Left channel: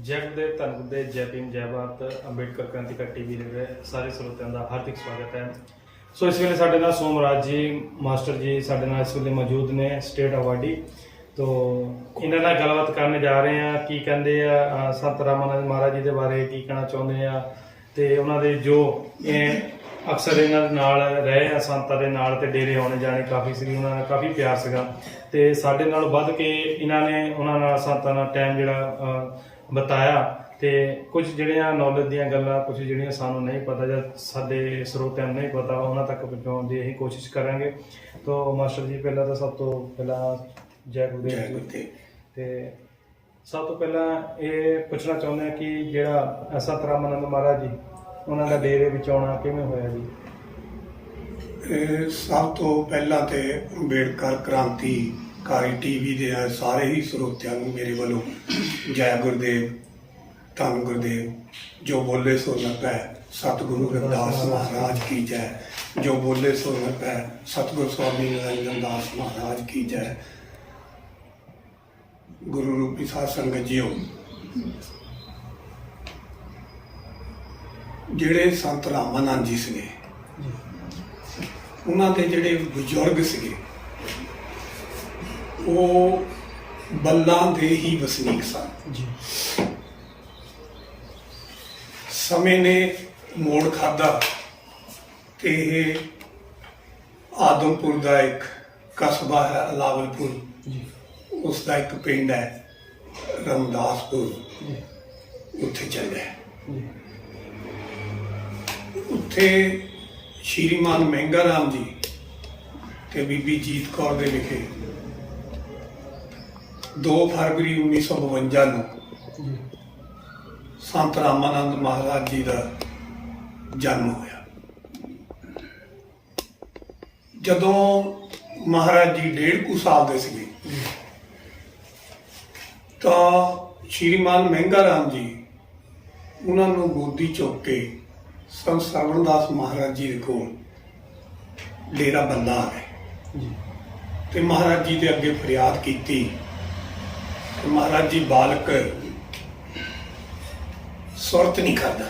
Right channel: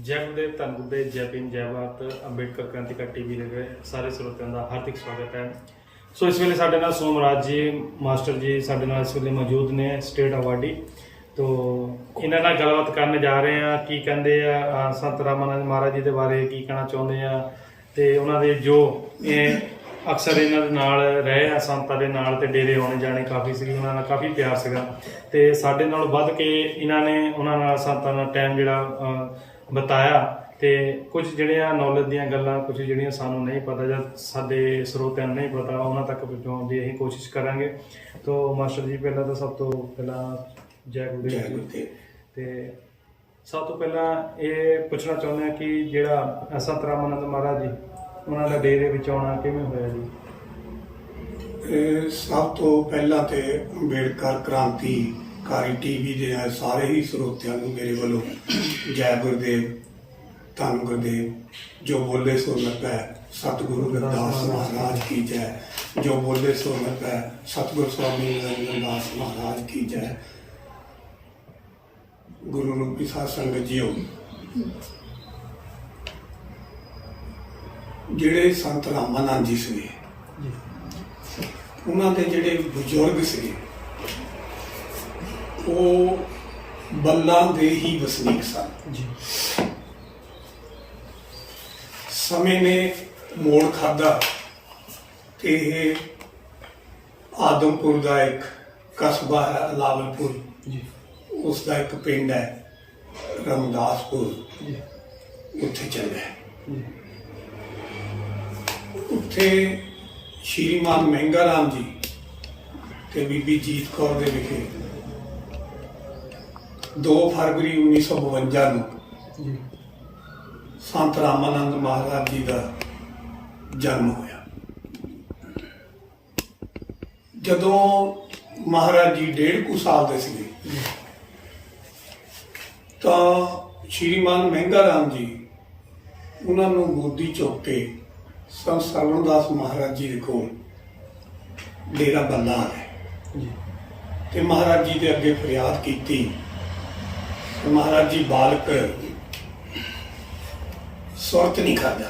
जय गुरुदेव, धन गुरुदेव, जय भीम, जय भारत। अंबेडकर क्रांतिकारी टीवी ਦੇ ਸਾਰੇ ਸਰੋਤਿਆਂ ਦਾ ਹਾਰਦਿਕ ਸਵਾਗਤ ਹੈ। ਸੋ ਇਸ ਵੇਲੇ ਸਾਡੇ ਨਾਲ ਸੋਮਰਾਜ ਜੀ ਮਾਸਟਰ ਜੀ ਸਾਡੇ ਨਾਲ ਇਸ ਵੇਲੇ ਮੌਜੂਦ ਨੇ, ਸਟੇਟ ਅਵਾਰਡੀ। तो ਇਹਨਾਂ ਨਾਲ ਗੱਲਬਾਤ ਕਰਨ ਜਾ ਰਹੇ ਆ। ਕੀ ਕਹਿੰਦੇ ਆ ਸੰਤ ਰਾਮਾਨੰਦ ਮਹਾਰਾਜ ਜੀ ਦੇ ਬਾਰੇ ਕੀ ਕਹਿਣਾ ਚਾਹੁੰਦੇ ਆ, ਤੇ ਉਹਨਾਂ ਦੇ ਜੋ ਅਕਸਰ ਇਹਨਾਂ ਦੇ ਨਾਲ ਰਹੇ ਆ, ਸੰਤਾਂ ਦੇ ਨਾਲ, ਤੇ ਡੇਰੇ ਆਉਣੇ ਜਾਣੇ ਕਾਫੀ ਸੀਗੇ, ਉਹਨਾਂ ਨਾਲ ਕਾਫੀ ਪਿਆਰ ਸੀਗਾ, ਤੇ ਸਾਡੇ ਨਾਲੋਂ ਵੱਧ ਕੇ ਇਹਨਾਂ ਨੇ ਉਹਨਾਂ ਨਾਲ ਸੰਤਾਂ ਨਾਲ ਟਾਈਮ ਜਿਹੜਾ ਬਤਾਇਆ, ਤੇ ਕੁਝ ਜਿਹੜੀਆਂ ਨੌਲੇਜ ਦੀਆਂ ਗੱਲਾਂ, ਕੁਝ ਜਿਹੜੀਆਂ ਸਾਨੂੰ ਨਹੀਂ ਪਤਾ ਜਾਂ ਸਾਡੇ ਸਰੋਤਿਆਂ ਨੂੰ ਨਹੀਂ ਪਤਾ, ਉਹਨਾਂ ਤੱਕ ਪਹੁੰਚਾਉਣ ਦੀ ਅਸੀਂ ਕੋਸ਼ਿਸ਼ ਕਰਾਂਗੇ। तो ਮਾਸਟਰ ਜੀ ਪਹਿਲਾਂ ਤਾਂ ਸਭ ਤੋਂ ਪਹਿਲਾਂ ਜੈ ਗੁਰਦੇਵ ਜੀ। ਤੇ ਸਭ ਤੋਂ ਪਹਿਲਾਂ ਇਹ ਪੁੱਛਣਾ ਚਾਹੁੰਦੇ ਹਾਂ ਕਿ ਜਿਹੜਾ ਸੰਤ ਰਾਮਾਨੰਦ ਮਹਾਰਾਜ ਜੀ ਉਹਨਾਂ ਦਾ ਡੇਰੇ ਵਿੱਚ ਆਉਣਾ ਕਿਵੇਂ ਹੋਇਆ ਜੀ? ਸਭ ਤੋਂ ਪਹਿਲਾਂ ਤੇ ਅੰਬੇਡਕਰ ਕ੍ਰਾਂਤੀਕਾਰੀ ਟੀਵੀ ਦੇ ਸਾਰੇ ਹੀ ਸਰੋਤਿਆਂ ਨੂੰ ਮੇਰੇ ਵੱਲੋਂ ਜੈ ਗੁਰਦੇਵ, ਧੰਨ ਗੁਰਦੇਵ। ਜੋ ਬੋਲੇ ਸੋ ਨਭੈ, ਸਤਿਗੁਰੂ ਰਵਿਦਾਸ ਮਹਾਰਾਜ ਕੀ ਜੈ। ਜੋ ਬੋਲੇ ਸੋ ਨਭੈ, ਸਤਿਗੁਰੂ स्वामी निरंजन दास महाराज की जय। गुरु रूपी साध संगत जीओ, ਜਿਹੜੇ ਸੰਤ ਰਾਮਾਨੰਦ ਜੀ ਸੀਗੇ, ਉਹਨਾਂ ਦੇ ਜਿਹੜੇ ਬਜ਼ੁਰਗ ਸੀਗੇ ਉਹ ਬੱਲਾਂ ਦੇ ਹੀ ਵਸਨੀਕ ਸਨ ਜੀ। ਸਮੇਂ ਨੇ ਮੋੜ ਖਾਧਾ ਕਿ ਇਹ ਆਦਮਪੁਰ ਦਾ ਇੱਕ ਕਸਬਾ ਹੈ ਲਾਵਲਪੁਰ ਜੀ, ਉਸ ਦਾ ਇੱਕ ਪਿੰਡ ਹੈ ਰਮਦਾਸਪੁਰ ਜੀ, ਉੱਥੇ ਚਲ ਗਏ ਜੀ। ਉੱਥੇ ਸ਼੍ਰੀਮਾਨ ਮਹਿੰਗਾ ਰਾਮ ਜੀ ਤੇ ਬੀਬੀ ਜੀਤ ਕੌਰ ਦੇ ਵਿਖੇ 2 ਫਰਵਰੀ 1952 ਨੂੰ ਜੀ ਸੰਤ ਰਾਮਾਨੰਦ ਮਹਾਰਾਜ ਜੀ ਦਾ ਜਨਮ ਹੋਇਆ। ਜਦੋਂ ਮਹਾਰਾਜ ਜੀ 1.5 ਸਾਲ ਦੇ ਸੀਗੇ ਤਾਂ ਸ਼੍ਰੀਮਾਨ ਮਹਿੰਗਾ ਰਾਮ ਜੀ ਉਹਨਾਂ ਨੂੰ ਗੋਦੀ ਚੁੱਕ ਕੇ ਸੰਤ ਸਰਵਣਦਾਸ ਮਹਾਰਾਜ ਜੀ ਦੇ ਕੋਲ ਡੇਰਾ ਬੰਦਾ ਆ ਗਏ ਜੀ, ਤੇ ਮਹਾਰਾਜ ਜੀ ਦੇ ਅੱਗੇ ਫਰਿਆਦ ਕੀਤੀ ਕਿ ਮਹਾਰਾਜ ਜੀ ਬਾਲਕ ਸੁਰਤ ਨਹੀਂ ਕਰਦਾ।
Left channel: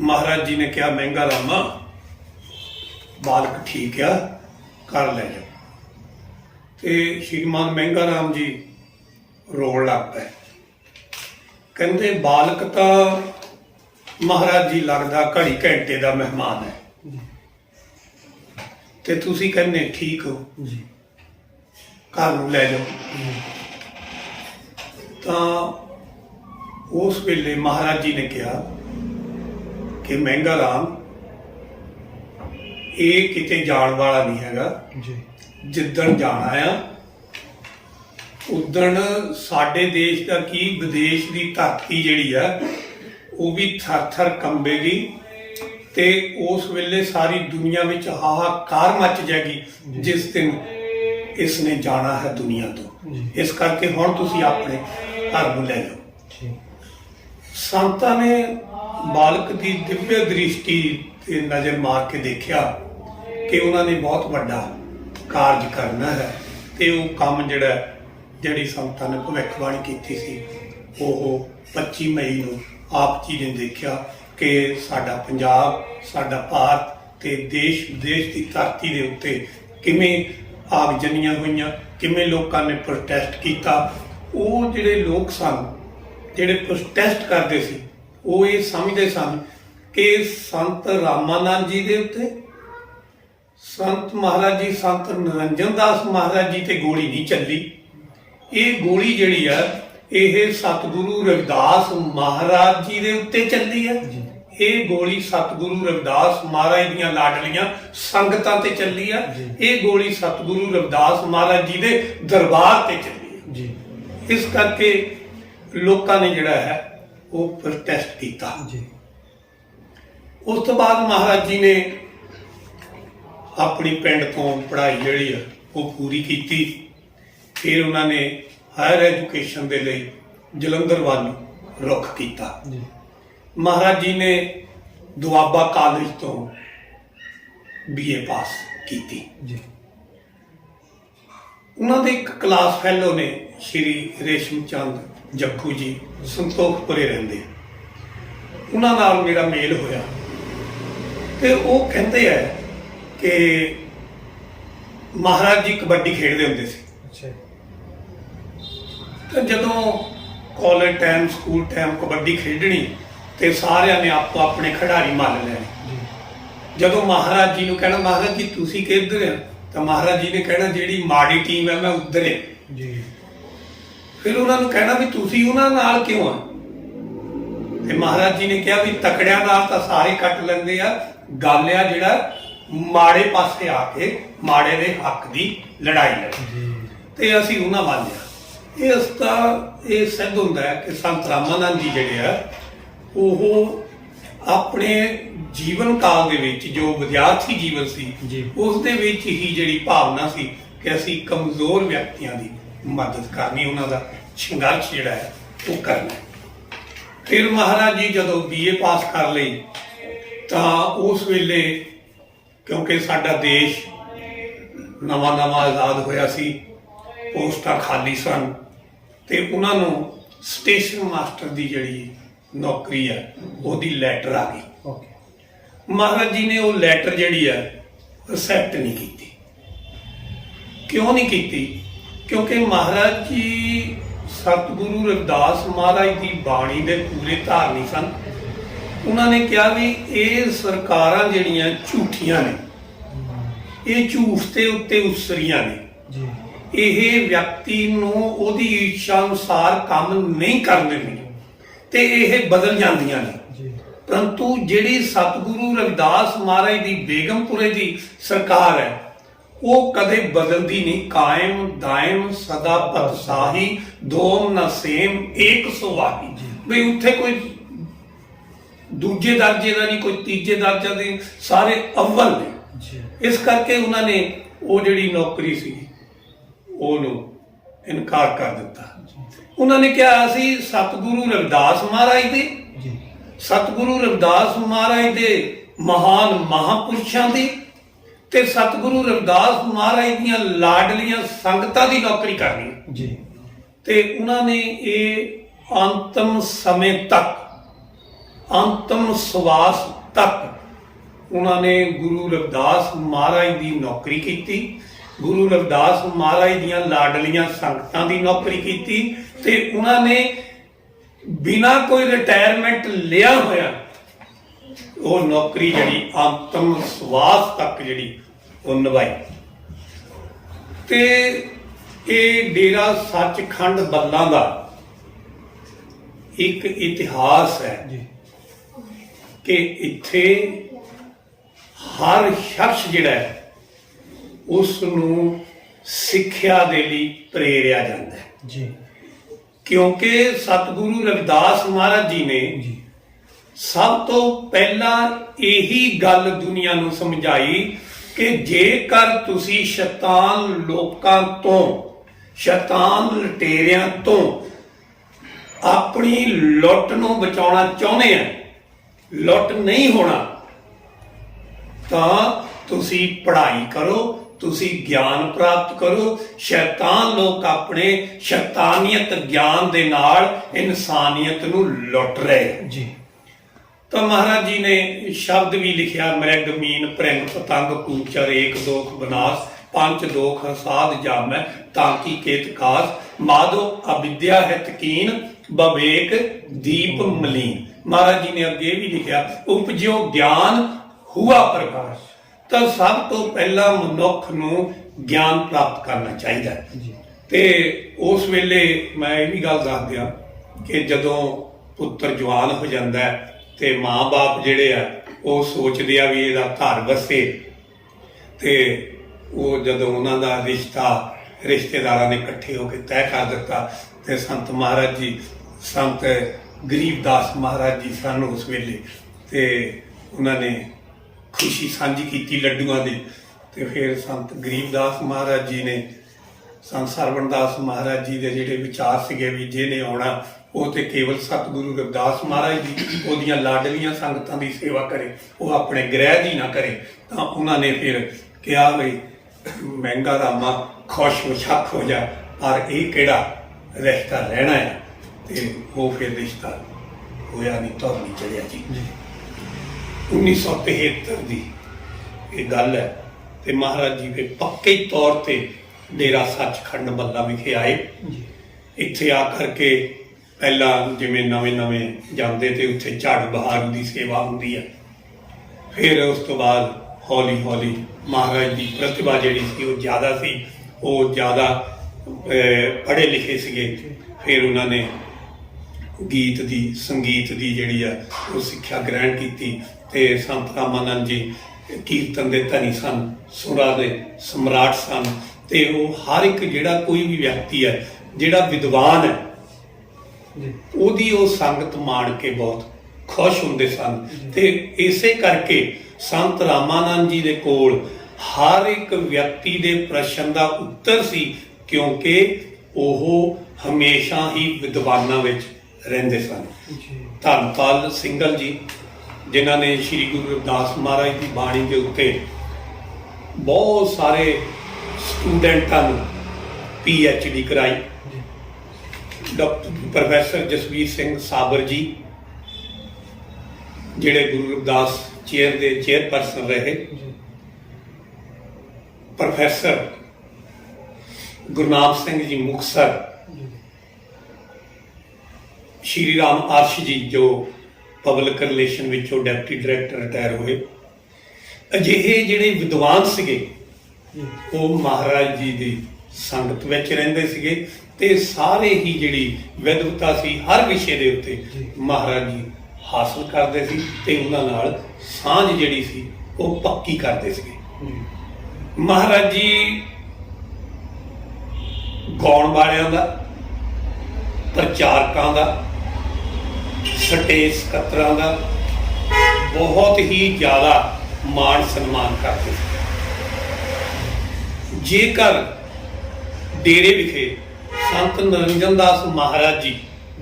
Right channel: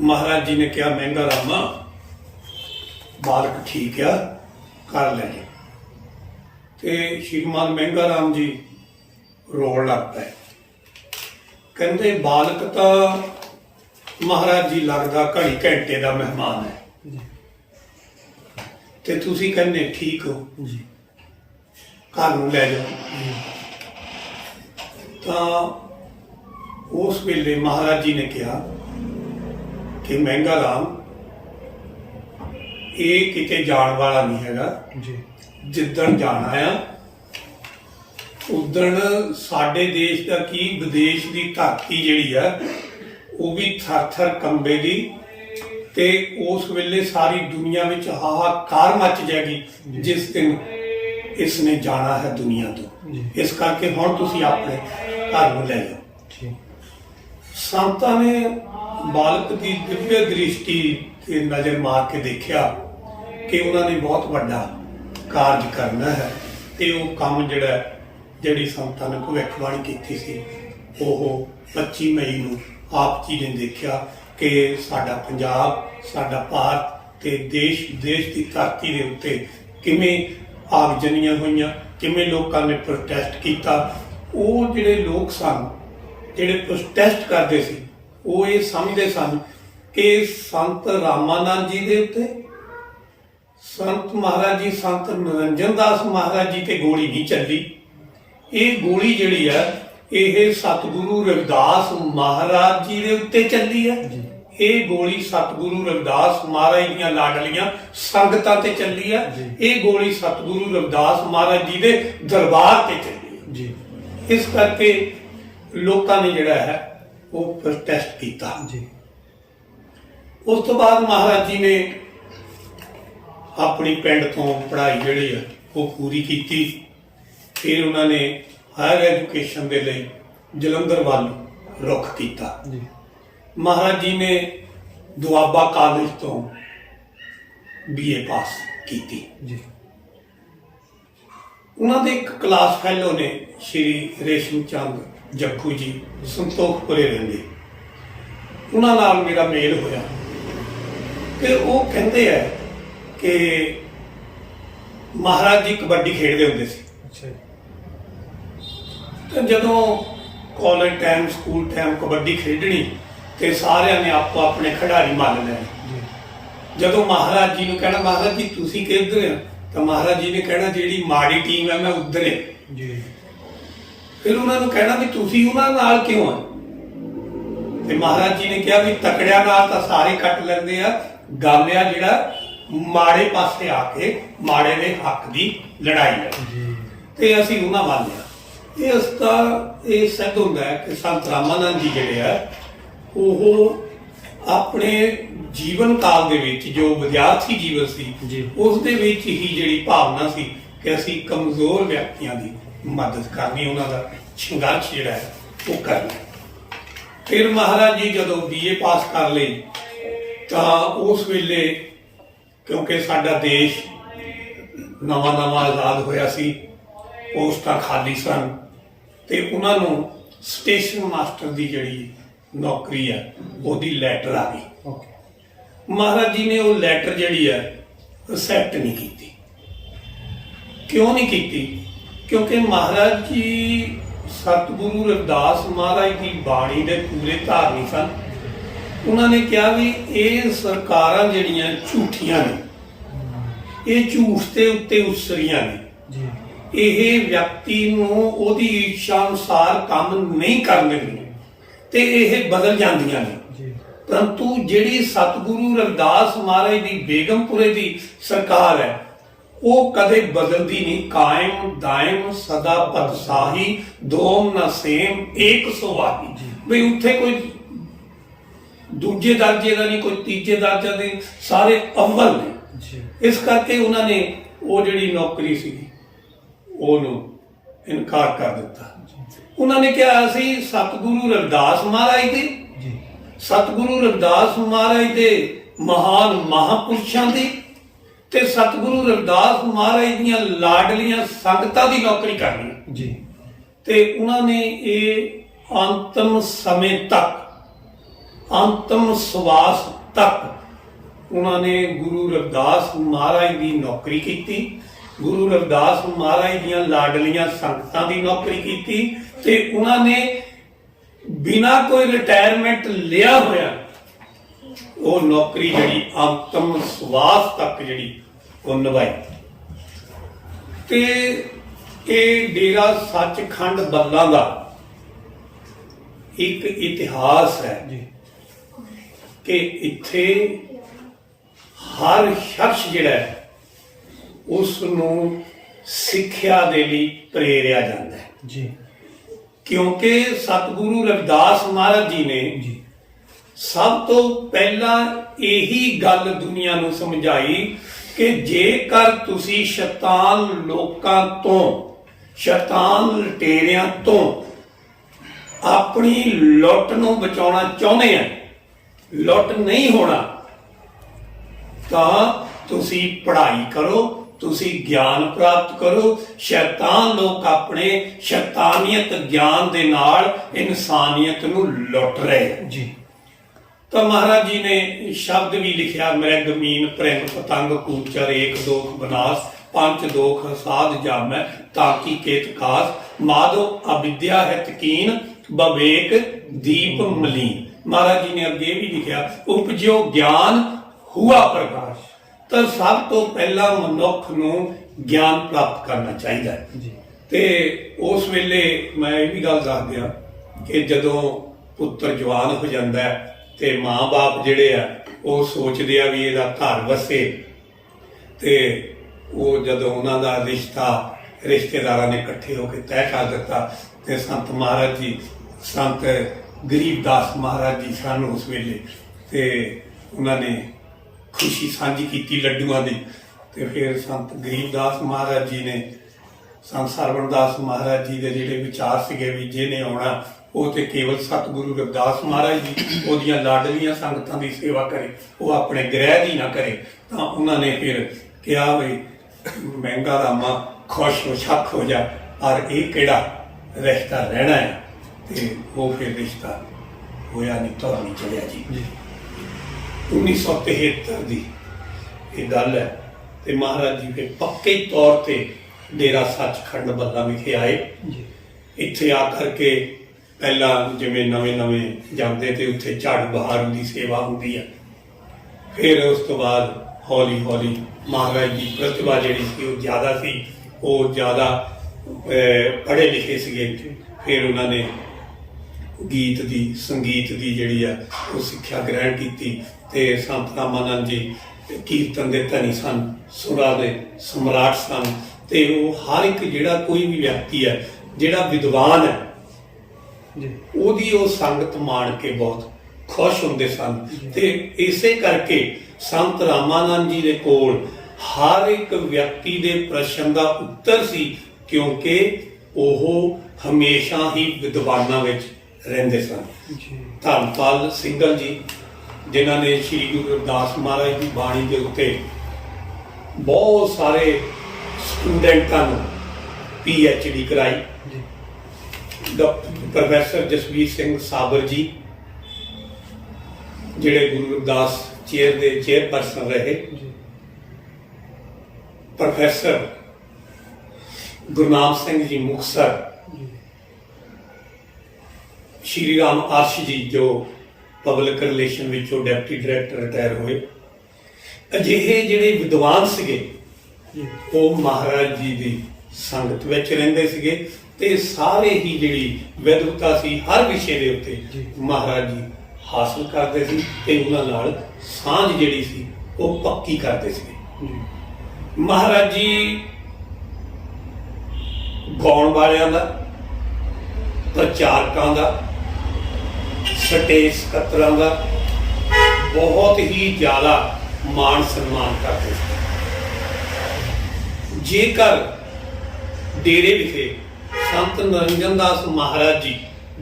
ਮਹਾਰਾਜ ਜੀ ਨੇ ਕਿਹਾ ਮਹਿੰਗਾ ਰਾਮਾ ਬਾਲਕ ਠੀਕ ਆ, ਕਰ ਲੈ ਜਾਓ। ਤੇ ਸ਼੍ਰੀਮਾਨ ਮਹਿੰਗਾ ਰਾਮ ਜੀ ਰੋਣ ਲੱਗ ਪਏ, ਕਹਿੰਦੇ ਬਾਲਕ ਤਾਂ ਮਹਾਰਾਜ ਜੀ ਲੱਗਦਾ ਘੜੀ ਘੰਟੇ ਦਾ ਮਹਿਮਾਨ ਹੈ ਤੇ ਤੁਸੀਂ ਕਹਿੰਦੇ ਠੀਕ ਹੋ ਜੀ, ਘਰ ਨੂੰ ਲੈ ਜਾਓ। ਤਾਂ ਉਸ ਵੇਲੇ ਮਹਾਰਾਜ ਜੀ ਨੇ ਕਿਹਾ ਕਿ ਮਹਿੰਗਾ ਰਾਮ ਇਹ ਕਿਤੇ ਜਾਣ ਵਾਲਾ ਨਹੀਂ ਹੈਗਾ ਜੀ, ਜਿੱਦਣ ਜਾਣਾ ਆ ਉਦਣ ਸਾਡੇ ਦੇਸ਼ ਦਾ ਕੀ ਵਿਦੇਸ਼ ਦੀ ਧਰਤੀ ਜਿਹੜੀ ਆ ਉਹ ਵੀ ਥਰ-ਥਰ ਕੰਬੇਗੀ, ਤੇ ਉਸ ਵੇਲੇ ਸਾਰੀ ਦੁਨੀਆ ਵਿੱਚ ਹਾਹਾਕਾਰ ਮਚ ਜਾਏਗੀ ਜਿਸ ਦਿਨ ਇਸ ਨੇ ਜਾਣਾ ਹੈ ਦੁਨੀਆ ਤੋਂ। ਇਸ ਕਰਕੇ ਹੁਣ ਤੁਸੀਂ ਆਪਣੇ ਘਰ ਨੂੰ ਲੈ ਜਾਓ। ਸੰਤਾਂ ਨੇ ਬਾਲਕ ਦੀ ਦਿਵਯ ਦ੍ਰਿਸ਼ਟੀ ਤੇ ਨਜ਼ਰ ਮਾਰ ਕੇ ਦੇਖਿਆ ਕਿ ਉਹਨਾਂ ਨੇ ਬਹੁਤ ਵੱਡਾ ਕਾਰਜ ਕਰਨਾ ਹੈ, ਤੇ ਉਹ ਕੰਮ ਜਿਹੜੀ ਸੰਤਾਂ ਨੇ ਭਵਿੱਖਬਾਣੀ ਕੀਤੀ ਸੀ ਉਹ 25 ਮਈ ਨੂੰ ਆਪ ਜੀ ਨੇ ਦੇਖਿਆ ਕਿ ਸਾਡਾ ਪੰਜਾਬ, ਸਾਡਾ ਭਾਰਤ ਤੇ ਦੇਸ਼ ਵਿਦੇਸ਼ ਦੀ ਧਰਤੀ ਦੇ ਉੱਤੇ ਕਿਵੇਂ ਆਗਜਨੀਆਂ ਹੋਈਆਂ, ਕਿਵੇਂ ਲੋਕਾਂ ਨੇ ਪ੍ਰੋਟੈਸਟ ਕੀਤਾ। ਉਹ ਜਿਹੜੇ ਲੋਕ ਸਨ ਜਿਹੜੇ ਪ੍ਰੋਟੈਸਟ ਕਰਦੇ ਸੀ ਉਹ ਇਹ ਸਮਝਦੇ ਸਨ ਕਿ ਸੰਤ ਰਾਮਾਨੰਦ ਜੀ ਦੇ ਉੱਤੇ, ਸੰਤ ਮਹਾਰਾਜ ਜੀ, ਸੰਤ ਨਿਰੰਜਨ ਦਾਸ ਮਹਾਰਾਜ ਜੀ ਤੇ ਗੋਲੀ ਨਹੀਂ ਚੱਲੀ। ਇਹ ਗੋਲੀ ਜਿਹੜੀ ਆ ਇਹ ਸਤਿਗੁਰੂ ਰਵਿਦਾਸ ਮਹਾਰਾਜ ਜੀ ਦੇ ਉੱਤੇ ਚੱਲੀ ਆ। ਇਹ ਗੋਲੀ ਸਤਿਗੁਰੂ ਰਵਿਦਾਸ ਮਹਾਰਾਜ ਦੀਆਂ ਲਾਡਲੀਆਂ ਸੰਗਤਾਂ ਤੇ ਚੱਲੀ ਆ। ਇਹ ਗੋਲੀ ਸਤਿਗੁਰੂ ਰਵਿਦਾਸ ਮਹਾਰਾਜ ਜੀ ਦੇ ਦਰਬਾਰ ਤੇ ਚੱਲੀ ਆ ਜੀ। ਇਸ ਕਰਕੇ ਲੋਕਾਂ ਨੇ ਜਿਹੜਾ ਹੈ ਉਹ ਪ੍ਰੋਟੈਸਟ ਕੀਤਾ ਜੀ। ਉਸ ਤੋਂ ਬਾਅਦ ਮਹਾਰਾਜ ਜੀ ਨੇ ਆਪਣੀ ਪਿੰਡ ਤੋਂ ਪੜ੍ਹਾਈ ਜਿਹੜੀ ਆ ਉਹ ਪੂਰੀ ਕੀਤੀ। ਫਿਰ ਉਹਨਾਂ ਨੇ ਹਾਇਰ ਐਜੂਕੇਸ਼ਨ ਦੇ ਲਈ ਜਲੰਧਰ ਵੱਲ ਰੁਖ ਕੀਤਾ ਜੀ। ਮਹਾਰਾਜ ਜੀ ਨੇ ਦੁਆਬਾ ਕਾਲਜ ਤੋਂ BA ਪਾਸ ਕੀਤੀ ਜੀ। ਉਹਨਾਂ ਦੇ ਇੱਕ ਕਲਾਸ ਫੈਲੋ ਨੇ ਸ਼੍ਰੀ ਰੇਸ਼ਮ ਚੰਦ ਜੱਖੂ ਜੀ ਸੰਤੋਖਪੁਰੇ ਰਹਿੰਦੇ, ਉਹਨਾਂ ਨਾਲ ਮੇਰਾ ਮੇਲ ਹੋਇਆ ਤੇ ਉਹ ਕਹਿੰਦੇ ਆ ਕਿ ਮਹਾਰਾਜ ਜੀ ਕਬੱਡੀ ਖੇਡਦੇ ਹੁੰਦੇ ਸੀ। ਅੱਛਾ ਜੀ। ਤੇ ਜਦੋਂ college time school time kabaddi ਖੇਡਣੀ ਤੇ ਸਾਰਿਆਂ ਨੇ ਆਪੋ ਆਪਣੇ ਖਿਡਾਰੀ ਮੰਨ ਲੈਣੇ। ਜੀ। ਜਦੋਂ ਮਹਾਰਾਜ ਜੀ ਨੂੰ ਕਹਿਣਾ ਮਹਾਰਾਜ ਜੀ ਤੁਸੀਂ ਕਿੱਧਰ ਆ, ਤਾਂ ਮਹਾਰਾਜ ਜੀ ਨੇ ਕਹਿਣਾ ਜਿਹੜੀ ਮਾੜੀ ਟੀਮ ਹੈ ਮੈਂ ਉੱਧਰ ਆ। ਜੀ। ਫਿਰ ਉਹਨਾਂ ਨੂੰ ਕਹਿਣਾ ਵੀ ਤੁਸੀਂ ਉਹਨਾਂ ਨਾਲ ਕਿਉਂ ਆ, ਤੇ ਮਹਾਰਾਜ ਜੀ ਨੇ ਕਿਹਾ ਵੀ ਤਕੜਿਆਂ ਨਾਲ ਤਾਂ ਸਾਰੇ ਕੱਟ ਲੈਂਦੇ ਆ, ਗੱਲ ਆ ਜਿਹੜਾ ਮਾੜੇ ਪਾਸੇ ਆ ਕੇ ਮਾੜੇ ਦੇ ਹੱਕ ਦੀ ਲੜਾਈ ਹੈ। ਜੀ। ਤੇ ਅਸੀਂ ਉਹਨਾਂ ਵੱਲ ਆ। ਇਹ ਸਿੱਧ ਹੁੰਦਾ ਹੈ ਕਿ ਸੰਤ ਰਾਮਾਨੰਦ ਜੀ ਜਿਹੜੇ ਆ ਉਹ ਆਪਣੇ ਜੀਵਨ ਕਾਲ ਦੇ ਵਿੱਚ ਜੋ ਵਿਦਿਆਰਥੀ ਜੀਵਨ ਸੀ ਜੀ। ਉਸ ਦੇ ਵਿੱਚ ਹੀ ਜਿਹੜੀ ਭਾਵਨਾ ਸੀ ਕਿ ਅਸੀਂ ਕਮਜ਼ੋਰ ਵਿਅਕਤੀਆਂ ਦੀ ਮਦਦ ਕਰਨੀ, ਉਹਨਾਂ ਦਾ ਸੰਘਰਸ਼ ਜਿਹੜਾ ਹੈ ਉਹ ਕਰਨਾ। ਫਿਰ ਮਹਾਰਾਜ ਜੀ ਜਦੋਂ BA ਪਾਸ ਕਰ ਲਈ ਤਾਂ ਉਸ ਵੇਲੇ ਕਿਉਂਕਿ ਸਾਡਾ ਦੇਸ਼ ਨਵਾਂ ਆਜ਼ਾਦ ਹੋਇਆ ਸੀ, ਪੋਸਟਾਂ ਖਾਲੀ ਸਨ, ਤੇ ਉਹਨਾਂ ਨੂੰ ਸਟੇਸ਼ਨ ਮਾਸਟਰ ਦੀ ਜਿਹੜੀ ਨੌਕਰੀ ਆ ਉਹਦੀ ਲੈਟਰ ਆ ਗਈ। ਓਕੇ। ਮਹਾਰਾਜ ਜੀ ਨੇ ਉਹ ਲੈਟਰ ਜਿਹੜੀ ਹੈ ਅਸੈਪਟ ਨਹੀਂ ਕੀਤੀ। ਕਿਉਂ ਨਹੀਂ ਕੀਤੀ? ਕਿਉਂਕਿ ਮਹਾਰਾਜ ਜੀ ਸਤਿਗੁਰੂ ਰਵਿਦਾਸ ਮਹਾਰਾਜ ਦੀ ਬਾਣੀ ਦੇ ਪੂਰੇ ਧਾਰਨੀ ਸਨ। ਉਹਨਾਂ ਨੇ ਕਿਹਾ ਵੀ ਇਹ ਸਰਕਾਰਾਂ ਜਿਹੜੀਆਂ ਝੂਠੀਆਂ ਨੇ, ਇਹ ਝੂਠ ਦੇ ਉੱਤੇ ਉਸਰੀਆਂ ਨੇ। ਜੀ। ਇਹ ਵਿਅਕਤੀ ਨੂੰ ਉਹਦੀ ਇੱਛਾ ਅਨੁਸਾਰ ਕੰਮ ਨਹੀਂ ਕਰਨ ਦਿੰਦੀਆਂ ਤੇ ਇਹ ਬਦਲ ਜਾਂਦੀਆਂ ਨੇ। ਜੀ। ਪਰੰਤੂ ਜਿਹੜੀ ਸਤਿਗੁਰੂ ਰਵਿਦਾਸ ਮਹਾਰਾਜ ਦੀ ਬੇਗਮਪੁਰੇ ਦੀ ਸਰਕਾਰ ਹੈ ਉਹ ਕਦੇ ਬਦਲਦੀ ਨਹੀਂ। ਕਾਇਮ ਦਾਇਮ ਸਦਾ ਪਤਸਾਹੀ, ਦੋਮ ਨ ਸੇਮ ਏਕ ਸੁਵਾਹੀ। ਵੀ ਉੱਥੇ ਕੋਈ ਦੂਜੇ ਦਰਜੇ ਦਾ ਨਹੀਂ, ਕੋਈ ਤੀਜੇ ਦਰਜੇ ਦੇ, ਸਾਰੇ ਅਵਲ ਨੇ। ਜੀ। ਇਸ ਕਰਕੇ ਉਹਨਾਂ ਨੇ ਉਹ ਜਿਹੜੀ ਨੌਕਰੀ ਸੀ ਉਹਨੂੰ ਇਨਕਾਰ ਕਰ ਦਿੱਤਾ। ਉਹਨਾਂ ਨੇ ਕਿਹਾ ਅਸੀਂ ਸਤਿਗੁਰੂ ਰਵਿਦਾਸ ਮਹਾਰਾਜ ਦੀ, ਜੀ। ਸਤਿਗੁਰੂ ਰਵਿਦਾਸ ਮਹਾਰਾਜ ਦੇ ਮਹਾਨ ਮਹਾਂਪੁਰਸ਼ਾਂ ਦੀ ਤੇ ਸਤਿਗੁਰੂ ਰਵਿਦਾਸ ਮਹਾਰਾਜ ਦੀਆਂ ਲਾਡਲੀਆਂ ਸੰਗਤਾਂ ਦੀ ਨੌਕਰੀ ਕਰਨੀ। ਜੀ। ਤੇ ਉਹਨਾਂ ਨੇ ਇਹ ਅੰਤਮ ਸਮੇਂ ਤੱਕ, ਅੰਤਮ ਸਵਾਸ ਤੱਕ ਉਹਨਾਂ ਨੇ ਗੁਰੂ ਰਵਿਦਾਸ ਮਹਾਰਾਜ ਦੀ ਨੌਕਰੀ ਕੀਤੀ, ਗੁਰੂ ਰਵਿਦਾਸ ਮਹਾਰਾਜ ਦੀਆਂ ਲਾਡਲੀਆਂ ਸੰਗਤਾਂ ਦੀ ਨੌਕਰੀ ਕੀਤੀ, ਤੇ ਉਹਨਾਂ ਨੇ ਬਿਨਾਂ ਕੋਈ ਰਿਟਾਇਰਮੈਂਟ ਲਿਆ ਹੋਇਆ ਉਹ ਨੌਕਰੀ ਜਿਹੜੀ ਅੰਤਮ ਸਵਾਸ ਤੱਕ ਜਿਹੜੀ ਉਹ ਨਿਭਾਈ। ਤੇ ਇਹ ਡੇਰਾ ਸੱਚਖੰਡ ਬੱਲਾ ਦਾ ਇੱਕ ਇਤਿਹਾਸ ਹੈ ਜੀ। ਕਿ ਇੱਥੇ ਹਰ ਸ਼ਖਸ ਜਿਹੜਾ ਹੈ ਉਸ ਨੂੰ ਸਿੱਖਿਆ ਦੇ ਲਈ ਪ੍ਰੇਰਿਆ ਜਾਂਦਾ ਹੈ। ਜੀ। ਕਿਉਂਕਿ ਸਤਿਗੁਰੂ ਰਵਿਦਾਸ ਮਹਾਰਾਜ ਜੀ ਨੇ ਜੀ। ਸਭ ਤੋਂ ਪਹਿਲਾਂ ਇਹੀ ਗੱਲ ਦੁਨੀਆ ਨੂੰ ਸਮਝਾਈ ਕਿ ਜੇਕਰ ਤੁਸੀਂ ਸ਼ੈਤਾਨ ਲੋਕਾਂ ਤੋਂ, ਸ਼ੈਤਾਨ ਲਟੇਰਿਆਂ ਤੋਂ ਆਪਣੀ ਲੁੱਟ ਨੂੰ ਬਚਾਉਣਾ ਚਾਹੁੰਦੇ ਆ, ਲੁੱਟ ਨਹੀਂ ਹੋਣਾ, ਤਾਂ ਤੁਸੀਂ ਪੜ੍ਹਾਈ ਕਰੋ, ਤੁਸੀਂ ਗਿਆਨ ਪ੍ਰਾਪਤ ਕਰੋ। ਸ਼ੈਤਾਨ ਲੋਕ ਆਪਣੇ ਸ਼ੈਤਾਨੀਅਤ ਗਿਆਨ ਦੇ ਨਾਲ ਇਨਸਾਨੀਅਤ ਨੂੰ ਲੁੱਟ ਰਹੇ। ਜੀ। ਤਾਂ ਮਹਾਰਾਜ ਜੀ ਨੇ ਸ਼ਬਦ ਵੀ ਲਿਖਿਆ, ਮ੍ਰਿਗ ਮੀਨ ਭ੍ਰਿੰਗ ਪਤੰਗ ਕੂਚਰ ਏਕ ਦੋਖ ਬਨਾਸ, ਪੰਜ ਦੋਖ ਸਾਧ ਜਾਮੈ ਤਾਂ ਕੀ ਕੇਤ ਕਾਸ, ਮਾਧੋ ਅਵਿਦਿਆ ਹੈ ਤਕੀਨ ਬਵੇਕ ਦੀਪ ਮਲੀਨ। ਮਹਾਰਾਜ ਜੀ ਨੇ ਅੱਗੇ ਵੀ ਲਿਖਿਆ, ਉਪਜਿਓ ਗਿਆਨ ਹੁਆ ਪ੍ਰਕਾਸ਼। ਤਾਂ ਸਭ ਤੋਂ ਪਹਿਲਾਂ ਮਨੁੱਖ ਨੂੰ ਗਿਆਨ ਪ੍ਰਾਪਤ ਕਰਨਾ ਚਾਹੀਦਾ ਹੈ। ਜੀ। ਤੇ ਉਸ ਵੇਲੇ ਮੈਂ ਇਹ ਵੀ ਗੱਲ ਦੱਸ ਦਿਆਂ ਕਿ ਜਦੋਂ ਪੁੱਤਰ ਜਵਾਨ ਹੋ ਜਾਂਦਾ ਹੈ ਤੇ ਮਾਂ-ਬਾਪ ਜਿਹੜੇ ਆ ਉਹ ਸੋਚਦੇ ਆ ਵੀ ਇਹਦਾ ਘਰ ਵਸੇ, ਤੇ ਉਹ ਜਦੋਂ ਉਹਨਾਂ ਦਾ ਰਿਸ਼ਤਾ ਰਿਸ਼ਤੇਦਾਰਾਂ ਨੇ ਇਕੱਠੇ ਹੋ ਕੇ ਤੈਅ ਕਰ ਦਿੱਤਾ ਤੇ ਸੰਤ ਮਹਾਰਾਜ ਜੀ, ਸੰਤ ਗਰੀਬਦਾਸ ਮਹਾਰਾਜ ਜੀ ਸਨ ਉਸ ਵੇਲੇ, ਤੇ ਉਹਨਾਂ ਨੇ ਖੁਸ਼ੀ ਸਾਂਝੀ ਕੀਤੀ ਲੱਡੂਆਂ ਦੀ। ਤੇ ਫਿਰ ਸੰਤ ਗਰੀਬਦਾਸ ਮਹਾਰਾਜ ਜੀ ਨੇ ਸੰਤ ਸਰਵਣਦਾਸ ਮਹਾਰਾਜ ਜੀ ਦੇ ਜਿਹੜੇ ਵਿਚਾਰ ਸੀਗੇ ਵੀ ਜਿਹਨੇ ਆਉਣਾ ਉਹ ਤੇ ਕੇਵਲ ਸਤਿਗੁਰੂ ਰਵਿਦਾਸ ਮਹਾਰਾਜ ਜੀ ਉਹਦੀਆਂ ਲਾਡਲੀਆਂ ਸੰਗਤਾਂ ਦੀ ਸੇਵਾ ਕਰੇ, ਉਹ ਆਪਣੇ ਗ੍ਰਹਿ ਦੀ ਨਾ ਕਰੇ। ਤਾਂ ਉਹਨਾਂ ਨੇ ਫਿਰ ਕਿਹਾ ਵੀ ਮਹਿੰਗਾ ਰਾਮਾ ਖੁਸ਼ ਹੋ ਛੱਕ ਹੋ ਜਾ, ਪਰ ਇਹ ਕਿਹੜਾ ਰਿਸ਼ਤਾ ਰਹਿਣਾ ਹੈ। ਤੇ ਉਹ ਫਿਰ ਰਿਸ਼ਤਾ ਹੋਇਆ ਨਹੀਂ, ਧੁਰ ਨਹੀਂ ਚੜਿਆ ਜੀ। ਜੀ 1973 ਦੀ ਇਹ ਗੱਲ ਹੈ। ਤੇ ਮਹਾਰਾਜ ਜੀ ਫਿਰ ਪੱਕੇ ਤੌਰ ਤੇ ਡੇਰਾ ਸੱਚਖੰਡ ਬੱਲਾ ਵਿਖੇ ਆਏ। ਜੀ ਇੱਥੇ ਆ ਕਰਕੇ ਪਹਿਲਾਂ ਜਿਵੇਂ ਨਵੇਂ ਜਾਂਦੇ ਤੇ ਉੱਥੇ ਝਾੜੂ ਬਹਾਰ ਦੀ ਸੇਵਾ ਹੁੰਦੀ ਹੈ। ਫਿਰ ਉਸ ਤੋਂ ਬਾਅਦ ਹੌਲੀ ਹੌਲੀ ਮਹਾਰਾਜ ਦੀ ਪ੍ਰਤਿਭਾ ਜਿਹੜੀ ਸੀ ਉਹ ਜ਼ਿਆਦਾ ਸੀ, ਉਹ ਜ਼ਿਆਦਾ ਪੜ੍ਹੇ ਲਿਖੇ ਸੀਗੇ। ਫਿਰ ਉਹਨਾਂ ਨੇ ਗੀਤ ਦੀ ਸੰਗੀਤ ਦੀ ਜਿਹੜੀ ਆ ਉਹ ਸਿੱਖਿਆ ਗ੍ਰਹਿਣ ਕੀਤੀ। ਤੇ ਸੰਤ ਰਾਮਾਨੰਦ ਜੀ ਕੀਰਤਨ ਦੇ ਧਨੀ ਸਨ, ਸੁਰਾਂ ਦੇ ਸਮਰਾਟ ਸਨ। ਤੇ ਉਹ ਹਰ ਇੱਕ ਜਿਹੜਾ ਕੋਈ ਵੀ ਵਿਅਕਤੀ ਹੈ ਜਿਹੜਾ ਵਿਦਵਾਨ ਹੈ ਜੀ ਉਹਦੀ ਉਹ ਸੰਗਤ ਮਾਣ ਕੇ ਬਹੁਤ ਖੁਸ਼ ਹੁੰਦੇ ਸਨ। ਤੇ ਇਸੇ ਕਰਕੇ ਸੰਤ ਰਾਮਾਨੰਦ ਜੀ ਦੇ ਕੋਲ ਹਰ ਇੱਕ ਵਿਅਕਤੀ ਦੇ ਪ੍ਰਸ਼ਨ ਦਾ ਉੱਤਰ ਸੀ, ਕਿਉਂਕਿ ਉਹ ਹਮੇਸ਼ਾ ਹੀ ਵਿਦਵਾਨਾਂ ਵਿੱਚ ਰਹਿੰਦੇ ਸਨ। ਜੀ ਧਰਮਪਾਲ ਸਿੰਘਲ ਜੀ ਜਿਨ੍ਹਾਂ ਨੇ ਸ੍ਰੀ ਗੁਰੂ ਰਵਿਦਾਸ ਮਹਾਰਾਜ ਦੀ ਬਾਣੀ ਦੇ ਉੱਤੇ ਬਹੁਤ ਸਾਰੇ ਸਟੂਡੈਂਟਾਂ ਨੂੰ PhD ਕਰਾਈ। ਜੀ ਡਾਕਟਰ ਪ੍ਰੋਫੈਸਰ ਜਸਵੀਰ ਸਿੰਘ ਸਾਬਰ ਜੀ ਜਿਹੜੇ ਗੁਰੂ ਰਵਿਦਾਸ ਚੇਅਰ ਦੇ ਚੇਅਰਪਰਸਨ ਰਹੇ। ਜੀ ਪ੍ਰੋਫੈਸਰ ਗੁਰਨਾਮ ਸਿੰਘ ਜੀ ਮੁਕਤਸਰ, ਜੀ ਸ਼੍ਰੀ ਰਾਮ ਅਰਸ਼ ਜੀ ਜੋ ਪਬਲਿਕ ਰਿਲੇਸ਼ਨ ਵਿੱਚੋਂ ਡਿਪਟੀ ਡਾਇਰੈਕਟਰ ਰਿਟਾਇਰ ਹੋਏ। ਅਜਿਹੇ ਜਿਹੜੇ ਵਿਦਵਾਨ ਸੀਗੇ ਜੀ ਉਹ ਮਹਾਰਾਜ ਜੀ ਦੀ ਸੰਗਤ ਵਿੱਚ ਰਹਿੰਦੇ ਸੀਗੇ। ਤੇ ਸਾਰੇ ਹੀ ਜਿਹੜੀ ਵਿਦਵਤਾ ਸੀ ਹਰ ਵਿਸ਼ੇ ਦੇ ਉੱਤੇ ਜੀ। ਮਹਾਰਾਜ ਜੀ ਹਾਸਲ ਕਰਦੇ ਸੀ ਤੇ ਉਹਨਾਂ ਨਾਲ ਸਾਂਝ ਜਿਹੜੀ ਸੀ ਉਹ ਪੱਕੀ ਕਰਦੇ ਸੀਗੇ। ਜੀ ਮਹਾਰਾਜ ਜੀ ਗਾਉਣ ਵਾਲਿਆਂ ਦਾ, ਪ੍ਰਚਾਰਕਾਂ ਦਾ, ਸਟੇਜ ਸਕੱਤਰਾਂ ਦਾ ਬਹੁਤ ਹੀ ਜ਼ਿਆਦਾ ਮਾਣ ਸਨਮਾਨ ਕਰਦੇ ਸੀ। ਜੇਕਰ ਡੇਰੇ ਵਿਖੇ ਸੰਤ ਨਰਿੰਦਰ ਦਾਸ ਮਹਾਰਾਜ ਜੀ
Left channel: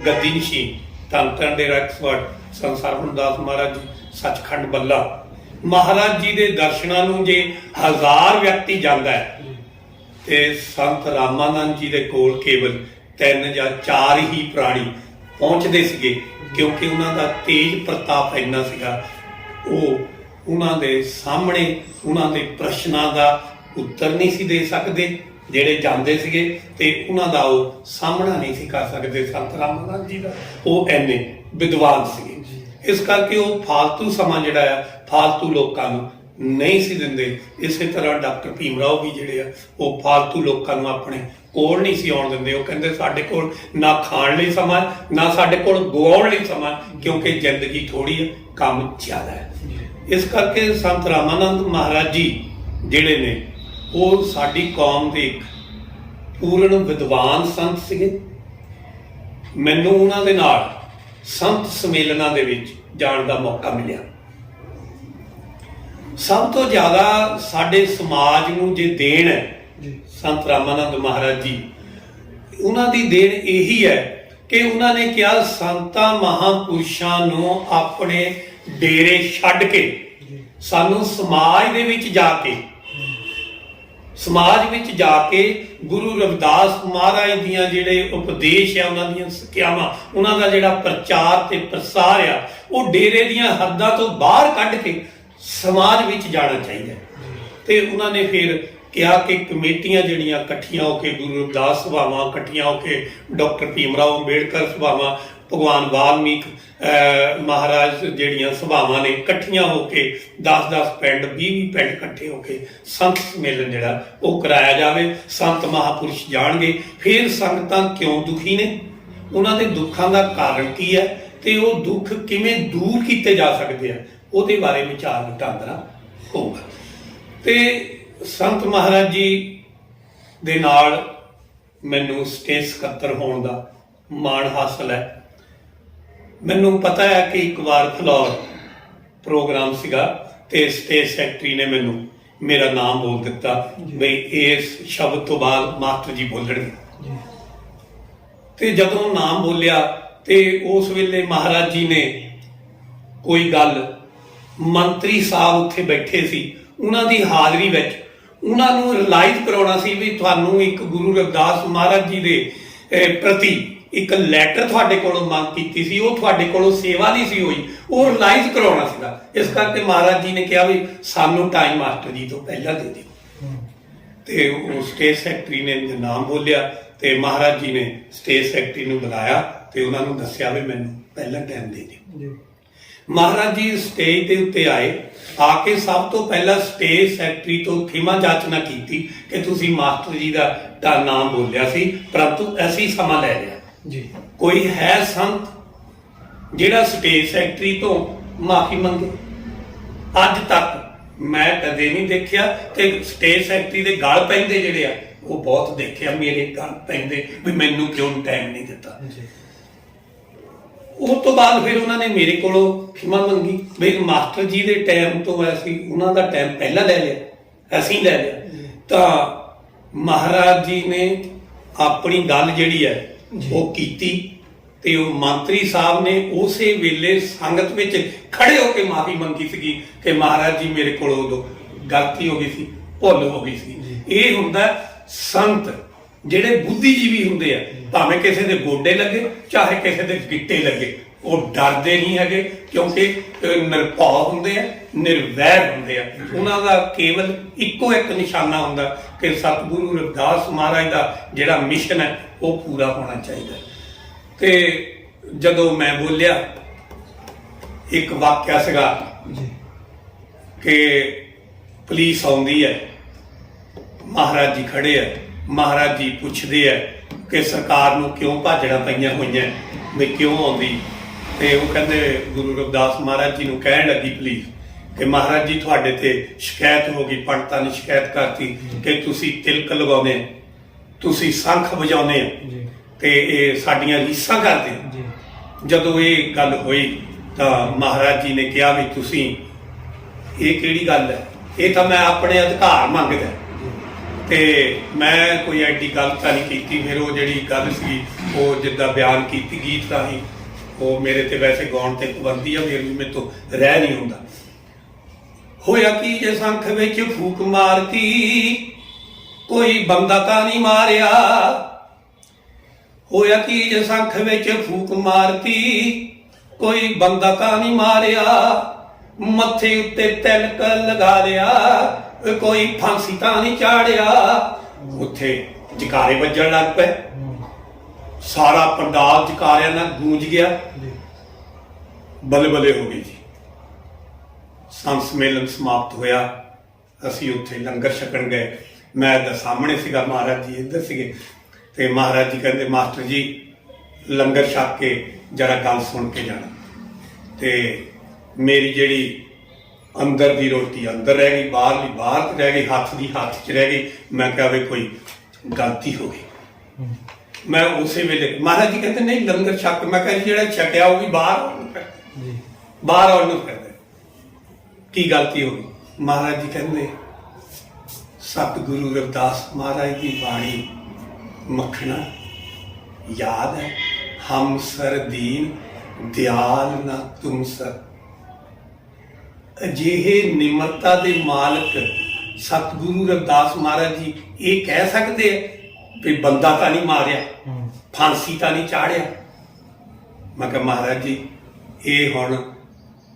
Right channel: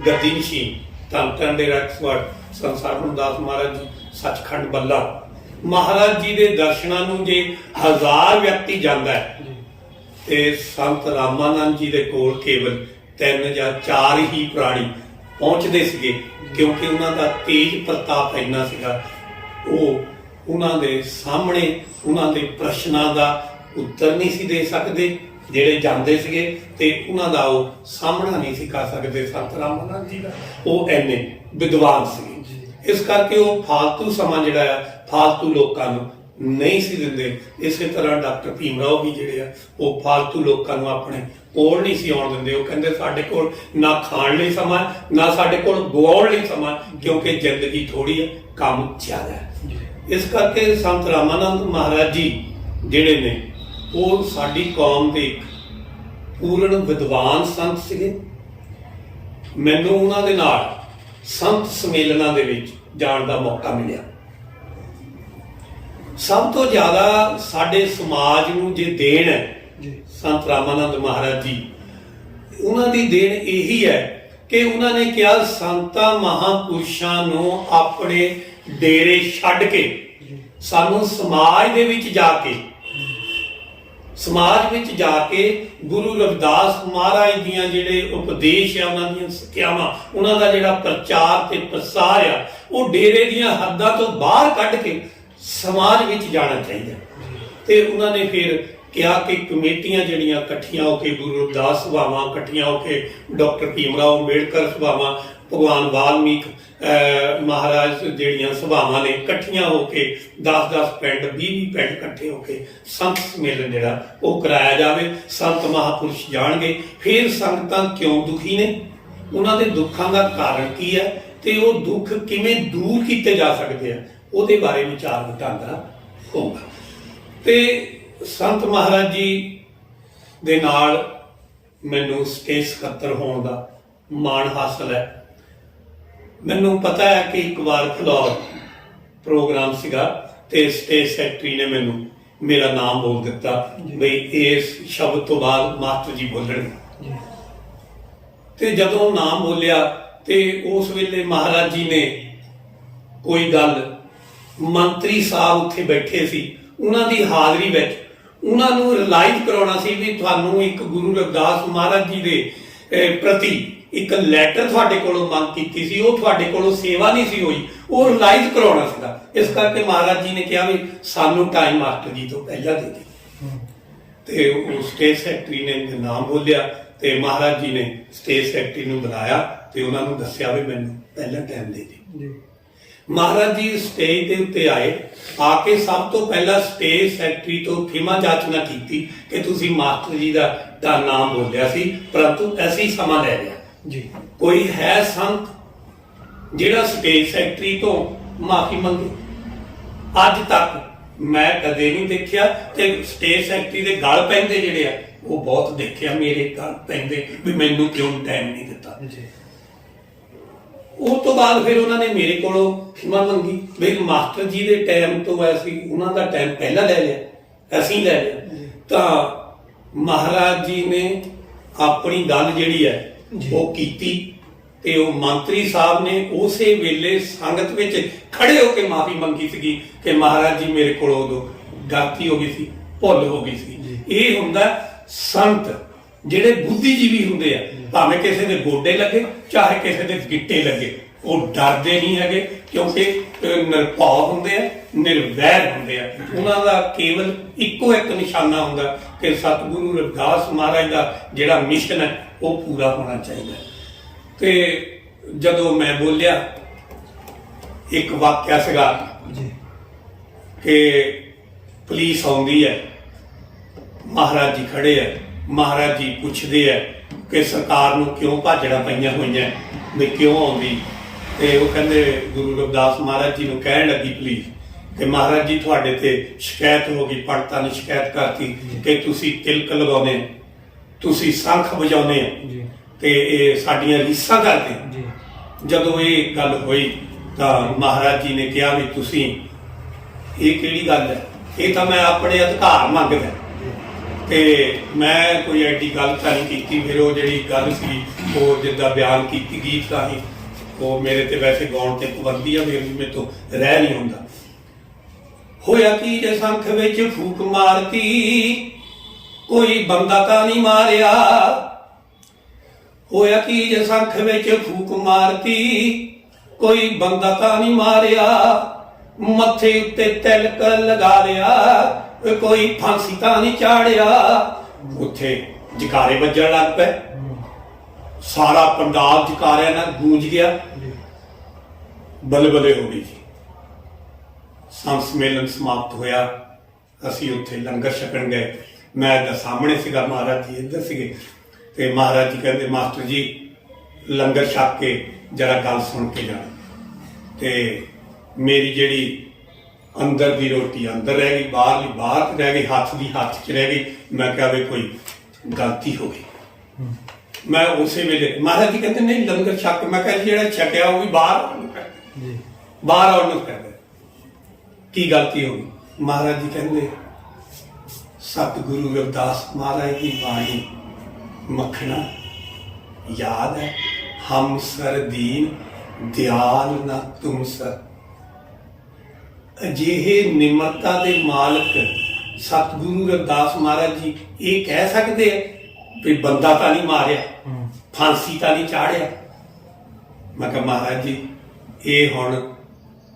ਗੱਦੀ ਨਸ਼ੀਨ, ਧੰਨ ਧੰਨ ਡੇਰਾ ਐਕਸਪਰਟ ਸੰਤ ਸਰਵਣ ਦਾਸ ਮਹਾਰਾਜ ਜੀ ਸੱਚਖੰਡ ਬੱਲਾ, ਮਹਾਰਾਜ ਜੀ ਦੇ ਦਰਸ਼ਨਾਂ ਨੂੰ ਜੇ 1000 ਵਿਅਕਤੀ ਜਾਂਦਾ ਹੈ ਜੀ ਤੇ ਸੰਤ ਰਾਮਾਨੰਦ ਜੀ ਦੇ ਕੋਲ ਕੇਵਲ 3 ਜਾਂ 4 ਹੀ ਪ੍ਰਾਣੀ ਪਹੁੰਚਦੇ ਸੀਗੇ, ਕਿਉਂਕਿ ਉਹਨਾਂ ਦਾ ਤੇਜ ਪ੍ਰਤਾਪ ਇੰਨਾ ਸੀਗਾ। ਉਹ ਉਹਨਾਂ ਦੇ ਸਾਹਮਣੇ ਉਹਨਾਂ ਦੇ ਪ੍ਰਸ਼ਨਾਂ ਦਾ ਉੱਤਰ ਨਹੀਂ ਸੀ ਦੇ ਸਕਦੇ ਜਿਹੜੇ ਜਾਂਦੇ ਸੀਗੇ, ਤੇ ਉਹਨਾਂ ਦਾ ਉਹ ਸਾਹਮਣਾ ਨਹੀਂ ਸੀ ਕਰ ਸਕਦੇ ਸੰਤ ਰਾਮਾਨੰਦ ਜੀ ਦਾ। ਉਹ ਐਨੇ ਵਿਦਵਾਨ ਸੀਗੇ। ਇਸ ਕਰਕੇ ਉਹ ਫਾਲਤੂ ਸਮਾਂ ਜਿਹੜਾ ਆ ਫਾਲਤੂ ਲੋਕਾਂ ਨੂੰ ਨਹੀਂ ਸੀ ਦਿੰਦੇ। ਇਸੇ ਤਰ੍ਹਾਂ ਡਾਕਟਰ ਭੀਮ ਰਾਓ ਵੀ ਜਿਹੜੇ ਆ ਉਹ ਫਾਲਤੂ ਲੋਕਾਂ ਨੂੰ ਆਪਣੇ ਕੋਲ ਨਹੀਂ ਸੀ ਆਉਣ ਦਿੰਦੇ। ਉਹ ਕਹਿੰਦੇ ਸਾਡੇ ਕੋਲ ਨਾ ਖਾਣ ਲਈ ਸਮਾਂ, ਨਾ ਸਾਡੇ ਕੋਲ ਗਵਾਉਣ ਲਈ ਸਮਾਂ, ਕਿਉਂਕਿ ਜ਼ਿੰਦਗੀ ਥੋੜੀ ਹੈ, ਕੰਮ ਜ਼ਿਆਦਾ ਹੈ। ਇਸ ਕਰਕੇ ਸੰਤ ਰਾਮਾਨੰਦ ਮਹਾਰਾਜ ਜੀ ਜਿਹੜੇ ਨੇ ਉਹ ਸਾਡੀ ਕੌਮ ਦੇ ਇੱਕ ਪੂਰਨ ਵਿਦਵਾਨ ਸੰਤ ਸੀਗੇ। ਮੈਨੂੰ ਉਹਨਾਂ ਦੇ ਨਾਲ ਸੰਤ ਸੰਮੇਲਨਾਂ ਦੇ ਵਿੱਚ ਜਾਣ ਦਾ ਮੌਕਾ ਮਿਲਿਆ। ਸਭ ਤੋਂ ਜ਼ਿਆਦਾ ਸਾਡੇ ਸਮਾਜ ਨੂੰ ਜੇ ਦੇਣ ਹੈ ਸੰਤ ਰਾਮਾਨੰਦ ਮਹਾਰਾਜ ਜੀ, ਉਹਨਾਂ ਦੀ ਦੇਣ ਇਹੀ ਹੈ ਕਿ ਉਹਨਾਂ ਨੇ ਕਿਹਾ ਸੰਤਾਂ ਮਹਾਂਪੁਰਸ਼ਾਂ ਨੂੰ ਆਪਣੇ ਡੇਰੇ ਛੱਡ ਕੇ ਸਾਨੂੰ ਸਮਾਜ ਦੇ ਵਿੱਚ ਜਾ ਕੇ ਗੁਰੂ ਰਵਿਦਾਸ ਮਹਾਰਾਜ ਦੀਆਂ ਜਿਹੜੇ ਉਪਦੇਸ਼ ਆ, ਉਹਨਾਂ ਦੀਆਂ ਸਿੱਖਿਆਵਾਂ, ਉਹਨਾਂ ਦਾ ਜਿਹੜਾ ਪ੍ਰਚਾਰ ਤੇ ਪ੍ਰਸਾਰ ਆ, ਉਹ ਡੇਰੇ ਦੀਆਂ ਹੱਦਾਂ ਤੋਂ ਬਾਹਰ ਕੱਢ ਕੇ ਸਮਾਜ ਵਿੱਚ ਜਾਣਾ ਚਾਹੀਦਾ। ਤੇ ਉਹਨਾਂ ਨੇ ਫਿਰ ਕਿਹਾ ਕਿ ਕਮੇਟੀਆਂ ਜਿਹੜੀਆਂ ਇਕੱਠੀਆਂ ਹੋ ਕੇ, ਗੁਰੂ ਰਵਿਦਾਸ ਸਭਾਵਾਂ ਇਕੱਠੀਆਂ ਹੋ ਕੇ, ਡਾਕਟਰ ਭੀਮ ਰਾਓ ਅੰਬੇਡਕਰ ਸਭਾਵਾਂ, ਭਗਵਾਨ ਵਾਲਮੀਕ ਮਹਾਰਾਜ ਜਿਹੜੀਆਂ ਸਭਾਵਾਂ ਨੇ ਇਕੱਠੀਆਂ ਹੋ ਕੇ 10-10 ਪਿੰਡ 20-20 ਪਿੰਡ ਇਕੱਠੇ ਹੋ ਕੇ ਸੰਤ ਸੰਮੇਲਨ ਜਿਹੜਾ ਉਹ ਕਰਾਇਆ ਜਾਵੇ। ਸੰਤ ਮਹਾਪੁਰਸ਼ ਜਾਣਗੇ ਫਿਰ ਸੰਗਤਾਂ ਕਿਉਂ ਦੁਖੀ ਨੇ, ਉਹਨਾਂ ਦੇ ਦੁੱਖਾਂ ਦਾ ਕਾਰਨ ਕੀ ਹੈ ਤੇ ਉਹ ਦੁੱਖ ਕਿਵੇਂ ਦੂਰ ਕੀਤੇ ਜਾ ਸਕਦੇ ਆ, ਉਹਦੇ ਬਾਰੇ ਵਿਚਾਰ ਵਟਾਂਦਰਾ ਹੋਊਗਾ। ਤੇ ਸੰਤ ਮਹਾਰਾਜ ਜੀ ਦੇ ਨਾਲ ਮੈਨੂੰ ਸਟੇਜ ਸਕੱਤਰ ਹੋਣ ਦਾ ਮਾਣ ਹਾਸਲ ਹੈ। ਮੈਨੂੰ ਪਤਾ ਹੈ ਕਿ ਇੱਕ ਵਾਰ ਫਲੋਰ ਪ੍ਰੋਗਰਾਮ ਸੀਗਾ ਤੇ ਸਟੇਜ ਸੈਕਟਰੀ ਨੇ ਮੈਨੂੰ ਮੇਰਾ ਨਾਮ ਬੋਲ ਦਿੱਤਾ ਬਈ ਇਸ ਸ਼ਬਦ ਤੋਂ ਬਾਅਦ ਮਾਸਟਰ ਜੀ ਬੋਲਣਗੇ। ਤੇ ਜਦੋਂ ਨਾਮ ਬੋਲਿਆ ਤੇ ਉਸ ਵੇਲੇ ਮਹਾਰਾਜ ਜੀ ਨੇ ਕੋਈ ਗੱਲ, ਮੰਤਰੀ ਸਾਹਿਬ ਉੱਥੇ ਬੈਠੇ ਸੀ, ਉਹਨਾਂ ਦੀ ਹਾਜ਼ਰੀ ਵਿੱਚ ਉਹਨਾਂ ਨੂੰ ਰਿਲਾਈਜ਼ ਕਰਾਉਣਾ ਸੀ ਵੀ ਤੁਹਾਨੂੰ ਇੱਕ ਗੁਰੂ ਰਵਿਦਾਸ ਮਹਾਰਾਜ ਜੀ ਦੇ ਪ੍ਰਤੀ ਇੱਕ ਲੈਟਰ ਤੁਹਾਡੇ ਕੋਲੋਂ ਮੰਗ ਕੀਤੀ ਸੀ, ਉਹ ਤੁਹਾਡੇ ਕੋਲੋਂ ਸੇਵਾ ਨਹੀਂ ਸੀ ਹੋਈ, ਉਹ ਰਿਲਾਈਜ਼ ਕਰਾਉਣਾ ਸੀਗਾ। ਇਸ ਕਰਕੇ ਮਹਾਰਾਜ ਜੀ ਨੇ ਕਿਹਾ ਵੀ ਸਾਨੂੰ ਟਾਈਮ ਮਾਸਟਰ ਜੀ ਤੋਂ ਪਹਿਲਾਂ ਦੇ ਦਿਓ। ਤੇ ਉਹ ਸਟੇਜ ਸੈਕਟਰੀ ਨੇ ਨਾਮ ਬੋਲਿਆ ਤੇ ਮਹਾਰਾਜ ਜੀ ਨੇ ਸਟੇਜ ਸੈਕਟਰੀ ਨੂੰ ਬੁਲਾਇਆ ਤੇ ਉਹਨਾਂ ਨੂੰ ਦੱਸਿਆ ਵੀ ਮੈਨੂੰ ਪਹਿਲਾਂ ਟਾਈਮ ਦੇ ਦਿਓ। ਮਹਾਰਾਜ ਜੀ ਸਟੇਜ ਦੇ ਉੱਤੇ ਆਏ, ਆ ਕੇ ਸਭ ਤੋਂ ਪਹਿਲਾਂ ਸਟੇਜ ਸੈਕਟਰੀ ਤੋਂ ਖਿਮਾ ਜਾਚਨਾ ਕੀਤੀ ਕਿ ਤੁਸੀਂ ਮਾਸਟਰ ਜੀ ਦਾ ਨਾਮ ਬੋਲਿਆ ਸੀ, ਪਰੰਤੂ ਅਸੀਂ ਸਮਾਂ ਲੈ ਲਿਆ ਜੀ। ਕੋਈ ਹੈ ਸੰਤ ਜਿਹੜਾ ਸਟੇਜ ਸੈਕਟਰੀ ਤੋਂ ਮਾਫੀ ਮੰਗੇ? ਅੱਜ ਤੱਕ ਮੈਂ ਕਦੇ ਨਹੀਂ ਦੇਖਿਆ। ਤੇ ਸਟੇਜ ਸੈਕਟਰੀ ਦੇ ਗਲ ਪੈਂਦੇ ਜਿਹੜੇ ਆ ਉਹ ਬਹੁਤ ਦੇਖਿਆ, ਮੇਰੇ ਗਲ ਪੈਂਦੇ ਵੀ ਮੈਨੂੰ ਕਿਉਂ ਟਾਈਮ ਨਹੀਂ ਦਿੱਤਾ। ਉਸ ਤੋਂ ਬਾਅਦ ਫਿਰ ਉਹਨਾਂ ਨੇ ਮੇਰੇ ਕੋਲੋਂ ਖਿਮਾ ਮੰਗੀ ਵੀ ਮਾਸਟਰ ਜੀ ਦੇ ਟਾਈਮ ਤੋਂ ਅਸੀਂ ਉਹਨਾਂ ਦਾ ਟਾਈਮ ਪਹਿਲਾਂ ਲੈ ਲਿਆ, ਅਸੀਂ ਲੈ ਲਿਆ। ਤਾਂ ਮਹਾਰਾਜ ਜੀ ਨੇ ਆਪਣੀ ਗੱਲ ਜਿਹੜੀ ਹੈ ਉਹ ਕੀਤੀ ਤੇ ਉਹ ਮੰਤਰੀ ਸਾਹਿਬ ਨੇ ਉਸੇ ਵੇਲੇ ਸੰਗਤ ਵਿੱਚ ਖੜੇ ਹੋ ਕੇ ਮਾਫੀ ਮੰਗੀ ਸੀਗੀ ਕਿ ਮਹਾਰਾਜ ਜੀ ਮੇਰੇ ਕੋਲੋਂ ਉਦੋਂ ਗਲਤੀ ਹੋ ਗਈ ਸੀ, ਭੁੱਲ ਹੋ ਗਈ ਸੀ। ਇਹ ਹੁੰਦਾ ਸੰਤ ਜਿਹੜੇ ਬੁੱਧੀਜੀਵੀ ਹੁੰਦੇ ਆ, ਭਾਵੇਂ ਕਿਸੇ ਦੇ ਗੋਡੇ ਲੱਗੇ ਚਾਹੇ ਕਿਸੇ ਦੇ ਗਿੱਟੇ ਲੱਗੇ, ਉਹ ਡਰਦੇ ਨਹੀਂ ਹੈਗੇ ਕਿਉਂਕਿ ਨਿਰਭਉ ਹੁੰਦੇ ਆ, ਨਿਰਵੈਰ ਹੁੰਦੇ ਆ। ਉਹਨਾਂ ਦਾ ਕੇਵਲ ਇੱਕੋ ਇੱਕ ਨਿਸ਼ਾਨਾ ਹੁੰਦਾ ਕਿ ਸਤਿਗੁਰੂ ਰਵਿਦਾਸ ਮਹਾਰਾਜ ਦਾ ਜਿਹੜਾ ਮਿਸ਼ਨ ਹੈ ਉਹ ਪੂਰਾ ਹੋਣਾ ਚਾਹੀਦਾ। ਤੇ ਜਦੋਂ ਮੈਂ ਬੋਲਿਆ, ਇੱਕ ਵਾਕਿਆ ਸੀਗਾ ਕਿ ਪੁਲਿਸ ਆਉਂਦੀ ਹੈ, ਮਹਾਰਾਜ ਜੀ ਖੜੇ ਆ, ਮਹਾਰਾਜ ਜੀ ਪੁੱਛਦੇ ਆ ਕਿ ਸਰਕਾਰ ਨੂੰ ਕਿਉਂ ਭਾਜੜਾਂ ਪਈਆਂ ਹੋਈਆਂ ਵੀ ਕਿਉਂ ਆਉਂਦੀ? ਤੇ ਉਹ ਕਹਿੰਦੇ ਗੁਰੂ ਰਵਿਦਾਸ ਮਹਾਰਾਜ ਜੀ ਨੂੰ ਕਹਿਣ ਲੱਗੀ ਪੁਲਿਸ ਕਿ ਮਹਾਰਾਜ ਜੀ ਤੁਹਾਡੇ ਤੇ ਸ਼ਿਕਾਇਤ ਹੋ ਗਈ, ਪੰਡਤਾਂ ਨੇ ਸ਼ਿਕਾਇਤ ਕਰਤੀ ਕਿ ਤੁਸੀਂ ਤਿਲਕ ਲਗਾਉਂਦੇ, ਤੁਸੀਂ ਸ਼ੰਖ ਵਜਾਉਂਦੇ ਆ ਤੇ ਇਹ ਸਾਡੀਆਂ ਰੀਸਾਂ ਕਰਦੇ। ਜਦੋਂ ਇਹ ਗੱਲ ਹੋਈ ਤਾਂ ਮਹਾਰਾਜ ਜੀ ਨੇ ਕਿਹਾ ਵੀ ਤੁਸੀਂ ਇਹ ਕਿਹੜੀ ਗੱਲ ਹੈ? ਇਹ ਤਾਂ ਮੈਂ ਆਪਣੇ ਅਧਿਕਾਰ ਮੰਗਦਾ ਤੇ ਮੈਂ ਕੋਈ ਐਡੀ ਗੱਲ ਤਾਂ ਨਹੀਂ ਕੀਤੀ। ਫਿਰ ਉਹ ਜਿਹੜੀ ਗੱਲ ਸੀ ਉਹ ਜਿੱਦਾਂ ਬਿਆਨ ਕੀਤੀ ਗੀਤ ਰਾਹੀਂ, ਉਹ ਮੇਰੇ ਤੇ ਵੈਸੇ ਗਾਉਣ ਤੇ ਪਾਬੰਦੀ ਆ, ਫਿਰ ਵੀ ਮੇਰੇ ਤੋਂ ਰਹਿ ਨਹੀਂ ਹੁੰਦਾ। ਹੋਇਆ ਕੀ ਜੇ ਸੰਖ ਵਿੱਚ ਫੂਕ ਮਾਰਤੀ, ਕੋਈ ਬੰਦਾ ਤਾਂ ਨਹੀਂ ਮਾਰਿਆ। ਹੋਇਆ ਕੀ ਜੇ ਸੰਖ ਵਿੱਚ ਫੂਕ ਮਾਰਤੀ, ਕੋਈ ਬੰਦਾ ਤਾਂ ਨਹੀਂ ਮਾਰਿਆ। ਮੱਥੇ ਉੱਤੇ ਤਿਲਕ ਲਗਾ ਲਿਆ, ਕੋਈ ਫਾਂਸੀ ਤਾਂ ਨਹੀਂ ਚਾੜਿਆ। ਉੱਥੇ ਜਕਾਰੇ ਵੱਜਣ ਲੱਗ ਪਏ, ਸਾਰਾ ਪੰਡਾਲ ਜਕਾਰਿਆਂ ਨਾਲ ਗੂੰਜ ਗਿਆ, ਬਲਬਲੇ ਹੋ ਗਈ ਜੀ। ਸੰਤ ਸੰਮੇਲਨ ਸਮਾਪਤ ਹੋਇਆ, ਅਸੀਂ ਉੱਥੇ ਲੰਗਰ ਛਕਣ ਗਏ। ਮੈਂ ਇੱਧਰ ਸਾਹਮਣੇ ਸੀਗਾ, ਮਹਾਰਾਜ ਜੀ ਇੱਧਰ ਸੀਗੇ ਤੇ ਮਹਾਰਾਜ ਜੀ ਕਹਿੰਦੇ ਮਾਸਟਰ ਜੀ ਲੰਗਰ ਛਕ ਕੇ ਜਰਾ ਗੱਲ ਸੁਣ ਕੇ ਜਾਣਾ। ਤੇ ਮੇਰੀ ਜਿਹੜੀ ਅੰਦਰ ਦੀ ਰੋਟੀ ਅੰਦਰ ਰਹਿ ਗਈ, ਬਾਹਰਲੀ ਬਾਹਰ ਰਹਿ ਗਈ, ਹੱਥ ਦੀ ਹੱਥ 'ਚ ਰਹਿ ਗਈ। ਮੈਂ ਕਿਹਾ ਵੀ ਕੋਈ ਗਲਤੀ ਹੋ ਗਈ। ਮੈਂ ਉਸੇ ਵੇਲੇ ਮਹਾਰਾਜ ਜੀ ਕਹਿੰਦੇ ਨਹੀਂ ਲੰਗਰ ਛਕ। ਮੈਂ ਕਿਹਾ ਜਿਹੜਾ ਛਕਿਆ ਉਹ ਵੀ ਬਾਹਰ ਬਾਹਰ ਆਉਣ ਨੂੰ ਕਰਦੇ, ਕੀ ਗਲਤੀ ਹੋ ਗਈ? ਮਹਾਰਾਜ ਜੀ ਕਹਿੰਦੇ ਸਤਿਗੁਰੂ ਰਵਿਦਾਸ ਮਹਾਰਾਜ ਦੀ ਬਾਣੀ ਮੱਖਣਾ ਯਾਦ ਹੈ, ਹਮ ਸਰ ਦੀਨ ਦਿਆਲ ਨਾ ਤੁਮ ਸਰ। ਅਜਿਹੇ ਨਿਮਰਤਾ ਦੇ ਮਾਲਕ ਸਤਿਗੁਰੂ ਰਵਿਦਾਸ ਮਹਾਰਾਜ ਜੀ ਇਹ ਕਹਿ ਸਕਦੇ ਆ ਵੀ ਬੰਦਾ ਤਾਂ ਨਹੀਂ ਮਾਰਿਆ, ਫਾਂਸੀ ਤਾਂ ਨਹੀਂ ਚਾੜਿਆ। ਮੈਂ ਕਿਹਾ ਮਹਾਰਾਜ ਜੀ ਇਹ ਹੁਣ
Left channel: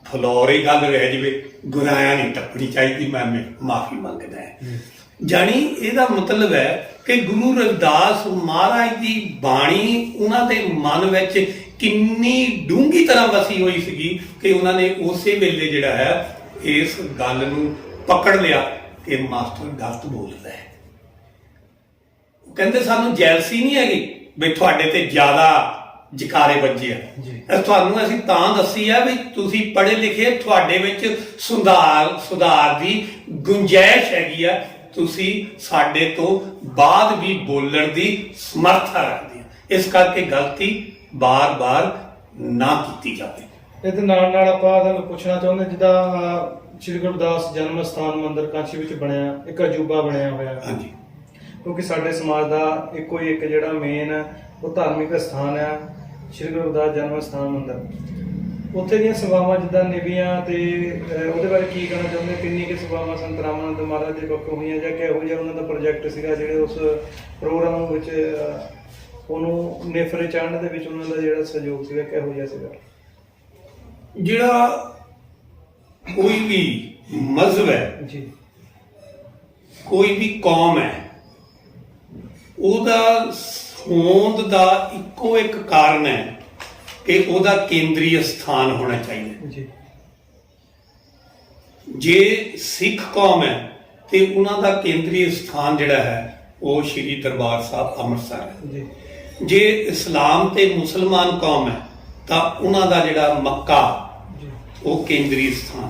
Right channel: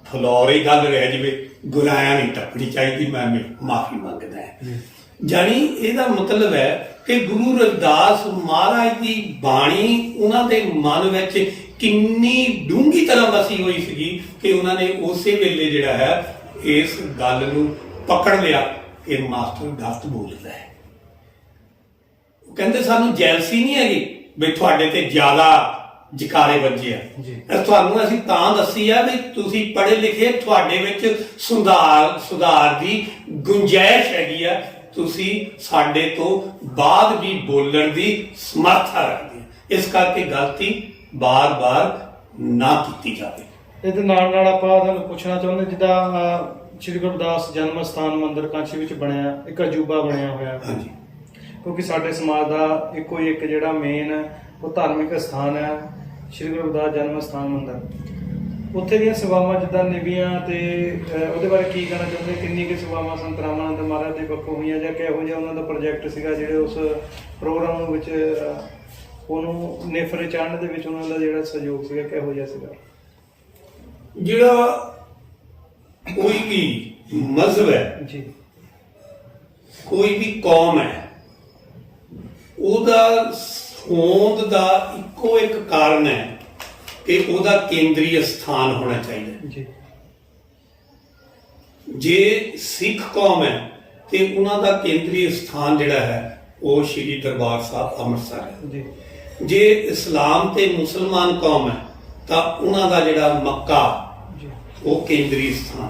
ਫਲੋਰੀ ਗੱਲ ਰਹਿ ਜਾਵੇ, ਗੁਨਾਹਾਂ ਨਹੀਂ ਟੱਪਣੀ ਚਾਹੀਦੀ, ਮੈਂ ਮਾਫੀ ਮੰਗਦਾ ਹੈ। ਜਾਣੀ ਇਹਦਾ ਮਤਲਬ ਹੈ ਕਿ ਗੁਰੂ ਰਵਿਦਾਸ ਮਹਾਰਾਜ ਦੀ ਬਾਣੀ ਉਹਨਾਂ ਦੇ ਮਨ ਵਿੱਚ ਕਿੰਨੀ ਡੂੰਘੀ ਤਰ੍ਹਾਂ ਵਸੀ ਹੋਈ ਸੀਗੀ ਕਿ ਉਹਨਾਂ ਨੇ ਉਸੇ ਵੇਲੇ ਜਿਹੜਾ ਹੈ ਇਸ ਗੱਲ ਨੂੰ ਪਕੜ ਲਿਆ ਕਿ ਮਾਸਟਰ ਗਲਤ ਬੋਲਦਾ ਹੈ। ਉਹ ਕਹਿੰਦੇ ਸਾਨੂੰ ਜੈਲਸੀ ਨਹੀਂ ਹੈਗੀ ਵੀ ਤੁਹਾਡੇ ਤੇ ਜ਼ਿਆਦਾ ਜਕਾਰੇ ਵੱਜੇ ਆ। ਤੁਹਾਨੂੰ ਅਸੀਂ ਤਾਂ ਦੱਸੀ ਆ ਵੀ ਤੁਸੀਂ ਪੜ੍ਹੇ ਲਿਖੇ, ਤੁਹਾਡੇ ਵਿੱਚ ਸੁਧਾਰ ਦੀ ਗੁੰਜਾਇਸ਼ ਹੈਗੀ ਆ, ਤੁਸੀਂ ਸਾਡੇ ਤੋਂ ਬਾਅਦ ਵੀ ਬੋਲਣ ਦੀ ਸਮਰੱਥਾ ਰੱਖਦੇ ਆ। ਇਸ ਕਰਕੇ ਗਲਤੀ ਬਾਰ-ਬਾਰ ਨਾ ਕੀਤੀ ਜਾਵੇ। ਇਹਦੇ ਨਾਲ ਆਪਾਂ ਤੁਹਾਨੂੰ ਪੁੱਛਣਾ ਚਾਹੁੰਦੇ, ਜਿੱਦਾਂ ਸ਼੍ਰੀ ਗੁਰੂ ਰਵਿਦਾਸ ਜਨਮ ਸਥਾਨ ਮੰਦਿਰ ਕਾਂਚੀ ਵਿੱਚ ਬਣਿਆ ਇੱਕ ਅਜੂਬਾ ਬਣਿਆ ਹੋਇਆ, ਹਾਂਜੀ, ਕਿਉਂਕਿ ਸਾਡੇ ਸਮਾਜ ਦਾ ਇੱਕੋ ਹੀ ਇੱਕ ਜਿਹੜਾ ਮੇਨ ਉਹ ਧਾਰਮਿਕ ਸਥਾਨ ਹੈ ਸ਼੍ਰੀ ਗੁਰੂ ਰਵਿਦਾਸ ਜਨਮ ਸਥਾਨ ਮੰਦਿਰ। ਉੱਥੇ ਦੀਆਂ ਸੇਵਾਵਾਂ ਜਿੱਦਾਂ ਨਿਭੀਆਂ ਤੇ ਉਹਦੇ ਬਾਰੇ ਕੀ ਕਹਿਣਾ ਚਾਹੁੰਦੇ? ਕਿੰਨੀ ਕੁ ਸੇਵਾਵਾਂ ਸੰਤ ਰਾਮਾਨੰਦ ਮਹਾਰਾਜ ਦੇ ਪੱਖੋਂ ਹੋਈਆਂ ਜਾਂ ਕਿਹੋ ਜਿਹਾ ਉਹਨਾਂ ਦਾ ਪ੍ਰੋਜੈਕਟ ਸੀਗਾ ਜਿਹੜੇ ਉਸ ਪ੍ਰੋਗਰਾਮ ਵਿੱਚ ਉਹਨੂੰ ਨੇਫਰੇ ਚਾੜਨ ਦੇ ਵਿੱਚ ਉਹਨਾਂ ਦਾ ਜਿਹੜਾ ਸਹਿਯੋਗ ਸੀਗਾ ਕਿਹੋ ਜਿਹਾ ਸੀਗਾ? ਜਿਹੜਾ ਕੋਈ ਵੀ ਮਜ਼ਹਬ ਹੈ, ਜੀ ਕੋਈ ਵੀ ਕੌਮ ਹੈ, ਉਹਦਾ ਹੋਂਦ ਦਾ ਇੱਕੋ ਇੱਕ ਕਾਰਨ ਹੈ ਕਿ ਉਹਦਾ ਕੇਂਦਰੀ ਸਥਾਨ ਹੋਣਾ ਚਾਹੀਦਾ। ਜੀ ਜੇ ਸਿੱਖ ਕੌਮ ਹੈ ਤੇ ਉਹਨਾਂ ਦਾ ਕੇਂਦਰੀ ਸਥਾਨ ਜਿਹੜਾ ਹੈ ਉਹ ਸ਼੍ਰੀ ਦਰਬਾਰ ਸਾਹਿਬ ਅੰਮ੍ਰਿਤਸਰ ਹੈ। ਜੀ ਜੇ ਇਸਲਾਮ ਤੇ ਮੁਸਲਮਾਨ ਕੌਮ ਹੈ ਤਾਂ ਉਹਨਾਂ ਦਾ ਜਿਹੜਾ ਮੱਕਾ ਜੀ ਉਹ ਕੇਂਦਰੀ ਸਥਾਨ।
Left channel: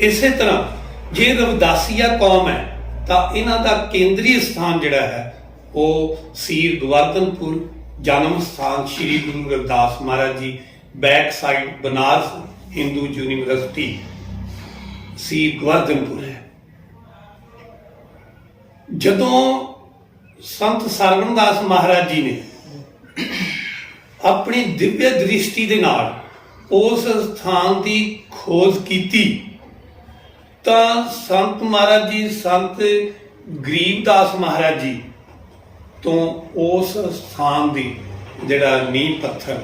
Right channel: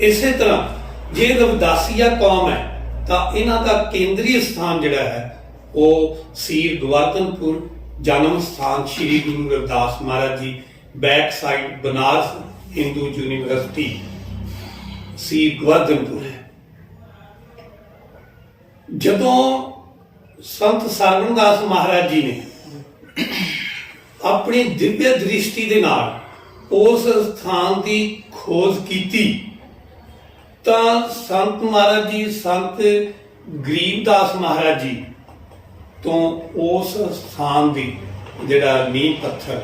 ਇਸੇ ਤਰ੍ਹਾਂ ਜੇ ਰਵਿਦਾਸੀਆ ਕੌਮ ਹੈ ਤਾਂ ਇਹਨਾਂ ਦਾ ਕੇਂਦਰੀ ਸਥਾਨ ਜਿਹੜਾ ਹੈ ਉਹ ਸੀਰ ਗੋਵਰਧਨਪੁਰ, ਜਨਮ ਸਥਾਨ Shri Guru Ravidas Maharaj ji, back side Banaras Hindu University Seer Govardhanpur ਹੈ। ਜਦੋਂ ਸੰਤ ਸਰਵਣਦਾਸ ਮਹਾਰਾਜ ਜੀ ਨੇ ਆਪਣੀ ਦਿਵਯ ਦ੍ਰਿਸ਼ਟੀ ਦੇ ਨਾਲ ਉਸ ਸਥਾਨ ਦੀ ਖੋਜ ਕੀਤੀ ਤਾਂ ਸੰਤ ਮਹਾਰਾਜ ਜੀ, ਸੰਤ ਗਰੀਬਦਾਸ ਮਹਾਰਾਜ ਜੀ ਤੋਂ ਉਸ ਸਥਾਨ ਦੀ ਜਿਹੜਾ ਨੀਂਹ ਪੱਥਰ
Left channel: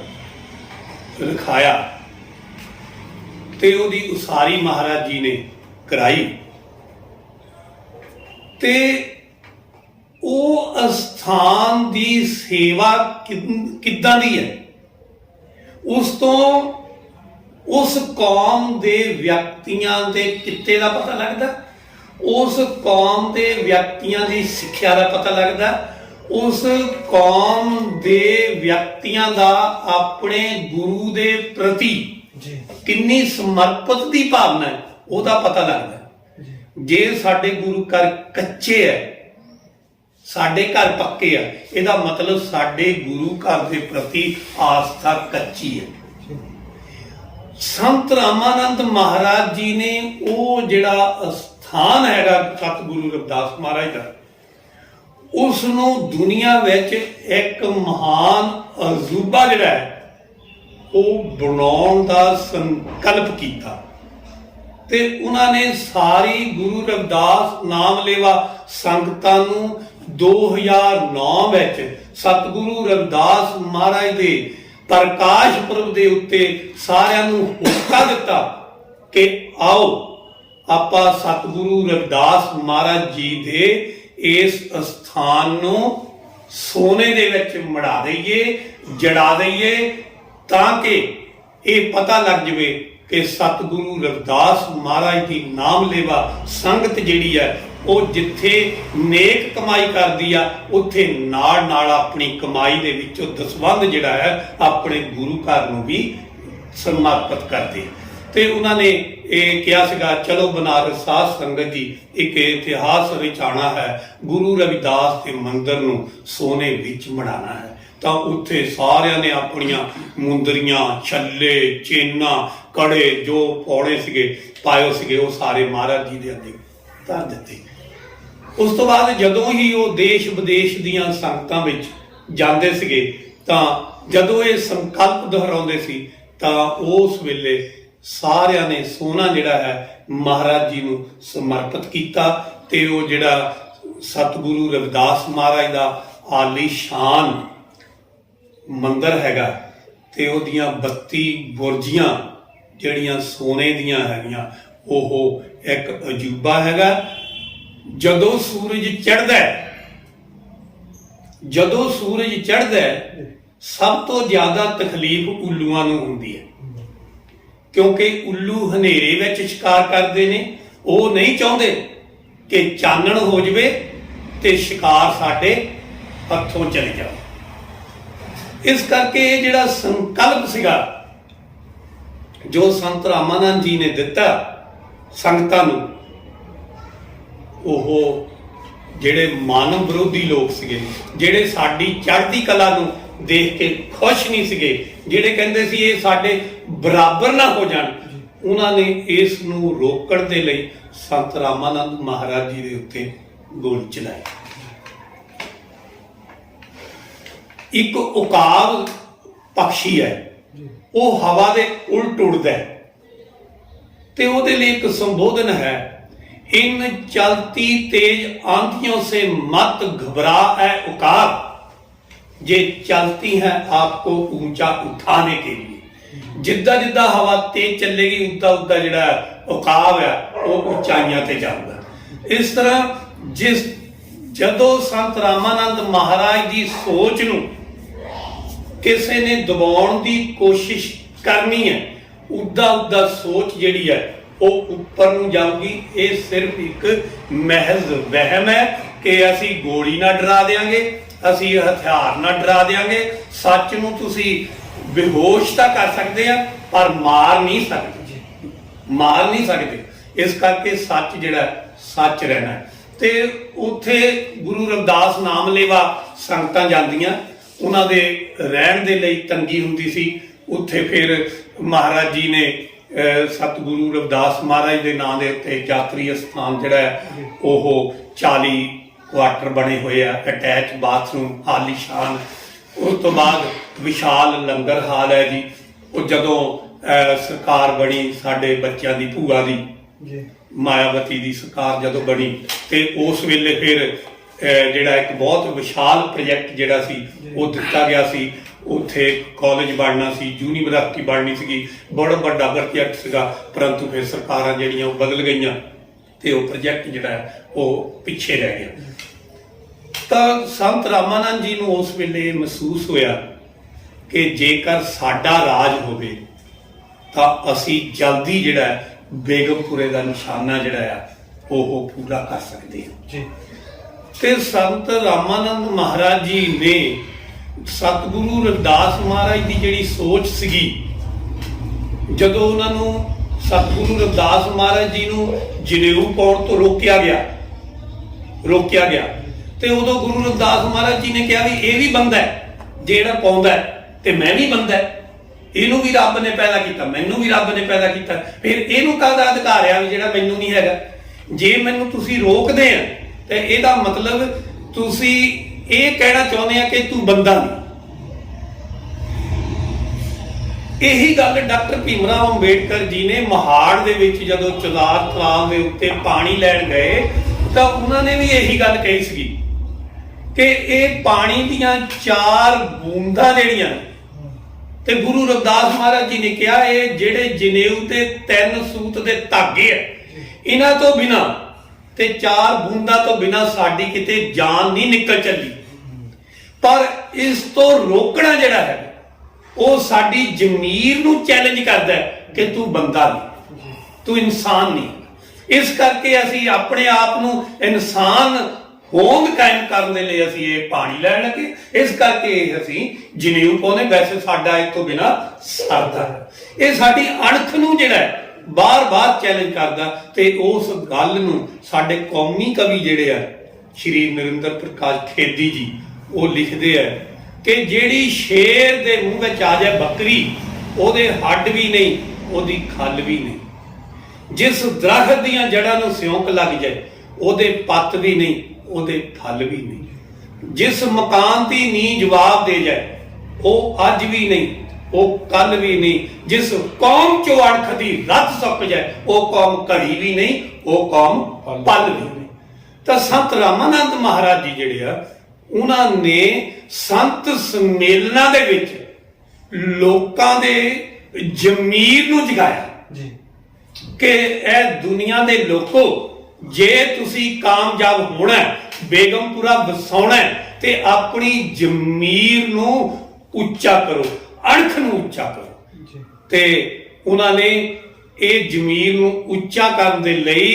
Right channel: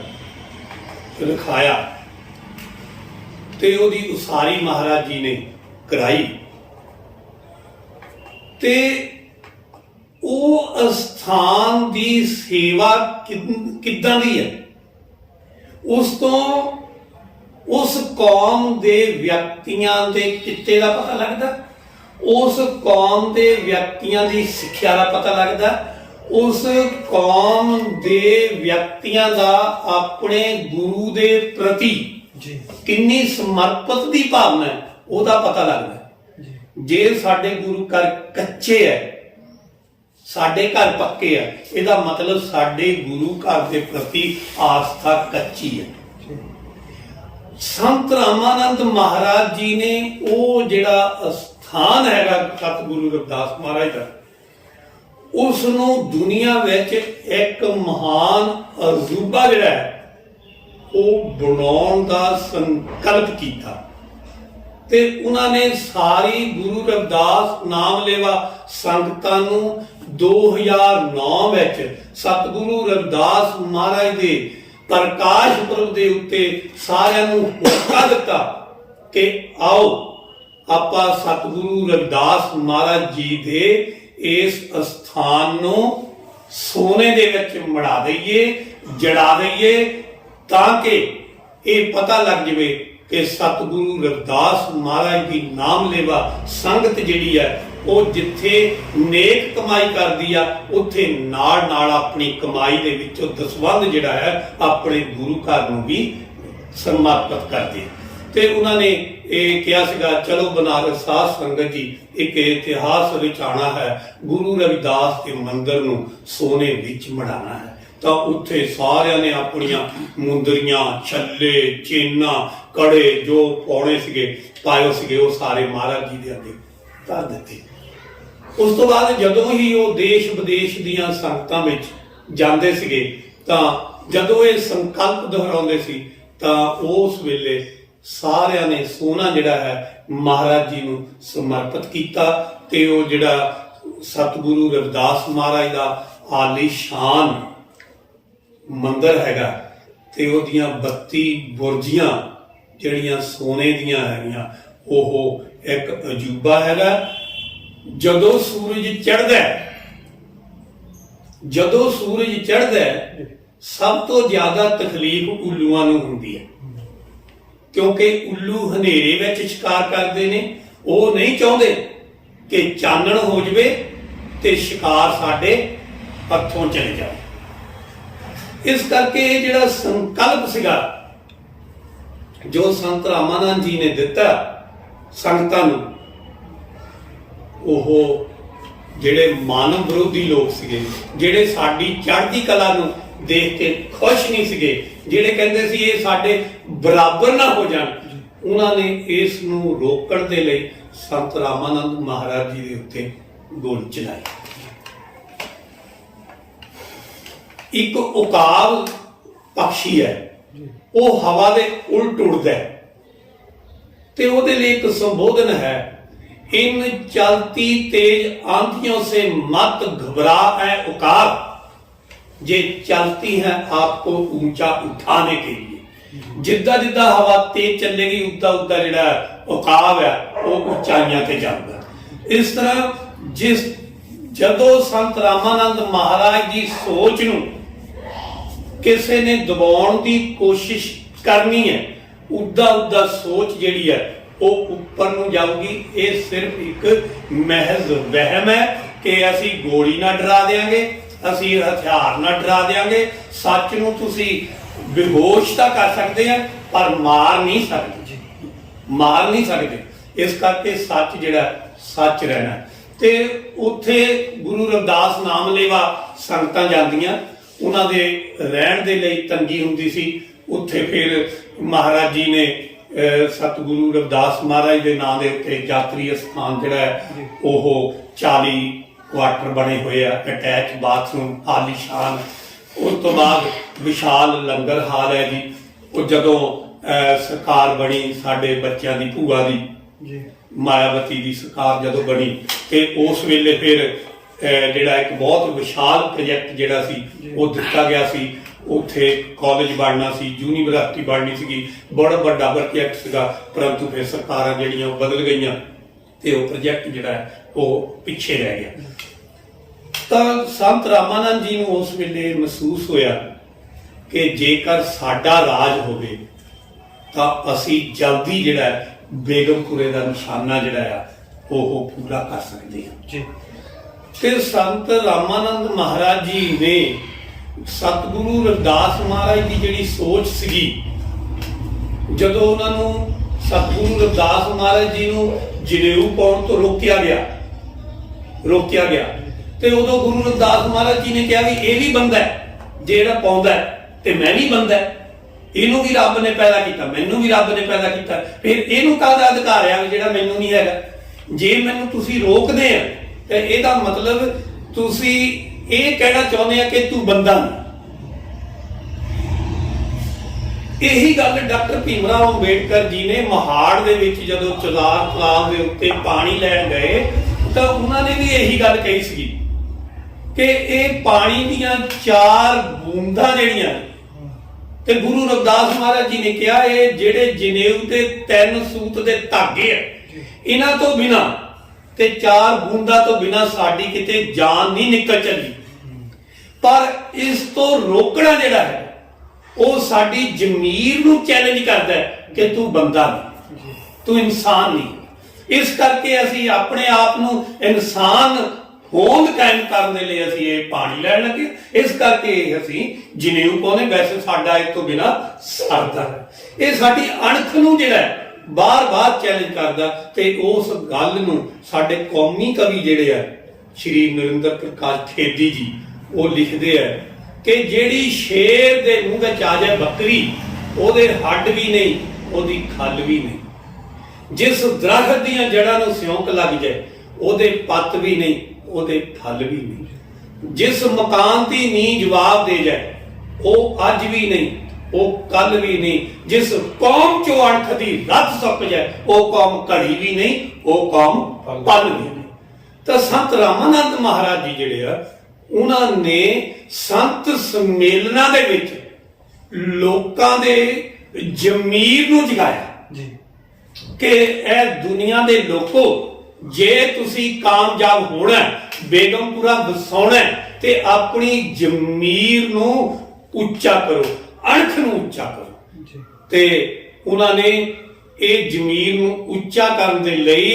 ਰਖਾਇਆ ਤੇ ਉਹਦੀ ਉਸਾਰੀ ਮਹਾਰਾਜ ਜੀ ਨੇ ਕਰਾਈ ਤੇ ਉਹ ਅਸਥਾਨ ਦੀ ਸੇਵਾ ਕਿੱਦਾਂ ਦੀ ਹੈ, ਉਸ ਤੋਂ ਉਸ ਕੌਮ ਦੇ ਵਿਅਕਤੀਆਂ ਦੇ ਕਿੱਤੇ ਦਾ ਪਤਾ ਲੱਗਦਾ, ਉਸ ਕੌਮ ਦੇ ਵਿਅਕਤੀਆਂ ਦੀ ਸਿੱਖਿਆ ਦਾ ਪਤਾ ਲੱਗਦਾ, ਉਸ ਕੌਮ ਦੇ ਵਿਅਕਤੀਆਂ ਦਾ ਆਪਣੇ ਗੁਰੂ ਦੇ ਪ੍ਰਤੀ ਜੀ ਕਿੰਨੀ ਸਮਰਪਿਤ ਦੀ ਭਾਵਨਾ ਹੈ ਉਹਦਾ ਪਤਾ ਲੱਗਦਾ। ਜੇ ਸਾਡੇ ਗੁਰੂ ਘਰ ਕੱਚੇ ਹੈ, ਸਾਡੇ ਘਰ ਪੱਕੇ ਆ, ਇਹਦਾ ਮਤਲਬ ਸਾਡੇ ਗੁਰੂ ਘਰ ਦੇ ਪ੍ਰਤੀ ਆਸਥਾ ਕੱਚੀ ਹੈ। ਸੰਤ ਰਾਮਾਨੰਦ ਮਹਾਰਾਜ ਜੀ ਨੇ ਉਹ ਜਿਹੜਾ ਸਥਾਨ ਹੈਗਾ ਸਤਿਗੁਰੂ ਰਵਿਦਾਸ ਮਹਾਰਾਜ ਦਾ, ਉਸ ਨੂੰ ਦੁਨੀਆ ਵਿੱਚ ਇੱਕ ਮਹਾਨ ਅਜੂਬਾ ਜਿਹੜਾ ਹੈ ਉਹ ਬਣਾਉਣ ਦਾ ਸੰਕਲਪ ਕੀਤਾ ਤੇ ਉਹਨਾਂ ਨੇ ਸਾਰੀ ਗੁਰੂ ਰਵਿਦਾਸ ਨਾਮ ਲੇਵਾ ਸੰਗਤਾਂ ਨੂੰ 2009 ਵਿੱਚ ਸਤਿਗੁਰੂ ਰਵਿਦਾਸ ਮਹਾਰਾਜ ਦੇ ਪ੍ਰਕਾਸ਼ ਪੁਰਬ ਦੇ ਉੱਤੇ ਸਾਰਿਆਂ ਨੂੰ ਹੋਕਾ ਦਿੱਤਾ ਕਿ ਆਓ ਆਪਾਂ ਸਤਿਗੁਰੂ ਰਵਿਦਾਸ ਮਹਾਰਾਜ ਜੀ ਦੇ ਇਸ ਸਥਾਨ ਨੂੰ ਸੋਨੇ ਦੇ ਵਿੱਚ ਮੜਾ ਦਈਏ, ਜੜਾ ਦਈਏ, ਤਾਂ ਕਿ ਇਹ ਪਤਾ ਲੱਗ ਜਵੇ ਕਿ ਸਤਿਗੁਰੂ ਰਵਿਦਾਸ ਮਹਾਰਾਜ ਦੀ ਨਾਮ ਲੇਵਾ ਸੰਗਤ ਜਿਹੜੀ ਹੈ ਉਹ ਜਿੱਥੇ ਨੇਕ ਕਮਾਈ ਕਰਦੀ ਆ ਉੱਥੇ ਨਾਲ ਨਾਲ ਆਪਣੀ ਕਮਾਈ ਦੇ ਵਿੱਚੋਂ ਦਸਵੰਧ ਜਿਹੜਾ ਹੈ ਆਪਣੇ ਗੁਰੂ ਘਰ ਨੂੰ ਵੀ ਸਮਰਪਿਤ ਕਰਦੇ। ਤੇ ਉਹਨਾਂ ਨੇ ਇਹ ਕਿਹਾ ਸੀਗਾ ਚਲੋ ਬਨਾਰਸ ਸਾਧ ਸੰਗਤ ਜੀ ਇੱਕ ਇਤਿਹਾਸ ਰਚਾਉਣਾ ਹੈ, ਗੁਰੂ ਰਵਿਦਾਸ ਦੇ ਮੰਦਿਰ ਨੂੰ ਸੋਨੇ ਵਿੱਚ ਮੜਾਉਣਾ ਹੈ। ਤਾਂ ਉੱਥੇ ਸਾਰਿਆਂ ਨੇ ਆਪਣੀਆਂ ਮੁੰਦਰੀਆਂ, ਛੱਲੇ, ਚੇਨਾਂ, ਕੜੇ ਜੋ ਪਾਉਣੇ ਸੀਗੇ ਪਾਇਓ ਸੀਗੇ ਉਹ ਸਾਰੇ ਮਹਾਰਾਜ ਜੀ ਦੇ ਅੱਗੇ ਧਰ ਦਿੱਤੇ। ਉਸ ਤੋਂ ਬਾਅਦ ਜਦੋਂ ਹੀ ਉਹ ਦੇਸ਼ ਵਿਦੇਸ਼ ਦੀਆਂ ਸੰਗਤਾਂ ਵਿੱਚ ਜਾਂਦੇ ਸੀਗੇ ਤਾਂ ਜਦੋਂ ਇਹ ਸੰਕਲਪ ਦੁਹਰਾਉਂਦੇ ਸੀ ਤਾਂ ਉਸ ਵੇਲੇ ਸਾਰਿਆਂ ਨੇ ਸੋਨਾ ਜਿਹੜਾ ਹੈ ਮਹਾਰਾਜ ਜੀ ਨੂੰ ਸਮਰਪਿਤ ਕੀਤਾ ਤੇ ਉਹ ਜਿਹੜਾ ਸਤਿਗੁਰੂ ਰਵਿਦਾਸ ਮਹਾਰਾਜ ਦਾ ਆਲੀਸ਼ਾਨ ਮੰਦਿਰ ਹੈਗਾ ਤੇ ਉਹਦੀਆਂ 32 ਬੁਰਜੀਆਂ ਜਿਹੜੀਆਂ ਸੋਨੇ ਦੀਆਂ ਹੈਗੀਆਂ ਉਹ ਇੱਕ ਅਜੂਬਾ ਹੈਗਾ। ਜਦੋਂ ਸੂਰਜ ਚੜ੍ਹਦਾ ਸਭ ਤੋਂ ਜ਼ਿਆਦਾ ਤਕਲੀਫ ਉੱਲੂਆਂ ਨੂੰ ਹੁੰਦੀ ਹੈ ਕਿਉਂਕਿ ਉੱਲੂ ਹਨੇਰੇ ਵਿੱਚ ਸ਼ਿਕਾਰ ਕਰਦੇ ਨੇ, ਉਹ ਨਹੀਂ ਚਾਹੁੰਦੇ ਕਿ ਚਾਨਣ ਹੋ ਜਾਵੇ ਤੇ ਸ਼ਿਕਾਰ ਸਾਡੇ ਹੱਥੋਂ ਚਲੇ ਜਾਵੇ। ਇਸ ਕਰਕੇ ਇਹ ਜਿਹੜਾ ਸੰਕਲਪ ਸੀਗਾ ਜੋ ਸੰਤ ਰਾਮਾਨੰਦ ਜੀ ਨੇ ਦਿੱਤਾ ਸੰਗਤਾਂ ਨੂੰ, ਉਹ ਜਿਹੜੇ ਮਾਨਵ ਵਿਰੋਧੀ ਲੋਕ ਸੀਗੇ, ਜਿਹੜੇ ਸਾਡੀ ਚੜ੍ਹਦੀ ਕਲਾ ਨੂੰ ਦੇਖ ਕੇ ਖੁਸ਼ ਨਹੀਂ ਸੀਗੇ, ਜਿਹੜੇ ਕਹਿੰਦੇ ਸੀ ਇਹ ਸਾਡੇ ਬਰਾਬਰ ਨਾ ਹੋ ਜਾਣ, ਉਹਨਾਂ ਨੇ ਇਸ ਨੂੰ ਰੋਕਣ ਦੇ ਲਈ ਸੰਤ ਰਾਮਾਨੰਦ ਮਹਾਰਾਜ ਜੀ ਦੇ ਉੱਤੇ ਗੋਲੀ ਚਲਾਈ। ਇੱਕ ਉਕਾਬ ਪਕਸ਼ੀ ਹੈ, ਉਹ ਹਵਾ ਦੇ ਉਲਟ ਉੱਡਦਾ ਹੈ ਤੇ ਉਹਦੇ ਲਈ ਇੱਕ ਸੰਬੋਧਨ ਹੈ, इन चलती तेज आंधियों से मत घबरा है उकाब, जे चलती हैं आपको ऊंचा उठाने के लिए। जिद्दां जिद्दां हवा तेज चलेगी उद्दां उद्दां जिहड़ा उकाब है वो उचाइयां ते जांदा। इस तरह जदों संत रामानंद महाराज की सोच नूं किसी ने दबाउण दी कोशिश करनी है, उद्दां उद्दां सोच जिहड़ी है वो उपर नूं जाऊगी। ये सिर्फ एक महज वहम है कि असी गोली ना डरा देंगे, असी हथियार ना डरा देंगे। सच नूं तुसी बेहोश तां कर सकते हैं पर मार नहीं सकते, मार नहीं सकते। इस करके सच जिहड़ा सच रहना है। ते उत्थे गुरु रविदास नाम लेवा संगतां जांदियां, उन्हां दे रहण दे लई तंगी हुंदी सी। उत्थे फिर महाराज जी ने सतगुरु रविदास महाराज के नाम के उत्ते यात्री स्थान जिहड़ा है ओह 40 क्वार्टर बने हुए हैं, अटैच बाथरूम आलीशान। उस तो बाद विशाल लंगर हाल है जी। वो जदों सरकार बनी साडे बच्चों की भूआ की मायावती की सरकार जदों बनी तो उस वेले फिर जिहड़ा एक बहुत विशाल प्रोजैक्ट जिहड़ा सी वो दिता गया सी। उत्थे कॉलेज बनना सी, यूनीवर्सिटी बननी सी, बड़ा बड़ा प्रोजैक्ट सीगा। परंतु फिर सरकारां जिहड़ियां बदल गईयां ते वो प्रोजैक्ट जिहड़ा है वो पिछे रह गया। तां संत रामानंद जी नूं उस वेले महसूस होया कि जेकर साडा राज होवे तां असीं जल्दी जिहड़ा बेगमपुरे दा निशाना जिहड़ा है वो पूरा कर सकदे हां। ते संत रामानंद महाराज जी ने सतगुरु रविदास महाराज की जिहड़ी सोच सीगी, जदों उन्होंने सतगुरु रविदास महाराज जी नूं जनेऊ पाउण तो रोकिया गया ते उदों गुरु रविदास महाराज जी ने कहा भी ये भी बंदा है जिहड़ा पाउंदा है ते मैं भी बंदा है, इहनूं भी रब ने पैदा किया, मैनूं भी रब ने पैदा किया, फिर इहनूं काहदा अधिकार है भी जिहड़ा मैनूं नहीं हैगा। जे मैनूं तुसीं रोकदे आ ते इहदा मतलब तुसीं ਇਹ ਕਹਿਣਾ ਚਾਹੁੰਦੇ ਆ ਕਿ ਤੂੰ ਬੰਦਾ ਨਹੀਂ। ਇਹੀ ਗੱਲ ਡਾਕਟਰ ਭੀਮ ਰਾਓ ਅੰਬੇਡਕਰ ਜੀ ਨੇ ਮਹਾੜ ਦੇ ਵਿੱਚ ਜਦੋਂ ਚੁਜ਼ਾਰ ਤਲਾਬ ਦੇ ਉੱਤੇ ਪਾਣੀ ਲੈਣ ਗਏ ਤਾਂ ਉਹਨਾਂ ਨੇ ਵੀ ਇਹੀ ਗੱਲ ਕਹੀ ਸੀਗੀ ਕਿ ਇਹ ਪਾਣੀ ਦੀਆਂ 4 ਬੂੰਦਾਂ ਜਿਹੜੀਆਂ ਤੇ ਗੁਰੂ ਰਵਿਦਾਸ ਮਹਾਰਾਜ ਜੀ ਨੇ ਕਿਹਾ ਇਹ ਜਿਹੜੇ ਜਨੇਊ ਤੇ 3 ਸੂਤ ਦੇ ਧਾਗੇ ਆ ਇਹਨਾਂ ਤੋਂ ਬਿਨਾਂ ਤੇ 4 ਬੂੰਦਾਂ ਤੋਂ ਬਿਨਾਂ ਸਾਡੀ ਕਿਤੇ ਜਾਨ ਨਹੀਂ ਨਿਕਲ ਚੱਲੀ। पर इस तो रोकना जिहड़ा है वो साडी जमीर नूं चैलेंज करदा है कि तू बंदा नहीं, तू इंसान नहीं। इस करके असी अपने आप नूं इंसान होंद कायम करने लई असी ये पानी लैण लगे। इस करके असी जनेऊ पाउंदे, वैसे साडा इस तो बिना सरदा है। ये साडी अणख नूं जिहड़ा है बार-बार चैलेंज करदा ते उस गल नूं साडे कौमी कवि जिहड़े आ श्री नरेंद्र प्रकाश खेदी जी वो लिखते हैं कि जेड़ी शेर दे मुंह में आ जाए बकरी ओदे हड्ड भी नहीं ओदी खल भी नहीं, जिस दरख्त दियां जड़ां नूं सिਉਂਕ लग जाए ओदे पत्त भी नहीं ओदे फल भी नहीं, जिस मकान दी नींह जवाब दे जाए वो अज भी नहीं वो कल भी नहीं, जिस कौम चो अणख दी रत सप जाए वो कौम घड़ी भी नहीं वो कौम पल भी नहीं। तो संत रामानंद महाराज जी जिहड़े आ उन्होंने संत सम्मेलना दे विच लोकां दे जमीर नूं जगाया कि ए दुनिया दे लोको जे तुसी कामयाब होना बेगमपुरा वसाउणा ते अपनी जमीर नूं उच्चा करो, अणख नूं उच्चा करो। ते उन्होंने ये जमीर नूं उच्चा करन दे लई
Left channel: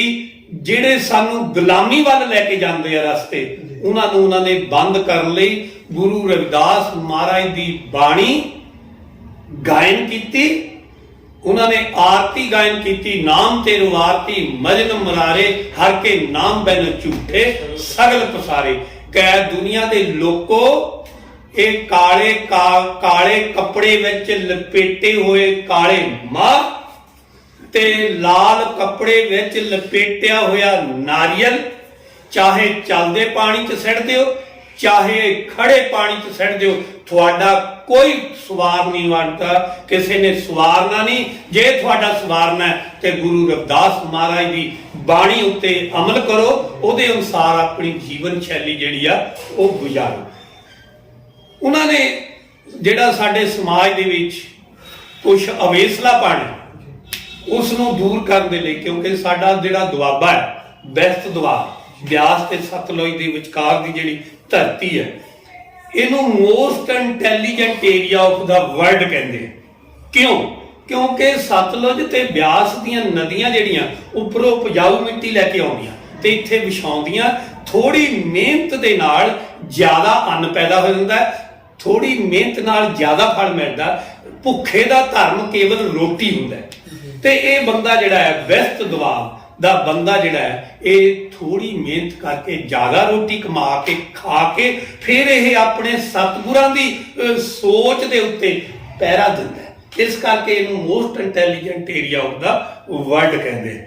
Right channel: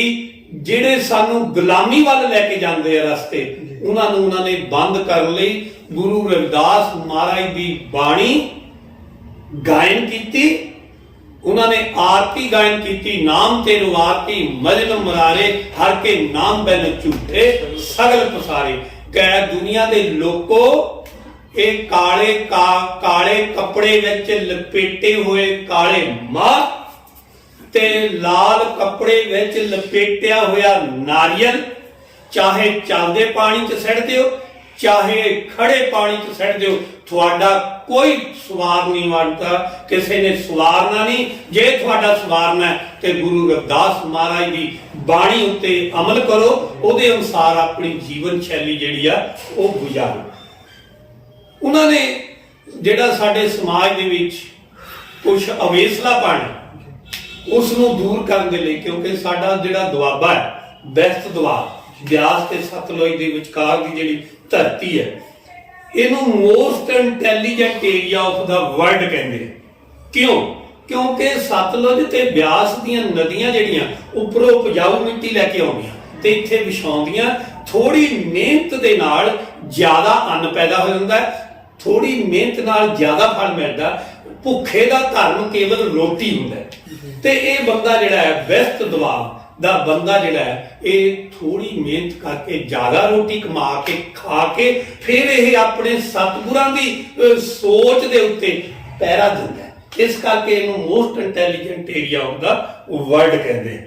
ਜਿਹੜੇ ਸਾਨੂੰ ਗੁਲਾਮੀ ਵੱਲ ਲੈ ਕੇ ਜਾਂਦੇ ਆ ਰਸਤੇ ਉਹਨਾਂ ਨੂੰ ਉਹਨਾਂ ਨੇ ਬੰਦ ਕਰਨ ਲਈ ਗੁਰੂ ਰਵਿਦਾਸ ਮਹਾਰਾਜ ਦੀ ਬਾਣੀ ਗਾਇਨ ਕੀਤੀ। ਉਹਨਾਂ ਨੇ ਆਰਤੀ ਗਾਇਨ ਕੀਤੀ, ਨਾਮ ਤੇਰੂ ਆਰਤੀ ਮਜਨ ਮਰਾਰੇ ਹਰ ਕੇ ਨਾਮ ਬੈਨ ਝੂਠੇ ਸਗਲ ਪਸਾਰੇ। ਕਹਿ ਦੁਨੀਆ ਦੇ ਲੋਕੋ ਇਹ ਕਾਲੇ ਕੱਪੜੇ ਵਿੱਚ ਲਪੇਟੇ ਹੋਏ ਕਾਲੇ ਮਾਂ ਤੇ लाल कपड़े विच लपेटिया होया नारियल चाहे चलदे पानी च सड़ दिओ चाहे खड़े पानी च सड़ दिओ, तुहाडा कोई सवार नहीं बनता, किसी ने सवारना नहीं। जे तुहाडा सवारना है तो गुरु रविदास महाराज की बाणी उत्ते अमल करो, उहदे अनुसार अपनी जीवन शैली जिहड़ी आ वो गुजारो। ਉਹਨਾਂ ਨੇ ਜਿਹੜਾ ਸਾਡੇ ਸਮਾਜ ਦੇ ਵਿੱਚ ਕੁਝ ਅਵੇਸਲਾਪਣ ਹੈ ਉਸ ਨੂੰ ਦੂਰ ਕਰਨ ਦੇ ਲਈ, ਕਿਉਂਕਿ ਸਾਡਾ ਜਿਹੜਾ ਦੁਆਬਾ ਹੈ, ਬੈਸਟ ਦੁਆਬ ਬਿਆਸ ਤੇ ਸਤਲੁਜ ਦੇ ਵਿਚਕਾਰ ਦੀ ਜਿਹੜੀ ਧਰਤੀ ਹੈ, ਇਹਨੂੰ most intelligent area of the world ਕਹਿੰਦੇ ਆ। ਕਿਉਂ? ਕਿਉਂਕਿ ਸਤਲੁਜ ਤੇ ਬਿਆਸ ਦੀਆਂ ਨਦੀਆਂ ਜਿਹੜੀਆਂ ਉੱਪਰੋਂ ਉਪਜਾਊ ਮਿੱਟੀ ਲੈ ਕੇ ਆਉਂਦੀਆਂ ਤੇ ਇੱਥੇ ਵਿਛਾਉਂਦੀਆਂ, ਥੋੜੀ ਮਿਹਨਤ ਦੇ ਨਾਲ ਜ਼ਿਆਦਾ ਅੰਨ ਪੈਦਾ ਹੋ ਜਾਂਦਾ, ਥੋੜੀ ਮਿਹਨਤ ਨਾਲ ਜ਼ਿਆਦਾ ਫਲ ਮਿਲਦਾ। ਭੁੱਖੇ ਦਾ ਧਰਮ ਕੇਵਲ ਰੋਟੀ ਹੁੰਦਾ ਹੈ। ਤੇ ਇਹ ਬੰਦਾ ਜਿਹੜਾ ਹੈ, ਬੈਸਟ ਦੁਆਬ ਦਾ ਬੰਦਾ ਜਿਹੜਾ ਹੈ, ਇਹ ਥੋੜੀ ਮਿਹਨਤ ਕਰਕੇ ਜ਼ਿਆਦਾ ਰੋਟੀ ਕਮਾ ਕੇ ਖਾ ਕੇ ਫਿਰ ਇਹ ਆਪਣੇ ਸਤਿਗੁਰਾਂ ਦੀ ਸੋਚ ਦੇ ਉੱਤੇ ਪਹਿਰਾ ਦਿੰਦਾ ਹੈ। ਇਸ ਕਰਕੇ ਇਹਨੂੰ most intelligent area of the world ਕਹਿੰਦੇ।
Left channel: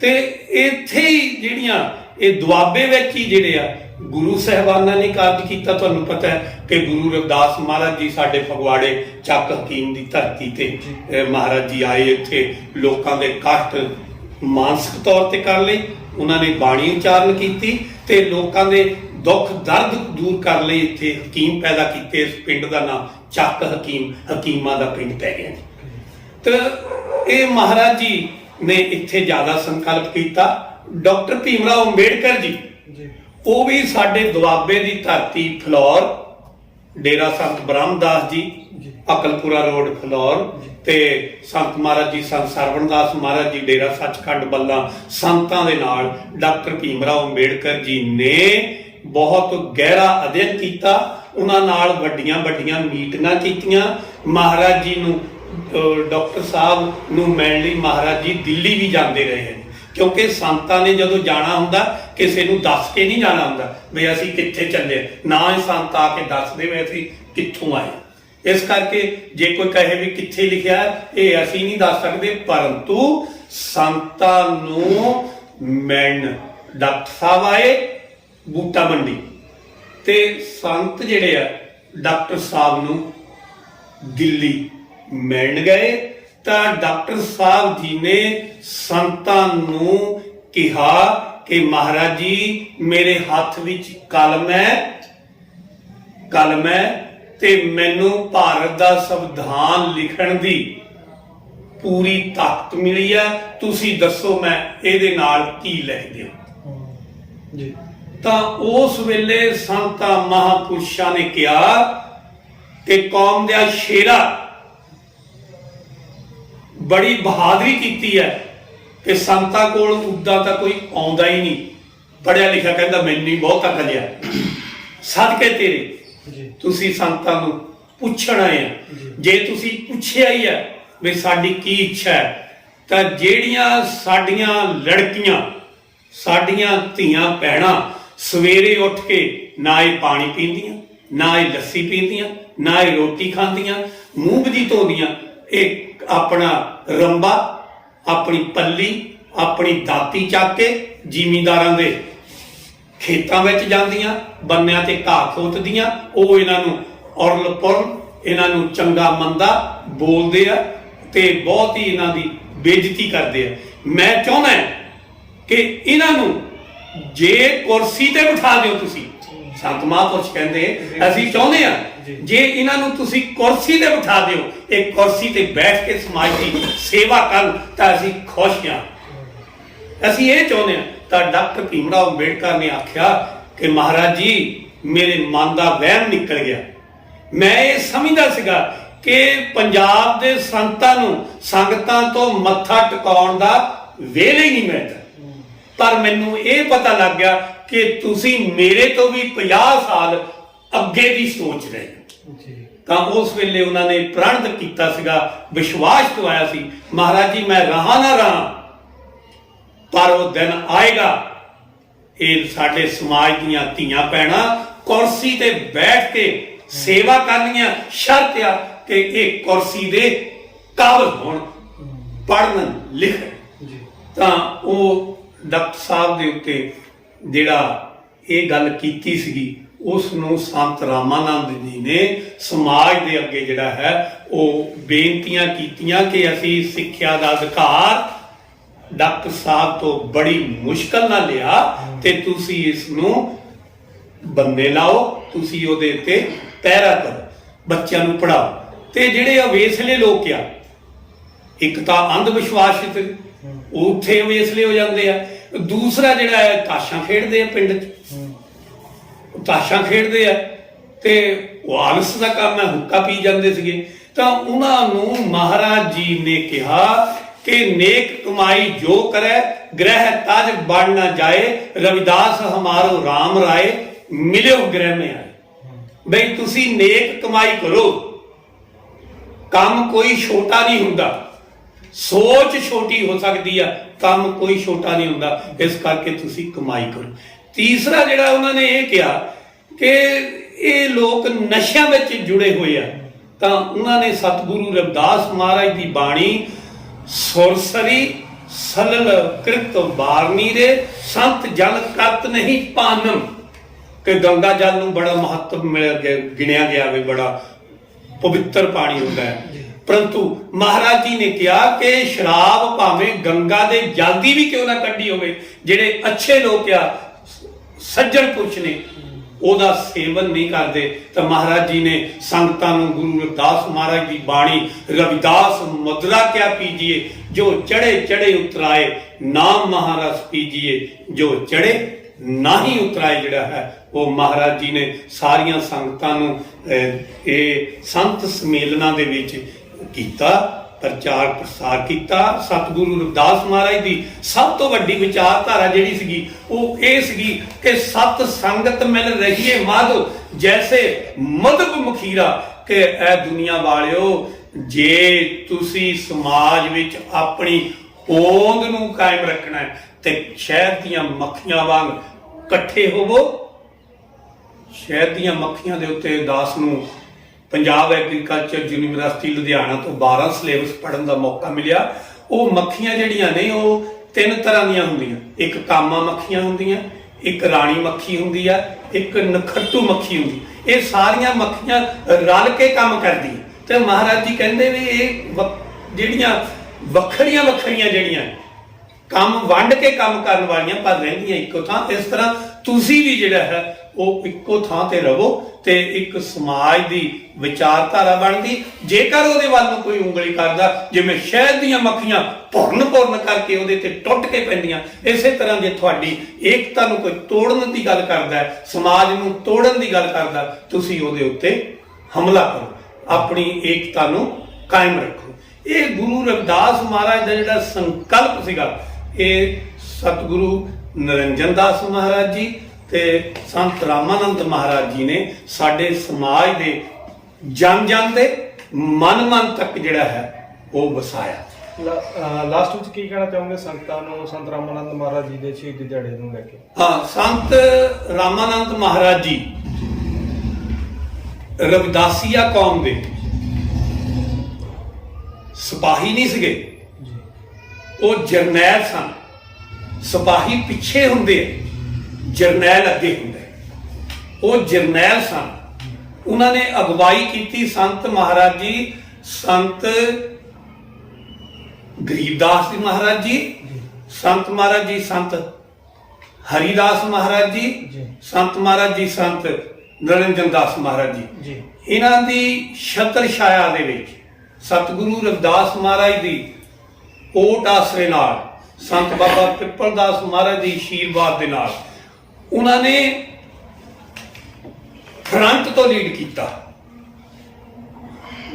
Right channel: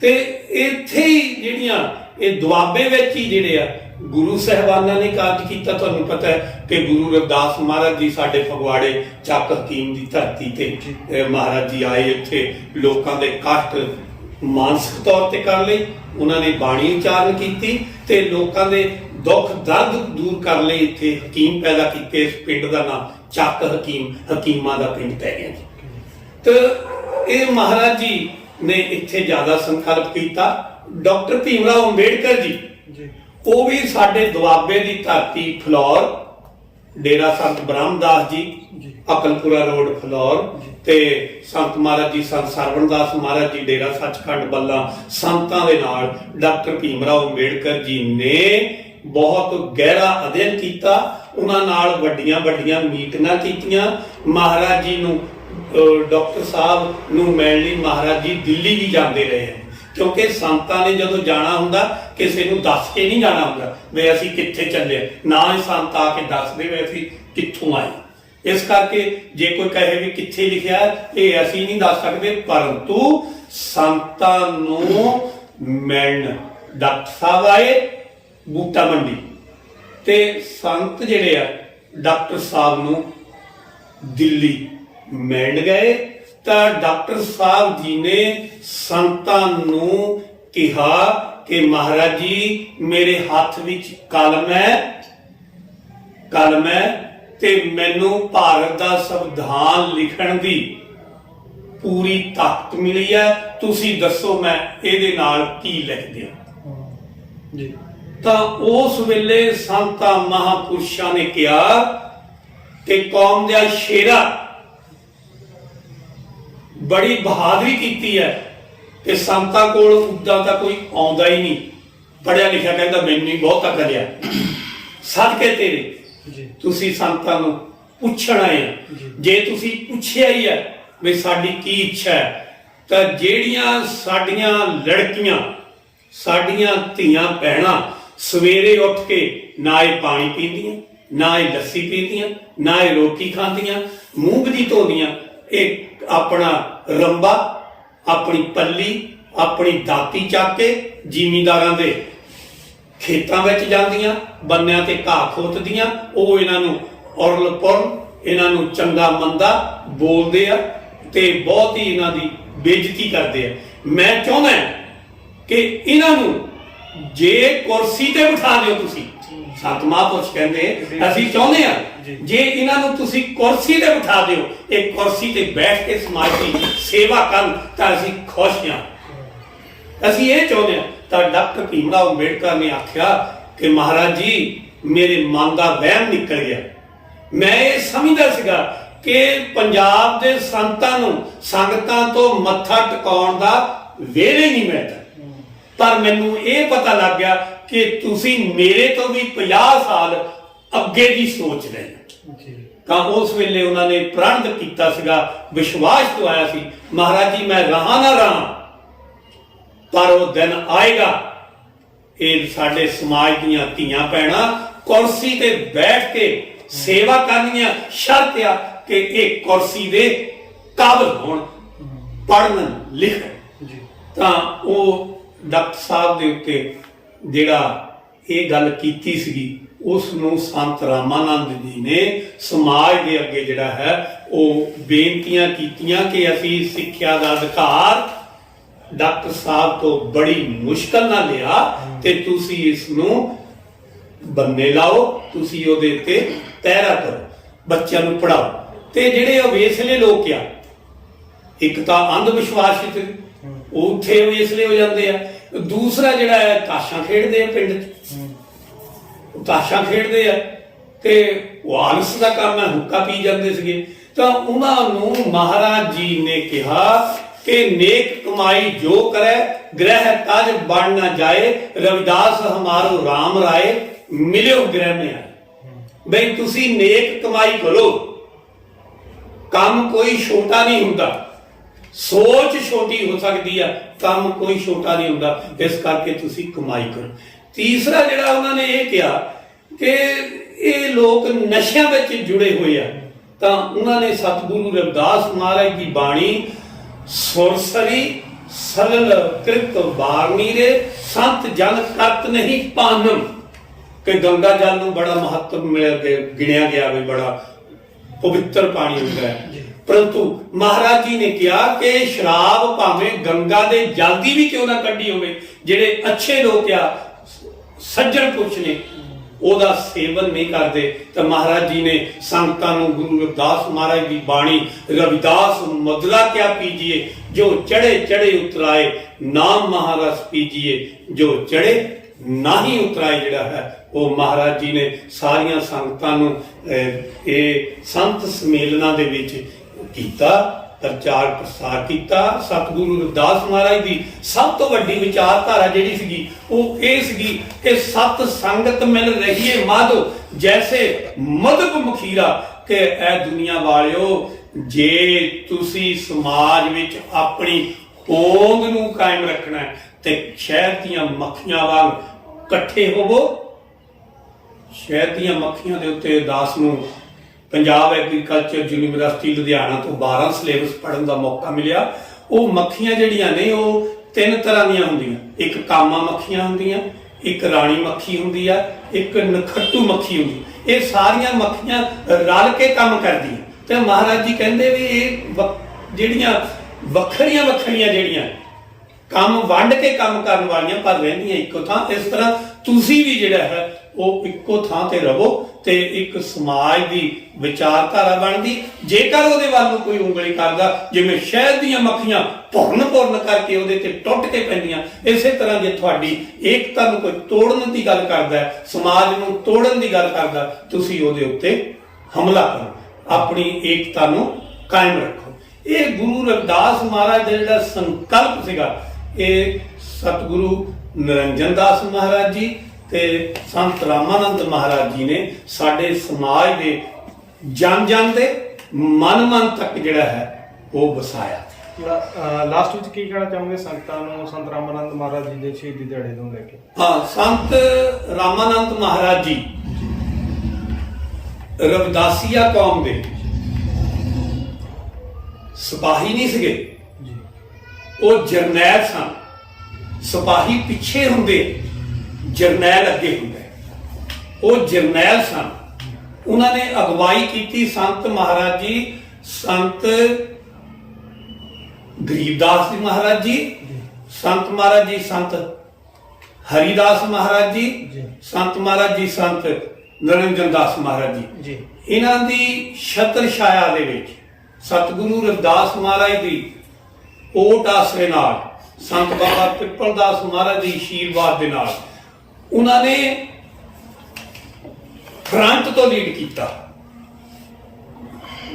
ਤੇ ਇੱਥੇ ਹੀ ਜਿਹੜੀਆਂ ਇਹ ਦੁਆਬੇ ਵਿੱਚ ਹੀ ਜਿਹੜੇ ਆ ਗੁਰੂ ਸਾਹਿਬਾਨਾਂ ਨੇ ਕਾਰਜ ਕੀਤਾ। ਤੁਹਾਨੂੰ ਪਤਾ ਹੈ ਕਿ ਗੁਰੂ ਰਵਿਦਾਸ ਮਹਾਰਾਜ ਜੀ ਸਾਡੇ ਫਗਵਾੜੇ ਚੱਕ ਹਕੀਮ ਦੀ ਧਰਤੀ ਤੇ ਮਹਾਰਾਜ ਜੀ ਆਏ, ਇੱਥੇ ਲੋਕਾਂ ਦੇ ਕਸ਼ਟ ਮਾਨਸਿਕ ਤੌਰ ਤੇ ਕਰਨ ਲਈ ਉਹਨਾਂ ਨੇ ਬਾਣੀ ਉਚਾਰਨ ਕੀਤੀ ਤੇ ਲੋਕਾਂ ਦੇ ਦੁੱਖ ਦਰਦ ਦੂਰ ਕਰਨ ਲਈ ਇੱਥੇ ਹਕੀਮ ਪੈਦਾ ਕੀਤੇ। ਇਸ ਪਿੰਡ ਦਾ ਨਾਮ ਚੱਕ ਹਕੀਮ, ਹਕੀਮਾਂ ਦਾ ਪਿੰਡ ਪੈ ਗਿਆ ਜੀ। ਤੇ ਇਹ ਮਹਾਰਾਜ ਜੀ ਨੇ ਇੱਥੇ ਜ਼ਿਆਦਾ ਸੰਕਲਪ ਕੀਤਾ। ਡਾਕਟਰ ਭੀਮ ਰਾਓ ਅੰਬੇਡਕਰ ਜੀ ਉਹ ਵੀ ਸਾਡੇ ਦੁਆਬੇ ਦੀ ਧਰਤੀ ਫਲੌਰ, ਡੇਰਾ ਸੰਤ ਬ੍ਰਹਮਦਾਸ ਜੀ, ਅਕਲਪੁਰਾ ਰੋਡ ਫਲੌਰ, ਤੇ ਸੰਤ ਮਹਾਰਾਜ ਜੀ, ਸੰਤ ਸਰਵਣਦਾਸ ਮਹਾਰਾਜ ਜੀ, ਡੇਰਾ ਸੱਚਖੰਡ ਬੱਲਾ, ਸੰਤਾਂ ਦੇ ਨਾਲ ਡਾਕਟਰ ਭੀਮ ਰਾਓ ਅੰਬੇਡਕਰ ਜੀ ਨੇ ਬਹੁਤ ਗਹਿਰਾ ਅਧਿਐਨ ਕੀਤਾ। ਉਹਨਾਂ ਨਾਲ ਵੱਡੀਆਂ ਵੱਡੀਆਂ ਮੀਟਿੰਗਾਂ ਕੀਤੀਆਂ। ਮਹਾਰਾਜ ਜੀ ਨੂੰ, ਡਾਕਟਰ ਸਾਹਿਬ ਨੂੰ ਮਿਲਣ ਲਈ ਮਹਾਰਾਜ ਜੀ ਦਿੱਲੀ ਵੀ ਜਾਂਦੇ ਰਹੇ ਹਨ, ਕਿਉਂਕਿ ਸੰਤਾਂ ਨੇ ਜਦੋਂ ਜਾਣਾ ਹੁੰਦਾ ਕਿਸੇ ਨੂੰ ਦੱਸ ਕੇ ਨਹੀਂ ਜਾਣਾ ਹੁੰਦਾ ਵੀ ਅਸੀਂ ਕਿੱਥੇ ਚੱਲੇ, ਨਾ ਹੀ ਸੰਤ ਆ ਕੇ ਦੱਸਦੇ ਵੀ ਅਸੀਂ ਕਿੱਥੋਂ ਆਏ। ਇਸ ਕਰਕੇ ਜੇ ਕੋਈ ਕਹੇ ਵੀ ਕਿੱਥੇ ਲਿਖਿਆ, ਇਹ ਅਸੀਂ ਨਹੀਂ ਦੱਸ ਸਕਦੇ, ਪਰੰਤੂ ਸੰਤਾਂ ਨੂੰ ਮਿਲਣ ਡਾਕਟਰ ਸਾਹਿਬ ਆਏ ਬੂਟਾ ਮੰਡੀ, ਤੇ ਸੰਤ ਜਿਹੜੇ ਆ ਡਾਕਟਰ ਸਾਹਿਬ ਨੂੰ ਦਿੱਲੀ ਮਿਲਣ ਗਏ। ਤਾਂ ਡਾਕਟਰ ਸਾਹਿਬ ਜੀ ਨੇ ਸੰਤਾਂ ਨੂੰ ਕਿਹਾ ਕਿ ਮਹਾਰਾਜ ਜੀ ਮੇਰੇ ਹੱਥ ਵਿੱਚ ਕਲਮ ਹੈ ਤੇ ਮੈਨੂੰ ਭਾਰਤ ਦਾ ਸੰਵਿਧਾਨ ਲਿਖਣ ਦੀ ਪੂਰੀ ਤਾਕਤ ਮਿਲੀ ਹੈ, ਤੁਸੀਂ ਦੱਸੋ ਮੈਂ ਇਹਦੇ ਨਾਲ ਕੀ ਲਿਖ ਦਿਆਂ ਜੀ। ਤਾਂ ਉਸ ਵੇਲੇ ਸੰਤਾਂ ਮਹਾਂਪੁਰਸ਼ਾਂ ਨੇ ਕਿਹਾ ਕਿ ਕੌਮ ਦਾ ਸ਼ੇਰਾ ਬੜੀ ਬਹਾਦਰੀ ਕੀਤੀ ਹੈ ਤੇ ਸੰਤਾਂ ਕੋਲ ਉਦਾਂ ਤਾਂ ਕੋਈ ਆਉਂਦਾ ਹੀ ਨਹੀਂ, ਪੜਿਆ ਲਿਖਿਆ, ਕਹਿੰਦਾ ਮੈਨੂੰ ਹੀ ਬਹੁਤ ਅਕਲ ਆ, ਸਦਕੇ ਤੇਰੇ ਤੁਸੀਂ ਸੰਤਾਂ ਨੂੰ ਪੁੱਛਣ ਆਏ ਆ। ਜੇ ਤੁਸੀਂ ਪੁੱਛਿਆ ਹੀ ਹੈ ਵੀ ਸਾਡੀ ਕੀ ਇੱਛਾ ਹੈ, ਤਾਂ ਜਿਹੜੀਆਂ ਸਾਡੀਆਂ ਲੜਕੀਆਂ, ਸਾਡੀਆਂ ਧੀਆਂ ਭੈਣਾਂ ਸਵੇਰੇ ਉੱਠ ਕੇ ਨਾ ਇਹ ਪਾਣੀ ਪੀਂਦੀਆਂ, ਨਾ ਇਹ ਲੱਸੀ ਪੀਂਦੀਆਂ, ਨਾ ਇਹ ਰੋਟੀ ਖਾਂਦੀਆਂ, ਮੂੰਹ ਦੀ ਧੋਦੀਆਂ, ਇਹ ਆਪਣਾ ਰੰਬਾ, ਆਪਣੀ ਪੱਲੀ, ਆਪਣੀ ਦਾਤੀ ਚੱਕ ਕੇ ਜ਼ਿਮੀਂਦਾਰਾਂ ਦੇ ਖੇਤਾਂ ਵਿੱਚ ਜਾਂਦੀਆਂ, ਬੰਨਿਆਂ ਤੇ ਘਾਹ ਖੋਤਦੀਆਂ। ਉਹ ਇਹਨਾਂ ਨੂੰ ਔਰਲ ਪੁਰਲ, ਇਹਨਾਂ ਨੂੰ ਚੰਗਾ ਮੰਦਾ ਬੋਲਦੇ ਆ ਤੇ ਬਹੁਤ ਹੀ ਇਹਨਾਂ ਦੀ ਬੇਇੱਜ਼ਤੀ ਕਰਦੇ ਆ। ਮੈਂ ਚਾਹੁੰਦਾ ਕਿ ਇਹਨਾਂ ਨੂੰ ਜੇ ਕੁਰਸੀ ਤੇ ਬਿਠਾ ਦਿਓ ਤੁਸੀਂ, ਸੰਤ ਮਹਾਂਪੁਰਸ਼ ਕਹਿੰਦੇ ਅਸੀਂ ਚਾਹੁੰਦੇ ਆ ਜੇ ਇਹਨਾਂ ਨੂੰ ਤੁਸੀਂ ਕੁਰਸੀ ਤੇ ਬਿਠਾ ਦਿਓ, ਇਹ ਕੁਰਸੀ ਤੇ ਬੈਠ ਕੇ ਸਮਾਜ ਦੀ ਸੇਵਾ ਕਰਨ ਤਾਂ ਅਸੀਂ ਖੁਸ਼ ਹਾਂ, ਅਸੀਂ ਇਹ ਚਾਹੁੰਦੇ ਹਾਂ। ਤਾਂ ਡਾਕਟਰ ਭੀਮ ਰਾਓ ਅੰਬੇਡਕਰ ਨੇ ਆਖਿਆ ਕਿ ਮਹਾਰਾਜ ਜੀ ਮੇਰੇ ਮਨ ਦਾ ਵਹਿਮ ਨਿਕਲ ਗਿਆ। ਮੈਂ ਇਹ ਸਮਝਦਾ ਸੀਗਾ ਕਿ ਪੰਜਾਬ ਦੇ ਸੰਤਾਂ ਨੂੰ ਸੰਗਤਾਂ ਤੋਂ ਮੱਥਾ ਟਿਕਾਉਣ ਦਾ ਵੇਲੇ ਹੀ ਨਹੀਂ ਮਿਲਦਾ, ਪਰ ਮੈਨੂੰ ਇਹ ਪਤਾ ਲੱਗ ਗਿਆ ਕਿ ਤੁਸੀਂ ਮੇਰੇ ਤੋਂ ਵੀ 50 ਸਾਲ ਅੱਗੇ ਦੀ ਸੋਚ ਰਹੇ ਹੋ। ਤਾਂ ਉਸ ਵੇਲੇ ਉਹਨਾਂ ਨੇ ਪ੍ਰਣ ਕੀਤਾ ਸੀਗਾ, ਵਿਸ਼ਵਾਸ ਦਵਾਇਆ ਸੀ, ਮਹਾਰਾਜ ਜੀ ਮੈਂ ਰਹਾ ਨਾ ਰਹਾ, ਪਰ ਉਹ ਦਿਨ ਆਏਗਾ ਇਹ ਸਾਡੇ ਸਮਾਜ ਦੀਆਂ ਧੀਆਂ ਭੈਣਾਂ ਕੁਰਸੀ ਤੇ ਬੈਠ ਕੇ ਸੇਵਾ ਕਰਨੀਆਂ, ਸ਼ਰਤ ਆ ਕਿ ਇਹ ਕੁਰਸੀ ਦੇ ਕਾਬਲ ਹੋਣ, ਪੜ੍ਹਨ ਲਿਖਣ। ਤਾਂ ਉਹ ਡਾਕਟਰ ਸਾਹਿਬ ਦੇ ਉੱਤੇ ਜਿਹੜਾ ਇਹ ਗੱਲ ਕੀਤੀ ਸੀਗੀ, ਉਸ ਨੂੰ ਸੰਤ ਰਾਮਾਨੰਦ ਜੀ ਨੇ ਸਮਾਜ ਦੇ ਅੱਗੇ ਜਿਹੜਾ ਹੈ ਉਹ ਬੇਨਤੀਆਂ ਕੀਤੀਆਂ ਕਿ ਅਸੀਂ ਸਿੱਖਿਆ ਦਾ ਅਧਿਕਾਰ ਡਾਕਟਰ ਸਾਹਿਬ ਤੋਂ ਬੜੀ ਮੁਸ਼ਕਲ ਨਾਲ ਲਿਆ ਤੇ ਤੁਸੀਂ ਇਸ ਨੂੰ ਬੰਨੇ ਲਾਓ, ਤੁਸੀਂ ਉਹਦੇ ਉੱਤੇ ਪਹਿਰਾ ਕਰੋ। ਬੱਚਿਆਂ ਨੂੰ ਪੜਾਓ। ਤੇ ਜਿਹੜੇ ਅਵੇਸਲੇ ਲੋਕ ਆ, ਇੱਕ ਤਾਂ ਅੰਧ ਵਿਸ਼ਵਾਸ ਉਹ ਉੱਥੇ ਅਵੇਸਲੇ ਹੋ ਜਾਂਦੇ ਆ, ਦੂਸਰਾ ਜਿਹੜਾ ਹੈ ਤਾਸ਼ਾਂ ਖੇਡਦੇ ਆ ਪਿੰਡ 'ਚ, ਤਾਸ਼ਾਂ ਖੇਡਦੇ ਆ ਤੇ ਉਹ ਆਲਸ ਦਾ ਕੰਮ ਹੈ, ਹੁੱਕਾ ਪੀ ਜਾਂਦੇ ਸੀਗੇ। ਤਾਂ ਉਹਨਾਂ ਨੂੰ ਮਹਾਰਾਜ ਜੀ ਨੇ ਕਿਹਾ ਕਿ ਨੇਕ ਕਮਾਈ ਜੋ ਕਰੇ ਗ੍ਰਹਿ ਤਜ ਬਣ ਨਾ ਜਾਏ, ਰਵਿਦਾਸ ਹਮਾਰੋ ਰਾਮ ਰਾਏ ਮਿਲਿਓ ਗ੍ਰਹਿ ਮੇ ਆਏ। ਬਈ ਤੁਸੀਂ ਨੇਕ ਕਮਾਈ ਕਰੋ, ਕੰਮ ਕੋਈ ਛੋਟਾ ਨਹੀਂ ਹੁੰਦਾ, ਸੋਚ ਛੋਟੀ ਹੋ ਸਕਦੀ ਆ, ਕੰਮ ਕੋਈ ਛੋਟਾ ਨਹੀਂ ਹੁੰਦਾ, ਇਸ ਕਰਕੇ ਤੁਸੀਂ ਕਮਾਈ ਕਰੋ। ਤੀਸਰਾ ਜਿਹੜਾ ਉਹਨਾਂ ਨੇ ਇਹ ਕਿਹਾ ਕਿ ਇਹ ਲੋਕ ਨਸ਼ਿਆਂ ਵਿੱਚ ਜੁੜੇ ਹੋਏ ਆ, ਤਾਂ ਉਹਨਾਂ ਨੇ ਸਤਿਗੁਰੂ ਰਵਿਦਾਸ ਮਹਾਰਾਜ ਦੀ ਬਾਣੀ ਸੁਰਸਰੀ ਸਲਲ ਕ੍ਰਿਤ ਬਾਰਨੀ ਰੇ ਸੰਤ ਜਨ ਕਰਤ ਨਹੀਂ ਪਾਨਮ, ਕਿ ਗੰਗਾ ਜਲ ਨੂੰ ਬੜਾ ਮਹੱਤਵ ਗਿਣਿਆ ਗਿਆ ਵੀ ਬੜਾ ਪਵਿੱਤਰ ਪਾਣੀ ਹੁੰਦਾ ਹੈ, ਪਰੰਤੂ ਮਹਾਰਾਜ ਜੀ ਨੇ ਕਿਹਾ ਕਿ ਸ਼ਰਾਬ ਭਾਵੇਂ ਗੰਗਾ ਦੇ ਜਲ ਦੀ ਵੀ ਕਿਉਂ ਨਾ ਕੱਢੀ ਹੋਵੇ, ਜਿਹੜੇ ਅੱਛੇ ਲੋਕ ਆ, ਸੱਜਣ ਪੁਰਸ਼ ਨੇ, ਉਹਦਾ ਸੇਵਨ ਨਹੀਂ ਕਰਦੇ। ਤਾਂ ਮਹਾਰਾਜ ਜੀ ਨੇ ਸੰਗਤਾਂ ਨੂੰ ਗੁਰੂ ਰਵਿਦਾਸ ਮਹਾਰਾਜ ਦੀ ਬਾਣੀ ਰਵਿਦਾਸ ਮੁਦਰਾ ਕਿਆ ਪੀਜੀਏ, ਜੋ ਚੜੇ ਚੜੇ ਉਤਰਾਏ ਨਾਮ ਮਹਾਰਸ ਪੀਜੀਏ, ਜੋ ਚੜੇ ਨਾਹੀ ਉਤਰਾਏ, ਜਿਹੜਾ ਹੈ ਉਹ ਮਹਾਰਾਜ ਜੀ ਨੇ ਸਾਰੀਆਂ ਸੰਗਤਾਂ ਨੂੰ ਇਹ ਸੰਤ ਸਮੇਲਨਾਂ ਦੇ ਵਿੱਚ ਕੀਤਾ, ਪ੍ਰਚਾਰ ਪ੍ਰਸਾਰ ਕੀਤਾ। ਸਤਿਗੁਰੂ ਰਵਿਦਾਸ ਮਹਾਰਾਜ ਦੀ ਸਭ ਤੋਂ ਵੱਡੀ ਵਿਚਾਰਧਾਰਾ ਜਿਹੜੀ ਸੀਗੀ ਉਹ ਇਹ ਸੀਗੀ ਕਿ ਸਤ ਸੰਗਤ ਮਿਲ ਰਹੀ ਏ ਮਾਧੋ ਜੈਸੇ ਮਧੁ ਮਖੀਰਾ, ਕਿ ਇਹ ਦੁਨੀਆ ਵਾਲਿਓ, ਜੇ ਤੁਸੀਂ ਸਮਾਜ ਵਿੱਚ ਆਪਣੀ ਹੋਂਦ ਨੂੰ ਕਾਇਮ ਰੱਖਣਾ ਹੈ ਤੇ ਸ਼ਹਿਦ ਦੀਆਂ ਮੱਖੀਆਂ ਵਾਂਗ ਇਕੱਠੇ ਹੋਵੋ। ਸ਼ਹਿਦ ਦੀਆਂ ਮੱਖੀਆਂ ਦੇ ਉੱਤੇ ਦਾਸ ਨੂੰ ਪੰਜਾਬ ਐਗਰੀਕਲਚਰ ਯੂਨੀਵਰਸਿਟੀ ਲੁਧਿਆਣਾ ਤੋਂ 12 ਸਿਲੇਬਸ ਪੜ੍ਹਨ ਦਾ ਮੌਕਾ ਮਿਲਿਆ। ਉਹ ਮੱਖੀਆਂ ਜਿਹੜੀਆਂ ਨੇ ਉਹ 3 ਤਰ੍ਹਾਂ ਦੀਆਂ ਹੁੰਦੀਆਂ, ਇੱਕ ਕਾਮਾ ਮੱਖੀਆਂ ਹੁੰਦੀਆਂ, ਇੱਕ ਰਾਣੀ ਮੱਖੀ ਹੁੰਦੀ ਆ, ਇੱਕ ਨਖੱਟੂ ਮੱਖੀ ਹੁੰਦੀ। ਇਹ ਸਾਰੀਆਂ ਮੱਖੀਆਂ ਰਲ ਕੇ ਕੰਮ ਕਰਦੀਆਂ, ਤੇ ਮਹਾਰਾਜ ਜੀ ਕਹਿੰਦੇ ਵੀ ਇਹ ਜਿਹੜੀਆਂ ਵੱਖਰੀਆਂ ਵੱਖਰੀਆਂ ਜਿਹੜੀਆਂ ਕੰਮ ਵੰਡ ਕੇ ਕੰਮ ਕਰਨ ਵਾਲੀਆਂ ਪਰ ਰਹਿੰਦੀਆਂ ਇੱਕੋ ਥਾਂ, ਇਸ ਤਰ੍ਹਾਂ ਤੁਸੀਂ ਵੀ ਜਿਹੜਾ ਹੈ ਉਹ ਇੱਕੋ ਥਾਂ ਤੇ ਰਹੋ ਤੇ ਇੱਕ ਸਮਾਜ ਦੀ ਵਿਚਾਰਧਾਰਾ ਬਣਦੀ। ਜੇਕਰ ਉਹਦੇ ਵੱਲ ਨੂੰ ਕੋਈ ਉਂਗਲੀ ਕਰਦਾ, ਜਿਵੇਂ ਸ਼ਹਿਦ ਦੀਆਂ ਮੱਖੀਆਂ ਭੁਰਨ ਕਰਕੇ ਉਹਦੇ ਤੇ ਟੁੱਟ ਕੇ ਪੈਂਦੀਆਂ, ਇਸੇ ਤਰ੍ਹਾਂ ਜੇ ਤੁਹਾਡੀ ਏਕਤਾ ਨੂੰ ਕੋਈ ਤੋੜਨ ਦੀ ਗੱਲ ਕਰਦਾ, ਸਮਾਜ ਨੂੰ ਤੋੜਨ ਦੀ ਗੱਲ ਕਰਦਾ, ਤੁਸੀਂ ਉਹਦੇ ਉੱਤੇ ਹਮਲਾ ਕਰੋ, ਆਪਣੀ ਏਕਤਾ ਨੂੰ ਕਾਇਮ ਰੱਖੋ। ਇਹ ਗੁਰੂ ਰਵਿਦਾਸ ਮਹਾਰਾਜ ਦਾ ਜਿਹੜਾ ਸੰਕਲਪ ਸੀਗਾ, ਇਹ ਸਤਿਗੁਰੂ ਨਿਰੰਜਨ ਦਾਸ ਮਹਾਰਾਜ ਜੀ ਤੇ ਸੰਤ ਰਾਮਾਨੰਦ ਮਹਾਰਾਜ ਜੀ ਨੇ ਸਾਡੇ ਸਮਾਜ ਦੇ ਜਨ ਜਨ ਦੇ ਮਨ ਮਨ ਤੱਕ ਜਿਹੜਾ ਹੈ ਉਹ ਵਸਾਇਆ। ਲਾਸਟ ਵਿੱਚ ਕੀ ਕਹਿਣਾ ਚਾਹੋਗੇ ਸੰਗਤਾਂ ਨੂੰ ਸੰਤ ਰਾਮਾਨੰਦ ਮਹਾਰਾਜ ਜੀ ਦੇ ਸ਼ਹੀਦੀ ਦਿਹਾੜੇ ਨੂੰ ਲੈ ਕੇ? ਹਾਂ, ਸੰਤ ਰਾਮਾਨੰਦ ਮਹਾਰਾਜ ਜੀ ਰਵਿਦਾਸੀਆ ਕੌਮ ਦੇ ਸਿਪਾਹੀ ਨਹੀਂ ਸੀਗੇ, ਉਹ ਜਰਨੈਲ ਸਨ। ਸਿਪਾਹੀ ਪਿੱਛੇ ਹੁੰਦੇ, ਜਰਨੈਲ ਅੱਗੇ ਹੁੰਦੇ। ਉਹ ਜਰਨੈਲ ਸਨ, ਉਹਨਾਂ ਨੇ ਅਗਵਾਈ ਕੀਤੀ ਸੰਤ ਮਹਾਰਾਜ ਜੀ, ਸੰਤ ਗਰੀਬਦਾਸ ਜੀ ਮਹਾਰਾਜ ਜੀ, ਸੰਤ ਮਹਾਰਾਜ ਜੀ ਸੰਤ ਹਰੀਦਾਸ ਮਹਾਰਾਜ ਜੀ, ਸੰਤ ਮਹਾਰਾਜ ਜੀ ਸੰਤ ਨਿਰੰਜਨ ਦਾਸ ਮਹਾਰਾਜ ਜੀ। ਇਹਨਾਂ ਦੀ ਛਤਰ ਛਾਇਆ ਦੇ ਵਿੱਚ ਸਤਿਗੁਰੂ ਰਵਿਦਾਸ ਮਹਾਰਾਜ ਦੀ ਓਟ ਆਸਰੇ ਨਾਲ, ਸੰਤ ਬਾਬਾ ਪਿੱਪਲ ਦਾਸ ਮਹਾਰਾਜ ਦੀ ਆਸ਼ੀਰਵਾਦ ਦੇ ਨਾਲ ਉਹਨਾਂ ਨੇ ਫਰੰਟ ਤੋਂ ਲੀਡ ਕੀਤਾ।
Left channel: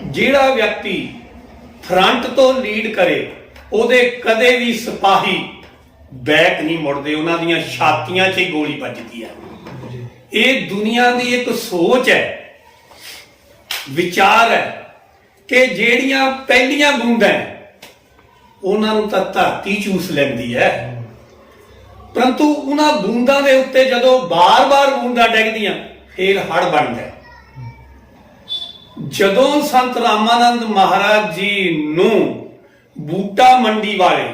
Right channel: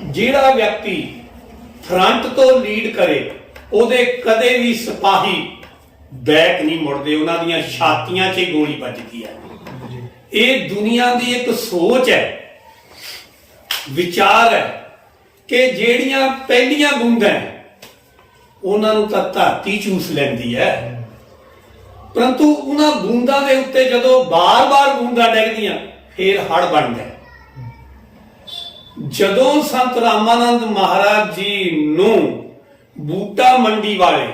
ਜਿਹੜਾ ਵਿਅਕਤੀ ਫਰੰਟ ਤੋਂ ਲੀਡ ਕਰੇ ਉਹਦੇ ਕਦੇ ਵੀ ਸਿਪਾਹੀ ਬੈਕ ਨਹੀਂ ਮੁੜਦੇ, ਉਹਨਾਂ ਦੀਆਂ ਛਾਤੀਆਂ 'ਚ ਹੀ ਗੋਲੀ ਵੱਜਦੀ ਹੈ। ਇਹ ਦੁਨੀਆ ਦੀ ਇੱਕ ਸੋਚ ਹੈ, ਵਿਚਾਰ ਹੈ ਕਿ ਜਿਹੜੀਆਂ ਪਹਿਲੀਆਂ ਬੂੰਦਾਂ ਉਹਨਾਂ ਨੂੰ ਤਾਂ ਧਰਤੀ ਚੂਸ ਲੈਂਦੀ ਹੈ, ਪਰੰਤੂ ਉਹਨਾਂ ਬੂੰਦਾਂ ਦੇ ਉੱਤੇ ਜਦੋਂ ਬਾਰ-ਬਾਰ ਬੂੰਦਾਂ ਡਿੱਗਦੀਆਂ ਫੇਰ ਹੜ ਬਣਦਾ। ਜਦੋਂ ਸੰਤ ਰਾਮਾਨੰਦ ਮਹਾਰਾਜ ਜੀ ਨੂੰ ਬੂਟਾ ਮੰਡੀ ਵਾਲੇ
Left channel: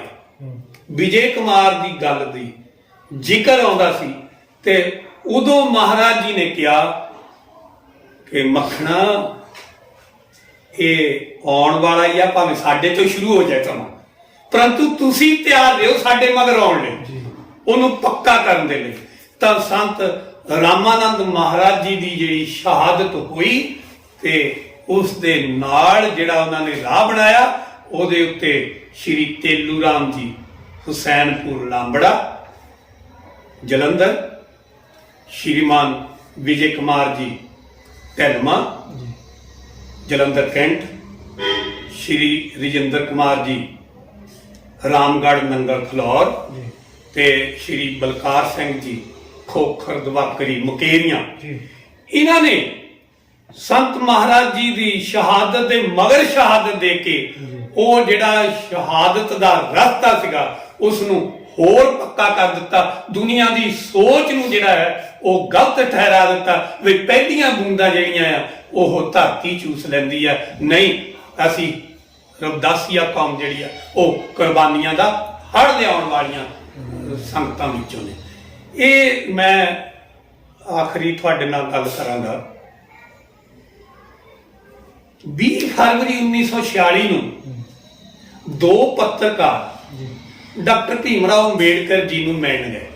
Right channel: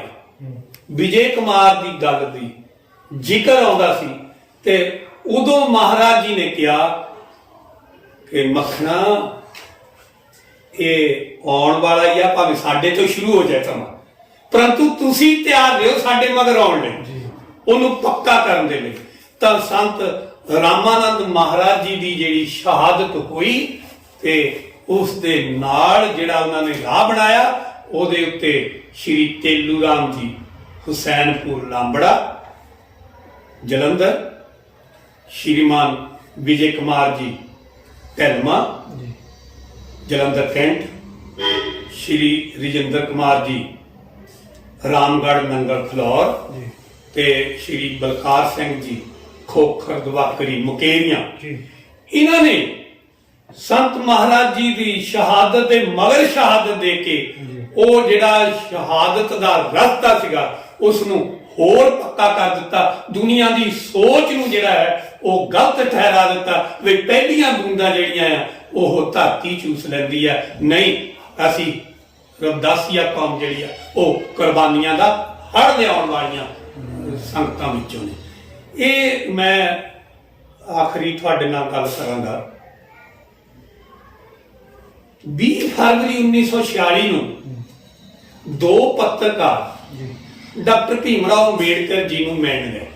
ਵਿਜੇ ਕੁਮਾਰ ਦੀ ਗੱਲ ਦੀ ਜ਼ਿਕਰ ਆਉਂਦਾ ਸੀ ਤੇ ਉਦੋਂ ਮਹਾਰਾਜ ਜੀ ਨੇ ਕਿਹਾ ਕਿ ਮੱਖਣਾ ਇਹ ਆਉਣ ਵਾਲਾ ਹੀ ਆ, ਭਾਵੇਂ ਸਾਡੇ ਤੋਂ ਸ਼ੁਰੂ ਹੋ ਜਾਏ ਸਮਾਂ, ਪਰੰਤੂ ਤੁਸੀਂ ਤਿਆਰ ਰਹੋ ਸਾਡੇ ਮਗਰ ਆਉਣ ਲਈ, ਉਹਨੂੰ ਪੱਕਾ ਕਰਨ ਦੇ ਲਈ। ਤਾਂ ਸੰਤ ਰਾਮਾਨੰਦ ਮਹਾਰਾਜ ਜੀ ਦੀ ਜਿਹੜੀ ਸ਼ਹਾਦਤ ਹੋਈ ਤੇ ਉਸ ਦੇ ਨਾਲ ਜਿਹੜਾ ਉਹਨਾਂ ਨੇ ਰਾਹ ਬਣਾਇਆ, ਉਹਦੇ ਉੱਤੇ ਸ਼੍ਰੀ ਤੇਲੂ ਰਾਮ ਜੀ ਹੁਸੈਨਪੁਰ ਲਾਂਬੜਾ ਜਲੰਧਰ, ਸ਼੍ਰੀਮਾਨ ਵਿਜੇ ਕੁਮਾਰ ਜੀ ਢਿਲਮਾ ਜੀ ਜਲੰਧਰ ਕੈਂਟ, ਸ਼੍ਰੀ ਰਜਿੰਦਰ ਕੁਮਾਰ ਜੀ ਰਾਮਗੜ੍ਹ ਨੰਗਲ ਫਲੌਰ ਜੀ ਤੇ ਸ਼੍ਰੀ ਬਲਕਾਰ ਸਿੰਘ ਜੀ ਖੋਖਰ ਦਵਾਕਰੀ ਮੁਕੇਰੀਆਂ। ਜੀ ਇਹਨਾਂ ਨੇ ਸੰਤ ਮਹਾਰਾਜ ਜੀ ਦੀ ਸ਼ਹਾਦਤ ਦੇ ਮਗਰ ਸ਼ਹਾਦਤ ਦੇ ਕੇ ਉਹ ਜਿਹੜਾ ਸ਼ਹਾਦਤ ਦਾ ਰਸਤਾ ਸੀਗਾ ਉਸ ਨੂੰ ਹੋਰ ਪੱਕਾ ਕਰ ਦਿੱਤਾ। ਦੁਨੀਆ ਦੀ ਸੋਚ ਨੂੰ ਜਿਹੜਾ ਹੈ ਉਹ ਗਲਤ ਠਹਿਰਾ ਦਿੱਤਾ ਵੀ ਪਹਿਲੀਆਂ ਬੂੰਦਾਂ ਜਿਹੜੀਆਂ ਆ ਉਹ ਧਰਤੀ ਚੂਸ ਲੈਂਦੀ ਆ, ਨਹੀਂ ਅਸੀਂ ਰਵਦਾਸੀਆ ਕੌਮ ਜਿਹੜੀ ਆ ਉਹ ਕੁਰਬਾਨੀਆਂ ਦਾ ਹੜ ਲਿਆਉਣ ਵਾਲੀਆਂ ਸੰਗਤਾਂ ਵਿੱਚੋਂ ਨੇ। ਇਹ ਮੈਂ ਆਖਰੀ ਤੁਹਾਡੇ ਨਾਲ ਗੱਲ ਕਰਾਂਗਾ। 20 ਫਰਵਰੀ 1946 ਨੂੰ ਦੋ ਪੱਤਰਕਾਰ ਜੀ ਡਾਕਟਰ ਭੀਮ ਰਾਓ ਅੰਬੇਡਕਰ ਜੀ ਨੂੰ ਮਿਲਣ ਗਏ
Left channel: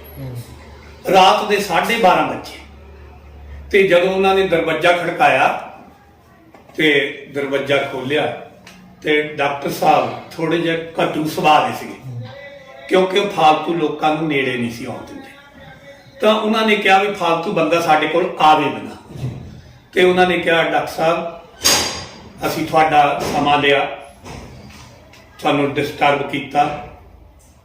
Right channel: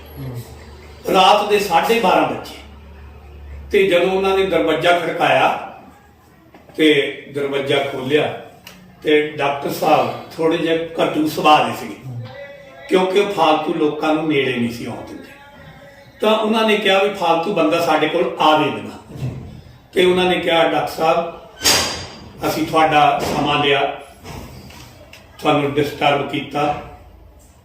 ਰਾਤ ਦੇ 12:30 ਵਜੇ, ਤੇ ਜਦੋਂ ਉਹਨਾਂ ਨੇ ਦਰਵਾਜ਼ਾ ਖੜਕਾਇਆ ਤੇ ਦਰਵਾਜ਼ਾ ਖੋਲਿਆ ਤੇ ਡਾਕਟਰ ਸਾਹਿਬ ਥੋੜੇ ਜਿਹੇ ਘਟੂ ਸੁਭਾਅ ਦੇ ਸੀਗੇ, ਕਿਉਂਕਿ ਉਹ ਫਾਲਤੂ ਲੋਕਾਂ ਨੂੰ ਨੇੜੇ ਨਹੀਂ ਸੀ ਆਉਣ ਦਿੰਦੇ। ਤਾਂ ਉਹਨਾਂ ਨੇ ਕਿਹਾ ਵੀ ਫਾਲਤੂ ਬੰਦਾ ਸਾਡੇ ਕੋਲ ਆਵੇ ਬਿਨਾ, ਤੇ ਉਹਨਾਂ ਨੇ ਕਿਹਾ ਡਾਕਟਰ ਸਾਹਿਬ ਅਸੀਂ ਤੁਹਾਡਾ ਸਮਾਂ ਲਿਆ, ਤੁਹਾਨੂੰ ਡਿਸਟਰਬ ਕੀਤਾ,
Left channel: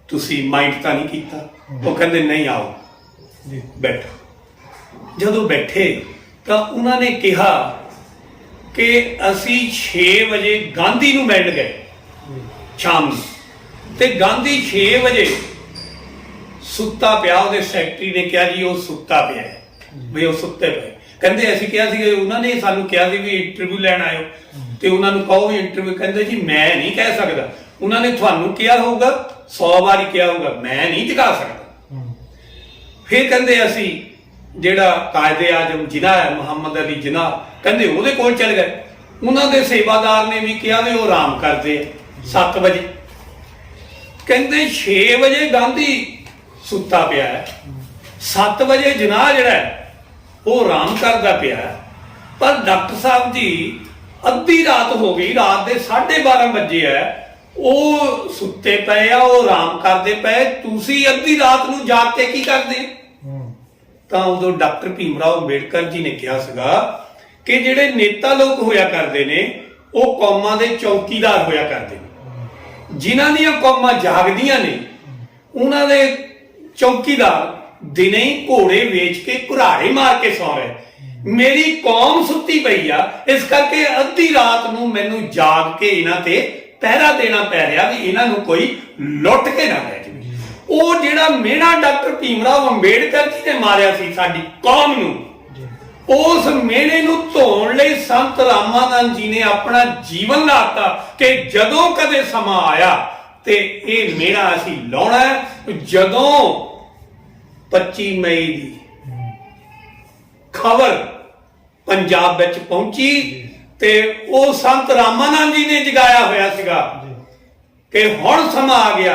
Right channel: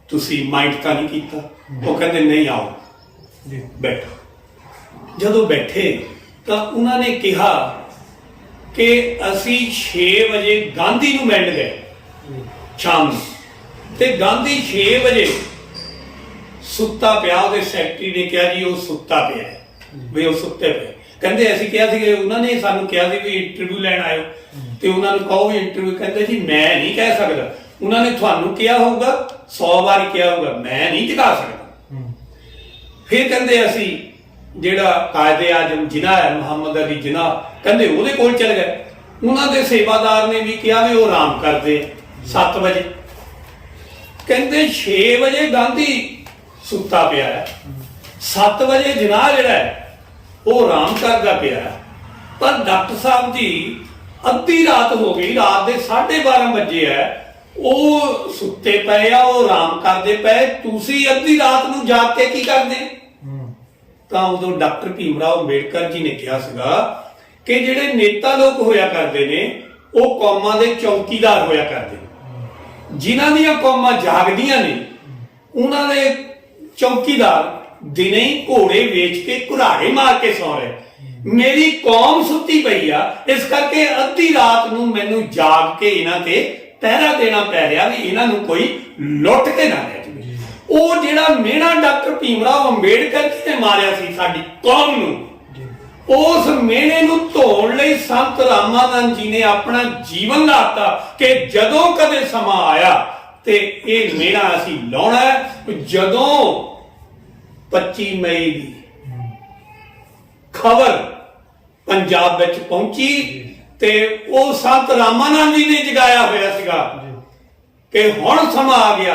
ਤੁਸੀਂ ਮਾਈਂਡ ਤਾਂ ਨਹੀਂ ਕੀਤਾ? ਉਹ ਕਹਿੰਦੇ ਨਹੀਂ, ਆਓ ਜੀ ਬੈਠੋ। ਜਦੋਂ ਬੈਠੇ ਤਾਂ ਉਹਨਾਂ ਨੇ ਕਿਹਾ ਕਿ ਅਸੀਂ 6 ਵਜੇ ਗਾਂਧੀ ਨੂੰ ਮਿਲਣ ਗਏ ਸ਼ਾਮ ਨੂੰ, ਤੇ ਗਾਂਧੀ 6 ਵਜੇ ਸੁੱਤਾ ਪਿਆ। ਉਹਦੇ ਸੈਕਟਰੀ ਨੇ ਕਿਹਾ ਜੀ ਉਹ ਸੁੱਤਾ ਪਿਆ ਹੈ, ਵੀ ਉਹ ਸੁੱਤੇ ਪਏ। ਕਹਿੰਦੇ ਅਸੀਂ ਕਿਹਾ ਸੀ, ਉਹਨਾਂ ਨੇ ਸਾਨੂੰ ਕਿਹਾ ਸੀ ਵੀ ਇੰਟਰਵਿਊ ਲੈਣ ਆਇਓ ਤੇ ਉਹਨਾਂ ਨੂੰ ਕਹੋ ਵੀ ਇੰਟਰਵਿਊ। ਕਹਿੰਦੇ ਜੀ ਮੈਂ ਨਹੀਂ ਕਹਿ ਸਕਦਾ, ਉਹਨਾਂ ਨੇ ਤੁਹਾਨੂੰ ਕਿਹਾ ਹੋਊਗਾ, 100 ਵਾਰੀ ਕਿਹਾ ਹੋਊਗਾ, ਮੈਂ ਨਹੀਂ ਟਿਕਾ ਸਕਦਾ। ਫਿਰ ਕਹਿੰਦੇ ਅਸੀਂ ਜਿਹੜਾ ਕਾਇਦੇ ਆਜ਼ਮ ਜਿਨਾਹ ਹੈ ਮੁਹੰਮਦ ਅਲੀ ਜਿਨਾਹ, ਕਹਿੰਦੇ ਉਹਦੇ ਕੋਲ ਚਲ ਗਏ। ਉਹਨਾਂ ਦੇ ਸੇਵਾਦਾਰ ਨੇ ਵੀ ਕਿਹਾ ਵੀ ਉਹ ਆਰਾਮ ਕਰਦੇ 7 ਵਜੇ। ਕਹਿੰਦੇ 6 ਵਜੇ ਗਾਂਧੀ ਸੁੱਤਾ ਪਿਆ ਹੈ, 7 ਵਜੇ ਜਿਨਾਹ ਜਿਹੜਾ ਹੈ ਉਹ ਆਰਾਮ ਕਰਦਾ ਪਿਆ ਹੈ। ਪਰ ਡਾਕਟਰ ਸਾਹਿਬ ਜੀ ਅੱਧੀ ਰਾਤ ਹੋ ਗਈ, ਰਾਤ ਦੇ 12:30 ਵਜੇ ਹੈ, ਉਹ ਸੁੱਤੇ ਪਏ ਆ, ਉਹ ਆਰਾਮ ਕਰਦੇ ਪਏ, ਤੁਸੀਂ ਅੱਧੀ ਰਾਤ ਨੂੰ ਜਾਗ ਕੇ ਕੀ ਕਰਦੇ? ਤਾਂ ਉਦੋਂ ਡਾਕਟਰ ਭੀਮ ਰਾਓ ਅੰਬੇਡਕਰ ਜੀ ਨੇ ਕਿਹਾ ਸੀਗਾ ਕਿ ਜਿਹੜੇ ਨੇਤਾ ਲੋਕ ਹੋਇਆ ਕਰਦੇ ਨੇ ਉਹ ਕੌਮਾਂ ਦੇ ਚੌਕੀਦਾਰ ਹੋਇਆ ਕਰਦੇ ਨੇ, ਜਿਨ੍ਹਾਂ ਦੀਆਂ ਕੌਮਾਂ ਜਾਗਦੀਆਂ ਨੇ ਉਹਨਾਂ ਦੇ ਚੌਕੀਦਾਰ ਦਿਨੇ ਹੀ ਘੋੜੇ ਵੇਚ ਕੇ ਘੁਰਾੜੇ ਮਾਰ ਕੇ ਸੌ ਰਹੇ। ਮੇਰੀ ਕੌਮ ਸੁੱਤੀ ਪਈ ਆ, ਇਸ ਕਰਕੇ ਅੱਧੀ ਰਾਤ ਨੂੰ ਮੈਨੂੰ ਜਾਗ ਕੇ ਇਹਨਾਂ ਤੇ ਪਹਿਰਾ ਦੇਣਾ ਪੈ ਰਿਹਾ ਵੀ ਇਹਨਾਂ ਨੂੰ ਕੋਈ ਲੁੱਟ ਕੇ ਨਾ ਲੈ ਜਾਵੇ। ਉਹ ਜਿਹੜਾ ਮਿਹਣਾ ਡਾਕਟਰ ਭੀਮ ਰਾਓ ਅੰਬੇਡਕਰ ਜੀ ਨੇ ਮਾਰਿਆ ਸੀ ਸਾਡੀ ਕੌਮ ਨੂੰ, ਉਸ ਮਿਹਣੇ ਨੂੰ ਧੋਣ ਲਈ ਸੰਤ ਰਾਮਾਨੰਦ ਜੀ ਨੇ ਆਪਣਾ ਜੀਵਨ ਲਾਤਾ ਕਿ ਜਦੋਂ ਕਦੇ ਸਮਾਂ ਆਇਆ ਤੇ ਇਹ ਮਿਹਣਾ ਅਸੀਂ ਲਾਉਣਾ ਹੈ। ਜਦੋਂ 25 ਮਈ ਦੀ ਖਬਰ ਪੰਜਾਬ ਵਿੱਚ ਪਹੁੰਚੀ ਤੇ ਉਹ ਸੰਤ ਰਾਮਾਨੰਦ ਜੀ ਨੇ ਜਗਾਇਆ ਹੋਇਆ ਸੀਗਾ ਕਿ ਹੁਣ ਸਮਾਂ ਆ ਗਿਆ,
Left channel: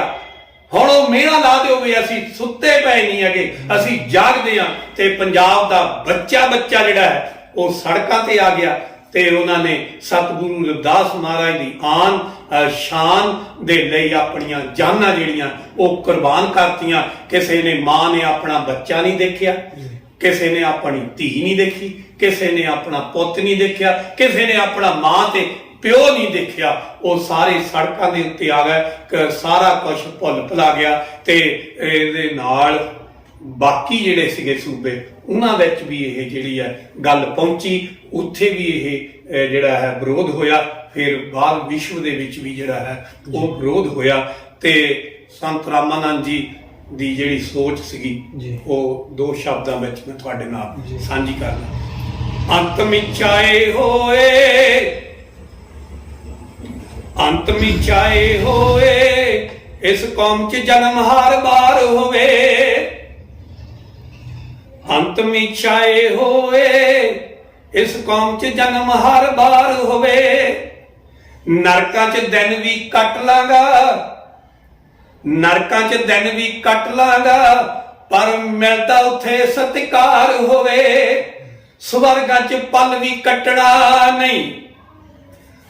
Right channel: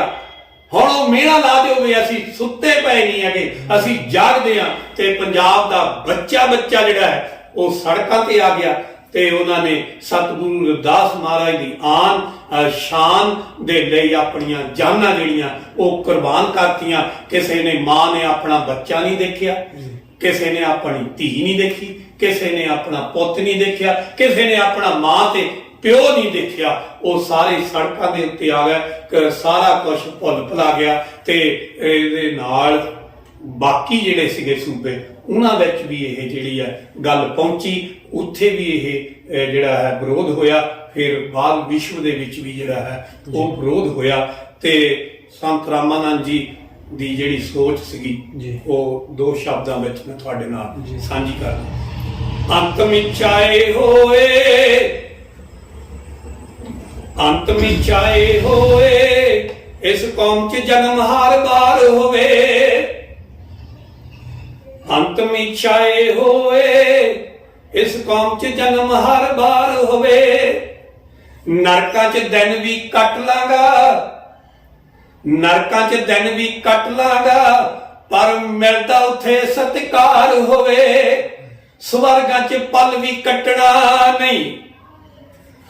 ਹੁਣ ਉਹ ਮਿਹਣਾ ਲਾ ਦਿਓ ਵੀ ਅਸੀਂ ਸੁੱਤੇ ਪਏ ਨਹੀਂ ਹੈਗੇ, ਅਸੀਂ ਜਾਗਦੇ ਹਾਂ। ਤੇ ਪੰਜਾਬ ਦਾ ਬੱਚਾ ਜਿਹੜਾ ਹੈ ਉਹ ਸੜਕਾਂ ਤੇ ਆ ਗਿਆ ਤੇ ਉਹਨਾਂ ਨੇ ਸਤਿਗੁਰੂ ਰਵਿਦਾਸ ਮਹਾਰਾਜ ਦੀ ਆਨ ਸ਼ਾਨ ਦੇ ਲਈ ਆਪਣੀਆਂ ਜਾਨਾਂ ਜਿਹੜੀਆਂ ਉਹ ਕੁਰਬਾਨ ਕਰਤੀਆਂ। ਕਿਸੇ ਨੇ ਮਾਂ ਨੇ ਆਪਣਾ ਬੱਚਾ ਨਹੀਂ ਦੇਖਿਆ, ਕਿਸੇ ਨੇ ਆਪਣੀ ਧੀ ਨਹੀਂ ਦੇਖੀ, ਕਿਸੇ ਨੇ ਆਪਣਾ ਪੁੱਤ ਨਹੀਂ ਦੇਖਿਆ, ਕਿਸੇ ਨੇ ਆਪਣਾ ਮਾਂ ਤੇ ਪਿਓ ਨਹੀਂ ਦੇਖਿਆ। ਉਹ ਸਾਰੇ ਸੜਕਾਂ ਦੇ ਉੱਤੇ ਆ ਗਏ, ਸਾਰਾ ਕੁਝ ਭੁੱਲ ਭੁਲਾ ਗਿਆ। ਤੇ ਇਹਦੇ ਨਾਲ ਬਾਕੀ ਜਿਹੜੇ ਸੀਗੇ ਸੂਬੇ ਉਹਨਾਂ ਵਿੱਚ ਵੀ ਇਹ ਜਿਹੜੀ ਹੈ ਗੱਲ ਪਹੁੰਚੀ, ਉੱਥੇ ਵੀ ਇਹ ਜਿਹੜਾ ਹੈ ਵਿਰੋਧ ਹੋਇਆ। ਫਿਰ ਬਾਅਦ ਵਿਸ਼ਵ ਦੇ ਵਿੱਚ ਵੀ ਜਿਹੜਾ ਹੈ ਉਹ ਵਿਰੋਧ ਹੋਇਆ। ਤੇ ਸੰਤ ਰਾਮਾਨੰਦ ਜੀ ਦੀ ਜਿਹੜੀ ਸੋਚ ਸੀਗੀ ਉਹ 2 ਸ਼ਬਦਾਂ ਵਿੱਚ ਮੈਂ ਤੁਹਾਡੇ ਨਾਲ ਸਾਂਝੀ ਕਰਦਾ। ਅੰਤ ਮਿਚਾਏ ਹੋਏ, ਅੰਤ ਮਿਚਾਏ ਹੋਏ, ਇਸ ਕੌਮ 'ਚ ਜਨਮ ਹਰ ਬਾਰ ਹੋਵੇ। ਅੰਤ ਮਿਚਾਏ ਹੋਏ, ਇਸ ਕੌਮ 'ਚ ਜਨਮ ਹਰ ਬਾਰ ਹੋਵੇ। ਨਰਕਾਂ 'ਚ ਦਿਨ ਵੀ ਕੱਟ ਲਾਂਗਾ, ਨਰਕਾਂ 'ਚ ਦਿਨ ਵੀ ਕੱਟ ਲਾਂਗਾ, ਪਰ ਮਿਲਦਾ ਉੱਥੇ ਸਤਿਕਾਰ ਹੋਵੇ। ਸਵਰਗਾਂ 'ਚ ਪਲ ਵੀ ਕੱਟਣਾ ਨਹੀਂ,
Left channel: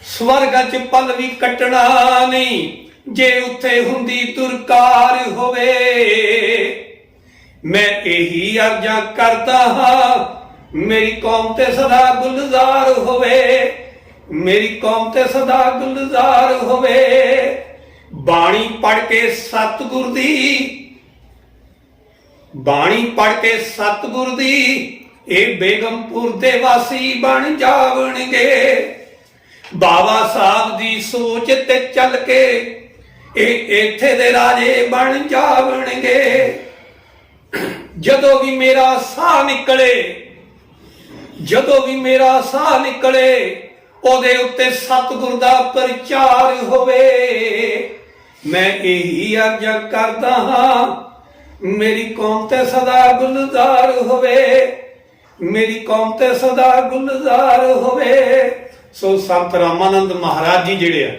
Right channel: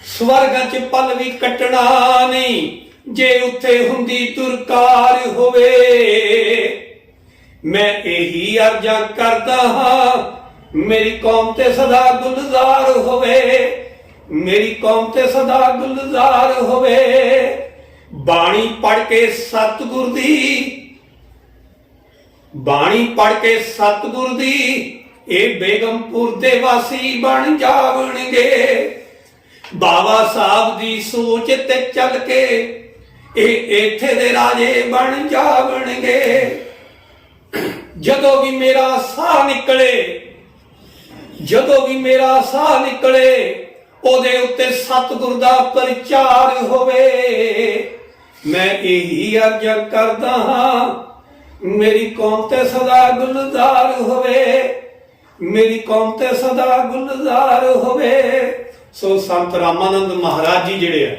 ਸਵਰਗਾਂ 'ਚ ਪਲ ਵੀ ਕੱਟਣਾ ਨਹੀਂ ਜੇ ਉੱਥੇ ਹੁੰਦੀ ਦੁਰਕਾਰ ਹੋਵੇ। ਮੈਂ ਇਹੀ ਅਰਜ਼ਾਂ ਕਰਦਾ ਹਾਂ ਮੇਰੀ ਕੌਮ ਤੇ ਸਦਾ ਗੁਲਜ਼ਾਰ ਹੋਵੇ, ਮੇਰੀ ਕੌਮ ਤੇ ਸਦਾ ਗੁਲਜ਼ਾਰ ਹੋਵੇ। ਬਾਣੀ ਪੜ੍ਹ ਕੇ ਸਤਿਗੁਰ ਦੀ, ਬਾਣੀ ਪੜ੍ਹ ਕੇ ਸਤਿਗੁਰ ਦੀ ਇਹ ਬੇਗਮਪੁਰ ਦੇ ਵਾਸੀ ਬਣ ਜਾਵਣਗੇ। ਬਾਬਾ ਸਾਹਿਬ ਦੀ ਸੋਚ ਤੇ ਚੱਲ ਕੇ ਇਹ ਇੱਥੇ ਦੇ ਰਾਜੇ ਬਣ ਜਾਵਣਗੇ। ਜਦੋਂ ਵੀ ਮੇਰਾ ਸਾਹ ਨਿਕਲੇ, ਜਦੋਂ ਵੀ ਮੇਰਾ ਸਾਹ ਨਿਕਲੇ ਉਹਦੇ ਉੱਤੇ ਸਤਿਗੁਰ ਦਾ ਪ੍ਰਚਾਰ ਹੋਵੇ। ਮੈਂ ਇਹੀ ਅਰਜ਼ਾਂ ਕਰਦਾ ਹਾਂ ਮੇਰੀ ਕੌਮ ਤੇ ਸਦਾ ਗੁਲਜ਼ਾਰ ਹੋਵੇ, ਮੇਰੀ ਕੌਮ ਤੇ ਸਦਾ ਗੁਲਜ਼ਾਰ ਹੋਵੇ। ਸੋ ਸੰਤ ਰਾਮਾਨੰਦ ਮਹਾਰਾਜ ਜੀ ਜਿਹੜੇ ਆ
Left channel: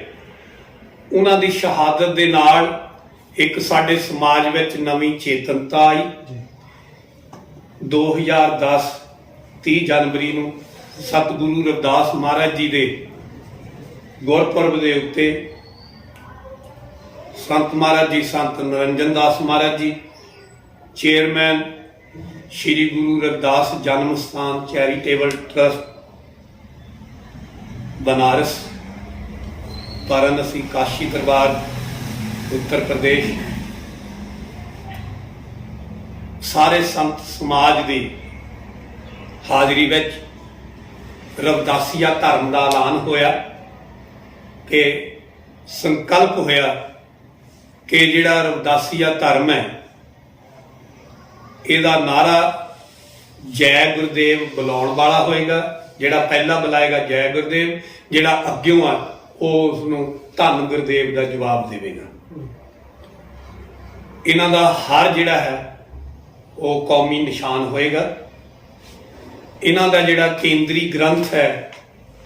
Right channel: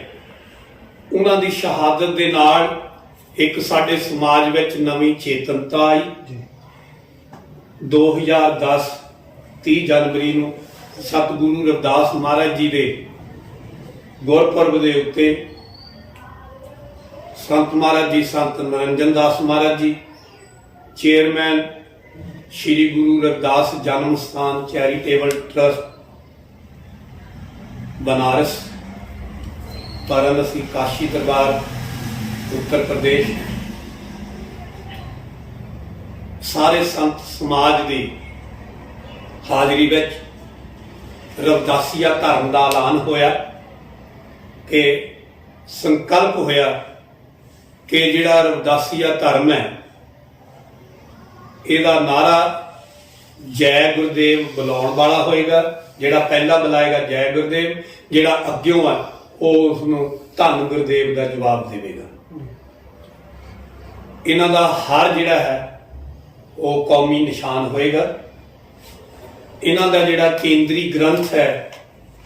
ਉਹਨਾਂ ਦੀ ਸ਼ਹਾਦਤ ਦੇ ਨਾਲ ਇੱਕ ਸਾਡੇ ਸਮਾਜ ਵਿੱਚ ਨਵੀਂ ਚੇਤਨਤਾ ਆਈ। 2010 30 ਜਨਵਰੀ ਨੂੰ ਸਤਿਗੁਰੂ ਰਵਿਦਾਸ ਮਹਾਰਾਜ ਜੀ ਦੇ ਗੁਰਪੁਰਬ ਦੇ ਉੱਤੇ ਸੰਤ ਮਹਾਰਾਜ ਜੀ, ਸੰਤ ਨਿਰੰਜਨ ਦਾਸ ਮਹਾਰਾਜ ਜੀ, ਚੇਅਰਮੈਨ ਸ਼੍ਰੀ ਗੁਰੂ ਰਵਿਦਾਸ ਜਨਮ ਸਥਾਨ ਚੈਰੀਟੇਬਲ ਟਰਸਟ बनारस, वाराणसी, काशी दरबार, उत्तर प्रदेश, सारे संत समाज की हाजरी विच रविदासिया धर्म का ऐलान होया कि संकल्प होया कि जिहड़ा रविदासिया धर्म है इहदा नारा जय गुरुदेव बुलाउण वाला होएगा। ਜਿਹੜਾ ਪਹਿਲਾ ਬੁਲਾਏਗਾ ਜੈ ਗੁਰਦੇਵ, ਜਿਹੜਾ ਅੱਗਿਓਂ ਆ ਉਹ ਉਸਨੂੰ ਧੰਨ ਗੁਰਦੇਵ ਦਾ ਜਵਾਬ ਦੇਵੇਗਾ। ਇਹਨਾਂ ਦਾ ਹਰ ਜਿਹੜਾ ਹੈ ਉਹ ਕੌਮੀ ਨਿਸ਼ਾਨ ਹੋਏਗਾ। ਇਹਨਾਂ ਦਾ ਜਿਹੜਾ ਕੇਂਦਰੀ ਗ੍ਰੰਥ ਹੈ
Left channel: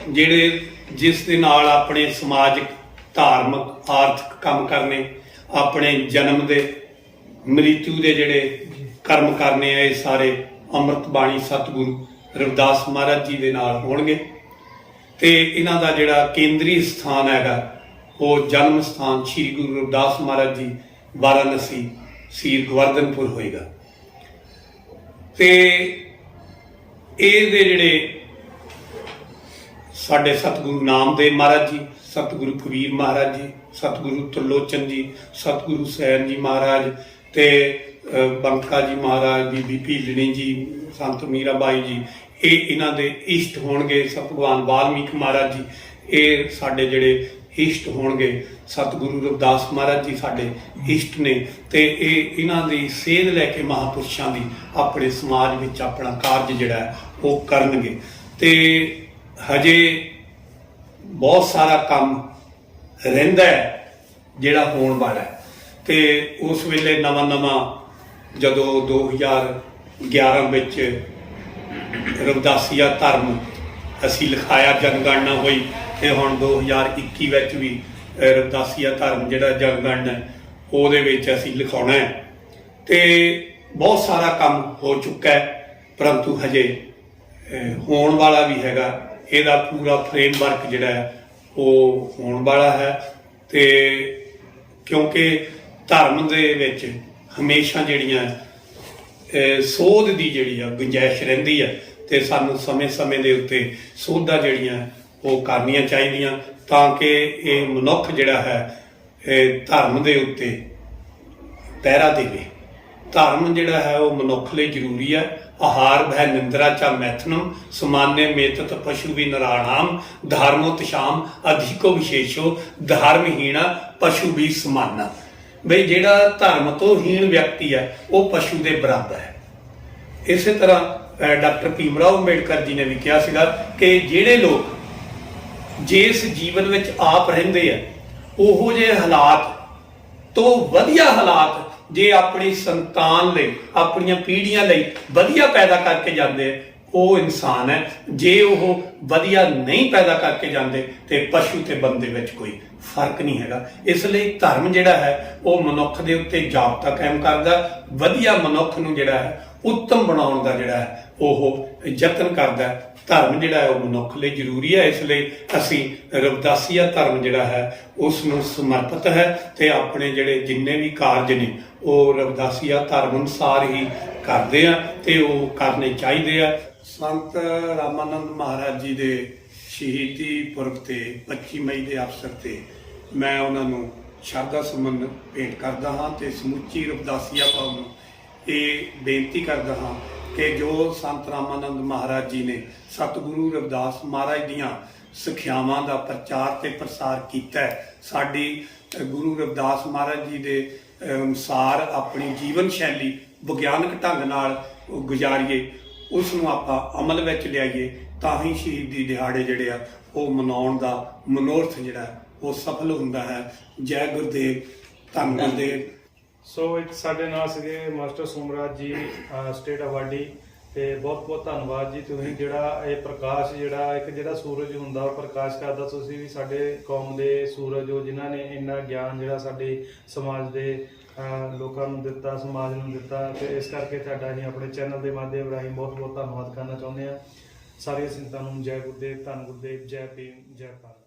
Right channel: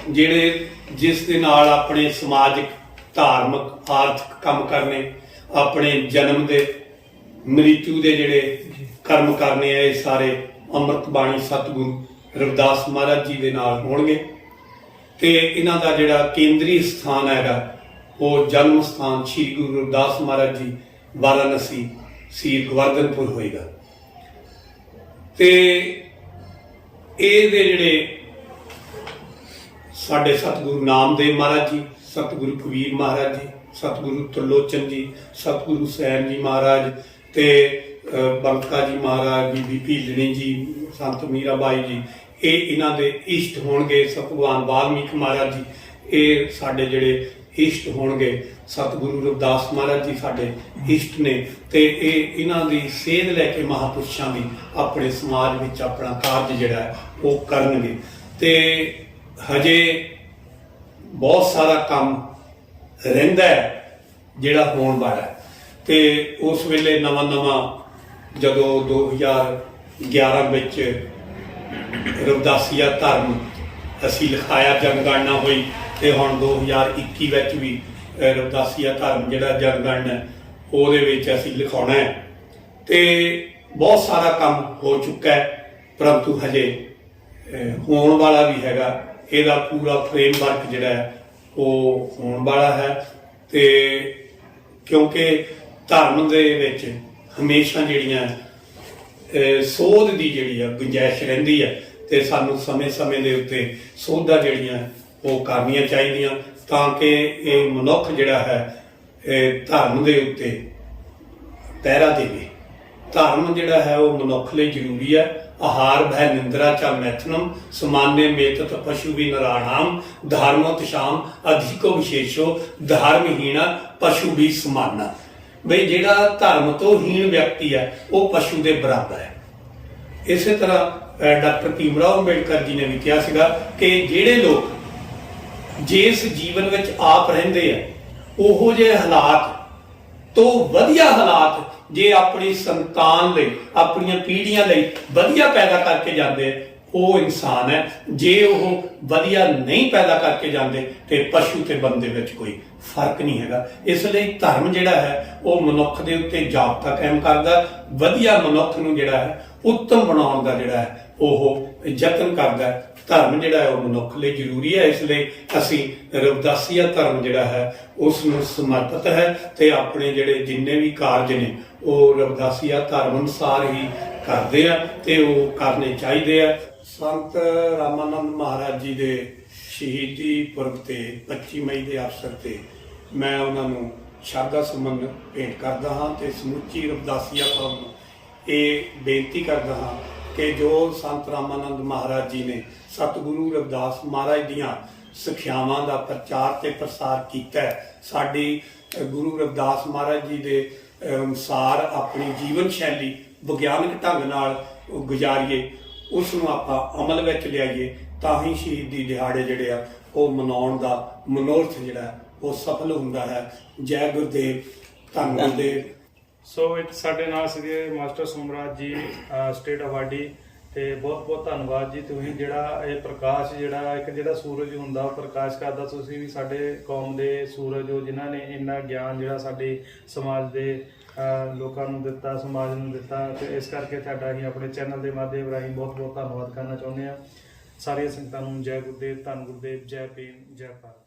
ਜਿਹੜੇ ਜਿਸ ਦੇ ਨਾਲ ਆਪਣੇ ਸਮਾਜਿਕ, ਧਾਰਮਿਕ, ਆਰਥਿਕ ਕੰਮ ਕਰਨੇ, ਆਪਣੇ ਜਨਮ ਦੇ, ਮ੍ਰਿਤੂ ਦੇ ਜਿਹੜੇ ਕਰਮ ਕਰਨੇ ਆ, ਇਹ ਸਾਰੇ ਅੰਮ੍ਰਿਤ ਬਾਣੀ ਸਤਿਗੁਰੂ ਰਵਿਦਾਸ ਮਹਾਰਾਜ ਜੀ ਦੇ ਨਾਲ ਹੋਣਗੇ। ਤੇ ਇਹਨਾਂ ਦਾ ਜਿਹੜਾ ਕੇਂਦਰੀ ਸਥਾਨ ਹੈਗਾ ਉਹ ਜਨਮ ਸਥਾਨ ਸ਼੍ਰੀ ਗੁਰੂ ਰਵਿਦਾਸ ਮਹਾਰਾਜ ਜੀ ਵਾਰਾਣਸੀ ਸੀਰ ਗੋਵਰਧਨਪੁਰ ਹੋਏਗਾ। ਤੇ ਇਹਦੇ ਜਿਹੜੇ ਸਾਡੇ ਸਤਿਗੁਰੂ ਨਾਮਦੇਵ ਮਹਾਰਾਜ ਜੀ, ਸਤਿਗੁਰੂ ਕਬੀਰ ਮਹਾਰਾਜ ਜੀ, ਸਤਿਗੁਰੂ ਤਰਲੋਚਨ ਜੀ, ਸਤਿਗੁਰੂ ਸੈਨ ਜੀ ਮਹਾਰਾਜ ਤੇ ਬੰਕਾ ਜੀ ਮਹਾਰਾਜ, ਬੀਬੀ ਭੀਲਣੀ ਜੀ, ਸੰਤ ਮੀਰਾਬਾਈ ਜੀ, ਇਹ ਇਹਨਾਂ ਦੇ ਇਸ਼ਟ ਹੋਣਗੇ। ਸਤ ਭਗਵਾਨ ਵਾਲਮੀਕ ਮਹਾਰਾਜ ਜੀ ਇਹ ਸਾਡੇ ਜਿਹੜੇ ਇਸ਼ਟ ਹੋਣਗੇ। ਸਤਿਗੁਰੂ ਰਵਿਦਾਸ ਮਹਾਰਾਜ ਜੀ ਸਾਡੇ ਇਸ਼ਟ ਨੇ ਤੇ ਇਹ ਇਹਨਾਂ ਦੀ ਸੇਧ ਲੈ ਕੇ ਮਹਾਂਪੁਰਸ਼ਾਂ ਦੀ ਆਪਣੇ ਸਮਾਜ ਵਿੱਚ ਆਪਣਾ ਕਾਰਜ ਜਿਹੜਾ ਹੈ ਉਹ ਕਰਨਗੇ। ਤੇ ਹਜੇ ਬਹੁਤ ਸਾਰਾ ਕੰਮ ਰਹਿੰਦਾ ਹੈ ਜਿਹੜਾ ਹੋਣ ਵਾਲਾ ਹੈ। ਤੇ ਉਸ ਵੇਲੇ ਨਵਾਂ ਜਦੋਂ 2011 ਵਿੱਚ ਰਵਿਦਾਸੀਆ ਧਰਮ ਅਸੀਂ ਲਿਖਾਇਆ, ਜਨਗਣਨਾ ਹੋਈ ਤੇ ਹੁਣ 2021 ਵਿੱਚ ਵੀ ਰਵਿਦਾਸੀਆ ਧਰਮ ਜਿਹੜਾ ਜਨਗਣਨਾ ਉਹਦੇ ਵਿੱਚ ਅਸੀਂ ਲਿਖਾਉਣਾ ਹੈ। ਤੇ ਬਹੁਤ ਸਾਰਾ ਕੰਮ ਹੋ ਚੁੱਕਾ ਹੈ, ਪਰੰਤੂ ਹਜੇ ਹੋਣ ਵਾਲਾ ਵੀ ਹੈਗਾ। ਇਹਦਾ ਪੂਰਾ ਫਰੇਮਵਰਕ ਜਿਹੜਾ ਹੈ ਉਹ ਹੋਣ ਵਾਲਾ ਹੈ। ਤੇ ਕਿਉਂਕਿ ਧਰਮ ਦੇ ਵਿੱਚ ਹਮੇਸ਼ਾ ਜਿਹੜੀਆਂ ਸੋਧ ਦੀ ਜਿਹੜੀ ਆ ਗੁੰਜਾਇਸ਼ ਰਹਿੰਦੀ ਆ ਤੇ ਸਾਨੂੰ ਸਮੇਂ ਦੇ ਉੱਤੇ ਸੋਧਾਂ ਜਿਹੜੀਆਂ ਉਹ ਕਰਨੀਆਂ ਚਾਹੀਦੀਆਂ ਤਾਂ ਕਿ ਇਹ ਮਨੁੱਖ ਜਿਹੜਾ ਹੈ ਧਰਮ ਦੇ ਉੱਤੇ ਪਹਿਰਾ ਦੇਵੇ। ਧਰਮ ਜਿਹੜਾ ਹੈ ਉਹ ਮਨੁੱਖ ਲਈ ਜ਼ਰੂਰੀ ਹੈ। ਆਹਾਰ ਭੈ ਨਿੰਦਰਾ ਚਾ ਮੈਥਨਮ ਸਮਾਨੇ ਮੇਤਤ ਪਸ਼ੂ ਵੀ ਨਰਾਣਾਮ ਧਰਮੋ ਤਸ਼ਾਮ ਅਧਿਕੋ ਵਿਸ਼ੇਸ਼ੋ ਧਰਮਹੀਣਾ ਪਸ਼ੂ ਵੀ ਸਮਾਨਾ। ਬਈ ਜਿਹੜਾ ਧਰਮ ਤੋਂ ਹੀਣ ਵਿਅਕਤੀ ਹੈ ਉਹ ਪਸ਼ੂ ਦੇ ਬਰਾਬਰ ਹੈ। ਇਸੇ ਤਰ੍ਹਾਂ ਡਾਕਟਰ ਭੀਮਰਾਓ ਅੰਬੇਡਕਰ ਜੀ ਨੇ ਵੀ ਕਿਹਾ ਸੀਗਾ ਕਿ ਜਿਹੜੇ ਲੋਕ ਜਿਸ ਜੀਵਨ ਵਿੱਚ ਆਪ ਰਹਿੰਦੇ ਆ ਉਹੋ ਜਿਹੇ ਹਾਲਾਤ ਤੋਂ ਵਧੀਆ ਹਾਲਾਤ ਜੇ ਆਪਣੀ ਸੰਤਾਨ ਲਈ, ਆਪਣੀਆਂ ਪੀੜ੍ਹੀਆਂ ਲਈ ਵਧੀਆ ਪੈਦਾ ਕਰਕੇ ਜਾਂਦੇ ਆ ਉਹ ਇਨਸਾਨ ਹੈ। ਜੇ ਉਹ ਵਧੀਆ ਨਹੀਂ ਪੈਦਾ ਕਰਕੇ ਜਾਂਦੇ ਤੇ ਪਸ਼ੂ ਤੇ ਬੰਦੇ ਵਿੱਚ ਕੋਈ ਫਰਕ ਨਹੀਂ ਹੈਗਾ। ਇਸ ਲਈ ਧਰਮ ਜਿਹੜਾ ਹੈ ਉਹ ਮਨੁੱਖ ਦੇ ਉੱਤੇ ਜਾਬਤਾ ਕਾਇਮ ਕਰਦਾ, ਵਧੀਆ ਮਨੁੱਖ ਨੂੰ ਜਿਹੜਾ ਹੈ ਉੱਤਮ ਬਣਾਉਣ ਦਾ ਜਿਹੜਾ ਹੈ ਉਹ ਯਤਨ ਕਰਦਾ। ਧਰਮ ਜਿਹੜਾ ਹੈ ਉਹ ਮਨੁੱਖ ਲਈ ਜ਼ਰੂਰੀ ਹੈ। ਇਸ ਲਈ ਅਸੀਂ ਰਵਿਦਾਸੀਆ ਧਰਮ ਜਿਹੜਾ ਹੈ ਉਸ ਨੂੰ ਸਮਰਪਿਤ ਹੈ ਤੇ ਆਪਣੇ ਜਿਹੜੇ ਜਿੰਨੇ ਵੀ ਕਾਰਜ ਨੇ ਉਹ ਰਵਿਦਾਸੀਆ ਧਰਮ ਅਨੁਸਾਰ ਹੀ ਕਰਦੇ ਆ ਤੇ ਉਹ ਕਰਨੇ ਚਾਹੀਦੇ ਆ। ਸੰਤ ਰਾਮਾਨੰਦ ਮਹਾਰਾਜ ਜੀ ਦੇ ਸ਼ਹੀਦੀ ਪੁਰਬ ਤੇ 25 ਮਈ ਦੇ ਅਵਸਰ ਤੇ ਮੈਂ ਉਹਨਾਂ ਨੂੰ ਸ਼ਰਧਾ ਸੁਮਨ ਭੇਂਟ ਕਰਦਾ ਹਾਂ ਤੇ ਸਮੁੱਚੀ ਰਵਿਦਾਸੀਆ ਕੌਮ ਨੂੰ ਇਹ ਬੇਨਤੀ ਕਰਦਾ ਹਾਂ ਕਿ ਜੋ ਸੰਤ ਰਾਮਾਨੰਦ ਮਹਾਰਾਜ ਜੀ ਨੇ ਸਤਿਗੁਰੂ ਰਵਿਦਾਸ ਮਹਾਰਾਜ ਦੀਆਂ ਸਿੱਖਿਆਵਾਂ ਦਾ ਪ੍ਰਚਾਰ ਤੇ ਪ੍ਰਸਾਰ ਕੀਤਾ ਹੈ, ਸਾਡੀ ਗੁਰੂ ਰਵਿਦਾਸ ਮਹਾਰਾਜ ਜੀ ਦੇ ਅਨੁਸਾਰ ਆਪਣੀ ਜੀਵਨ ਸ਼ੈਲੀ ਵਿਗਿਆਨਕ ਢੰਗ ਨਾਲ ਗੁਜ਼ਾਰੀਏ, ਉਸ ਨੂੰ ਆਪਾਂ ਅਮਲ ਵਿੱਚ ਲਿਆਈਏ, ਤਾਂ ਹੀ ਸ਼ਹੀਦੀ ਦਿਹਾੜੇ ਜਿਹੜੇ ਆ ਉਹ ਮਨਾਉਣ ਦਾ ਮਨੋਰਥ ਜਿਹੜਾ ਉਹ ਸਫਲ ਹੁੰਦਾ ਹੈ। ਜੈ ਗੁਰਦੇਵ, ਧੰਨ ਗੁਰਦੇਵ। ਸੋ ਇੱਕ ਸਾਡੇ ਨਾਲ ਸੀਗੇ ਮਾਸਟਰ ਸੋਮਰਾਜ ਜੀ, ਸਟੇਟ ਅਵਾਰਡੀ, ਤੇ ਬਹੁਤ ਬਹੁਤ ਧੰਨਵਾਦ ਜੀ। ਤੁਸੀਂ ਜਿਹੜਾ ਇਹ ਪ੍ਰਕਾਸ਼ ਜਿਹੜਾ ਇੱਕ ਜਿਹੜਾ ਸੂਰਜ ਹੁੰਦਾ ਉਹ ਪ੍ਰਕਾਸ਼ ਕਰਦਾ, ਤੁਸੀਂ ਵੀ ਸਾਡੇ ਕੌਮ ਦੇ ਸੂਰਜ ਹੋ ਜਿਨ੍ਹਾਂ ਨੇ ਇੰਨਾ ਗਿਆਨ ਜਿਹੜਾ ਸਾਡੇ ਸਮਾਜ ਦੇ ਲੋਕਾਂ ਨੂੰ ਦਿੱਤਾ, ਸਮਾਜ ਨੂੰ ਦਿੱਤਾ, ਤੇ ਇਸ ਕਰਕੇ ਤੁਹਾਡਾ ਅਸੀਂ ਆਪਣੇ ਚੈਨਲ ਦੇ ਮਾਧਿਅਮ ਰਾਹੀਂ ਬਹੁਤ ਬਹੁਤ ਧੰਨਵਾਦ ਕਰਨਾ ਚਾਹੁੰਦੇ ਹਾਂ। ਸਾਰੀਆਂ ਸੰਗਤਾਂ ਨੂੰ ਜੈ ਗੁਰਦੇਵ, ਧੰਨ ਗੁਰਦੇਵ, ਜੈ ਭੀਮ, ਜੈ ਭਾਰਤ।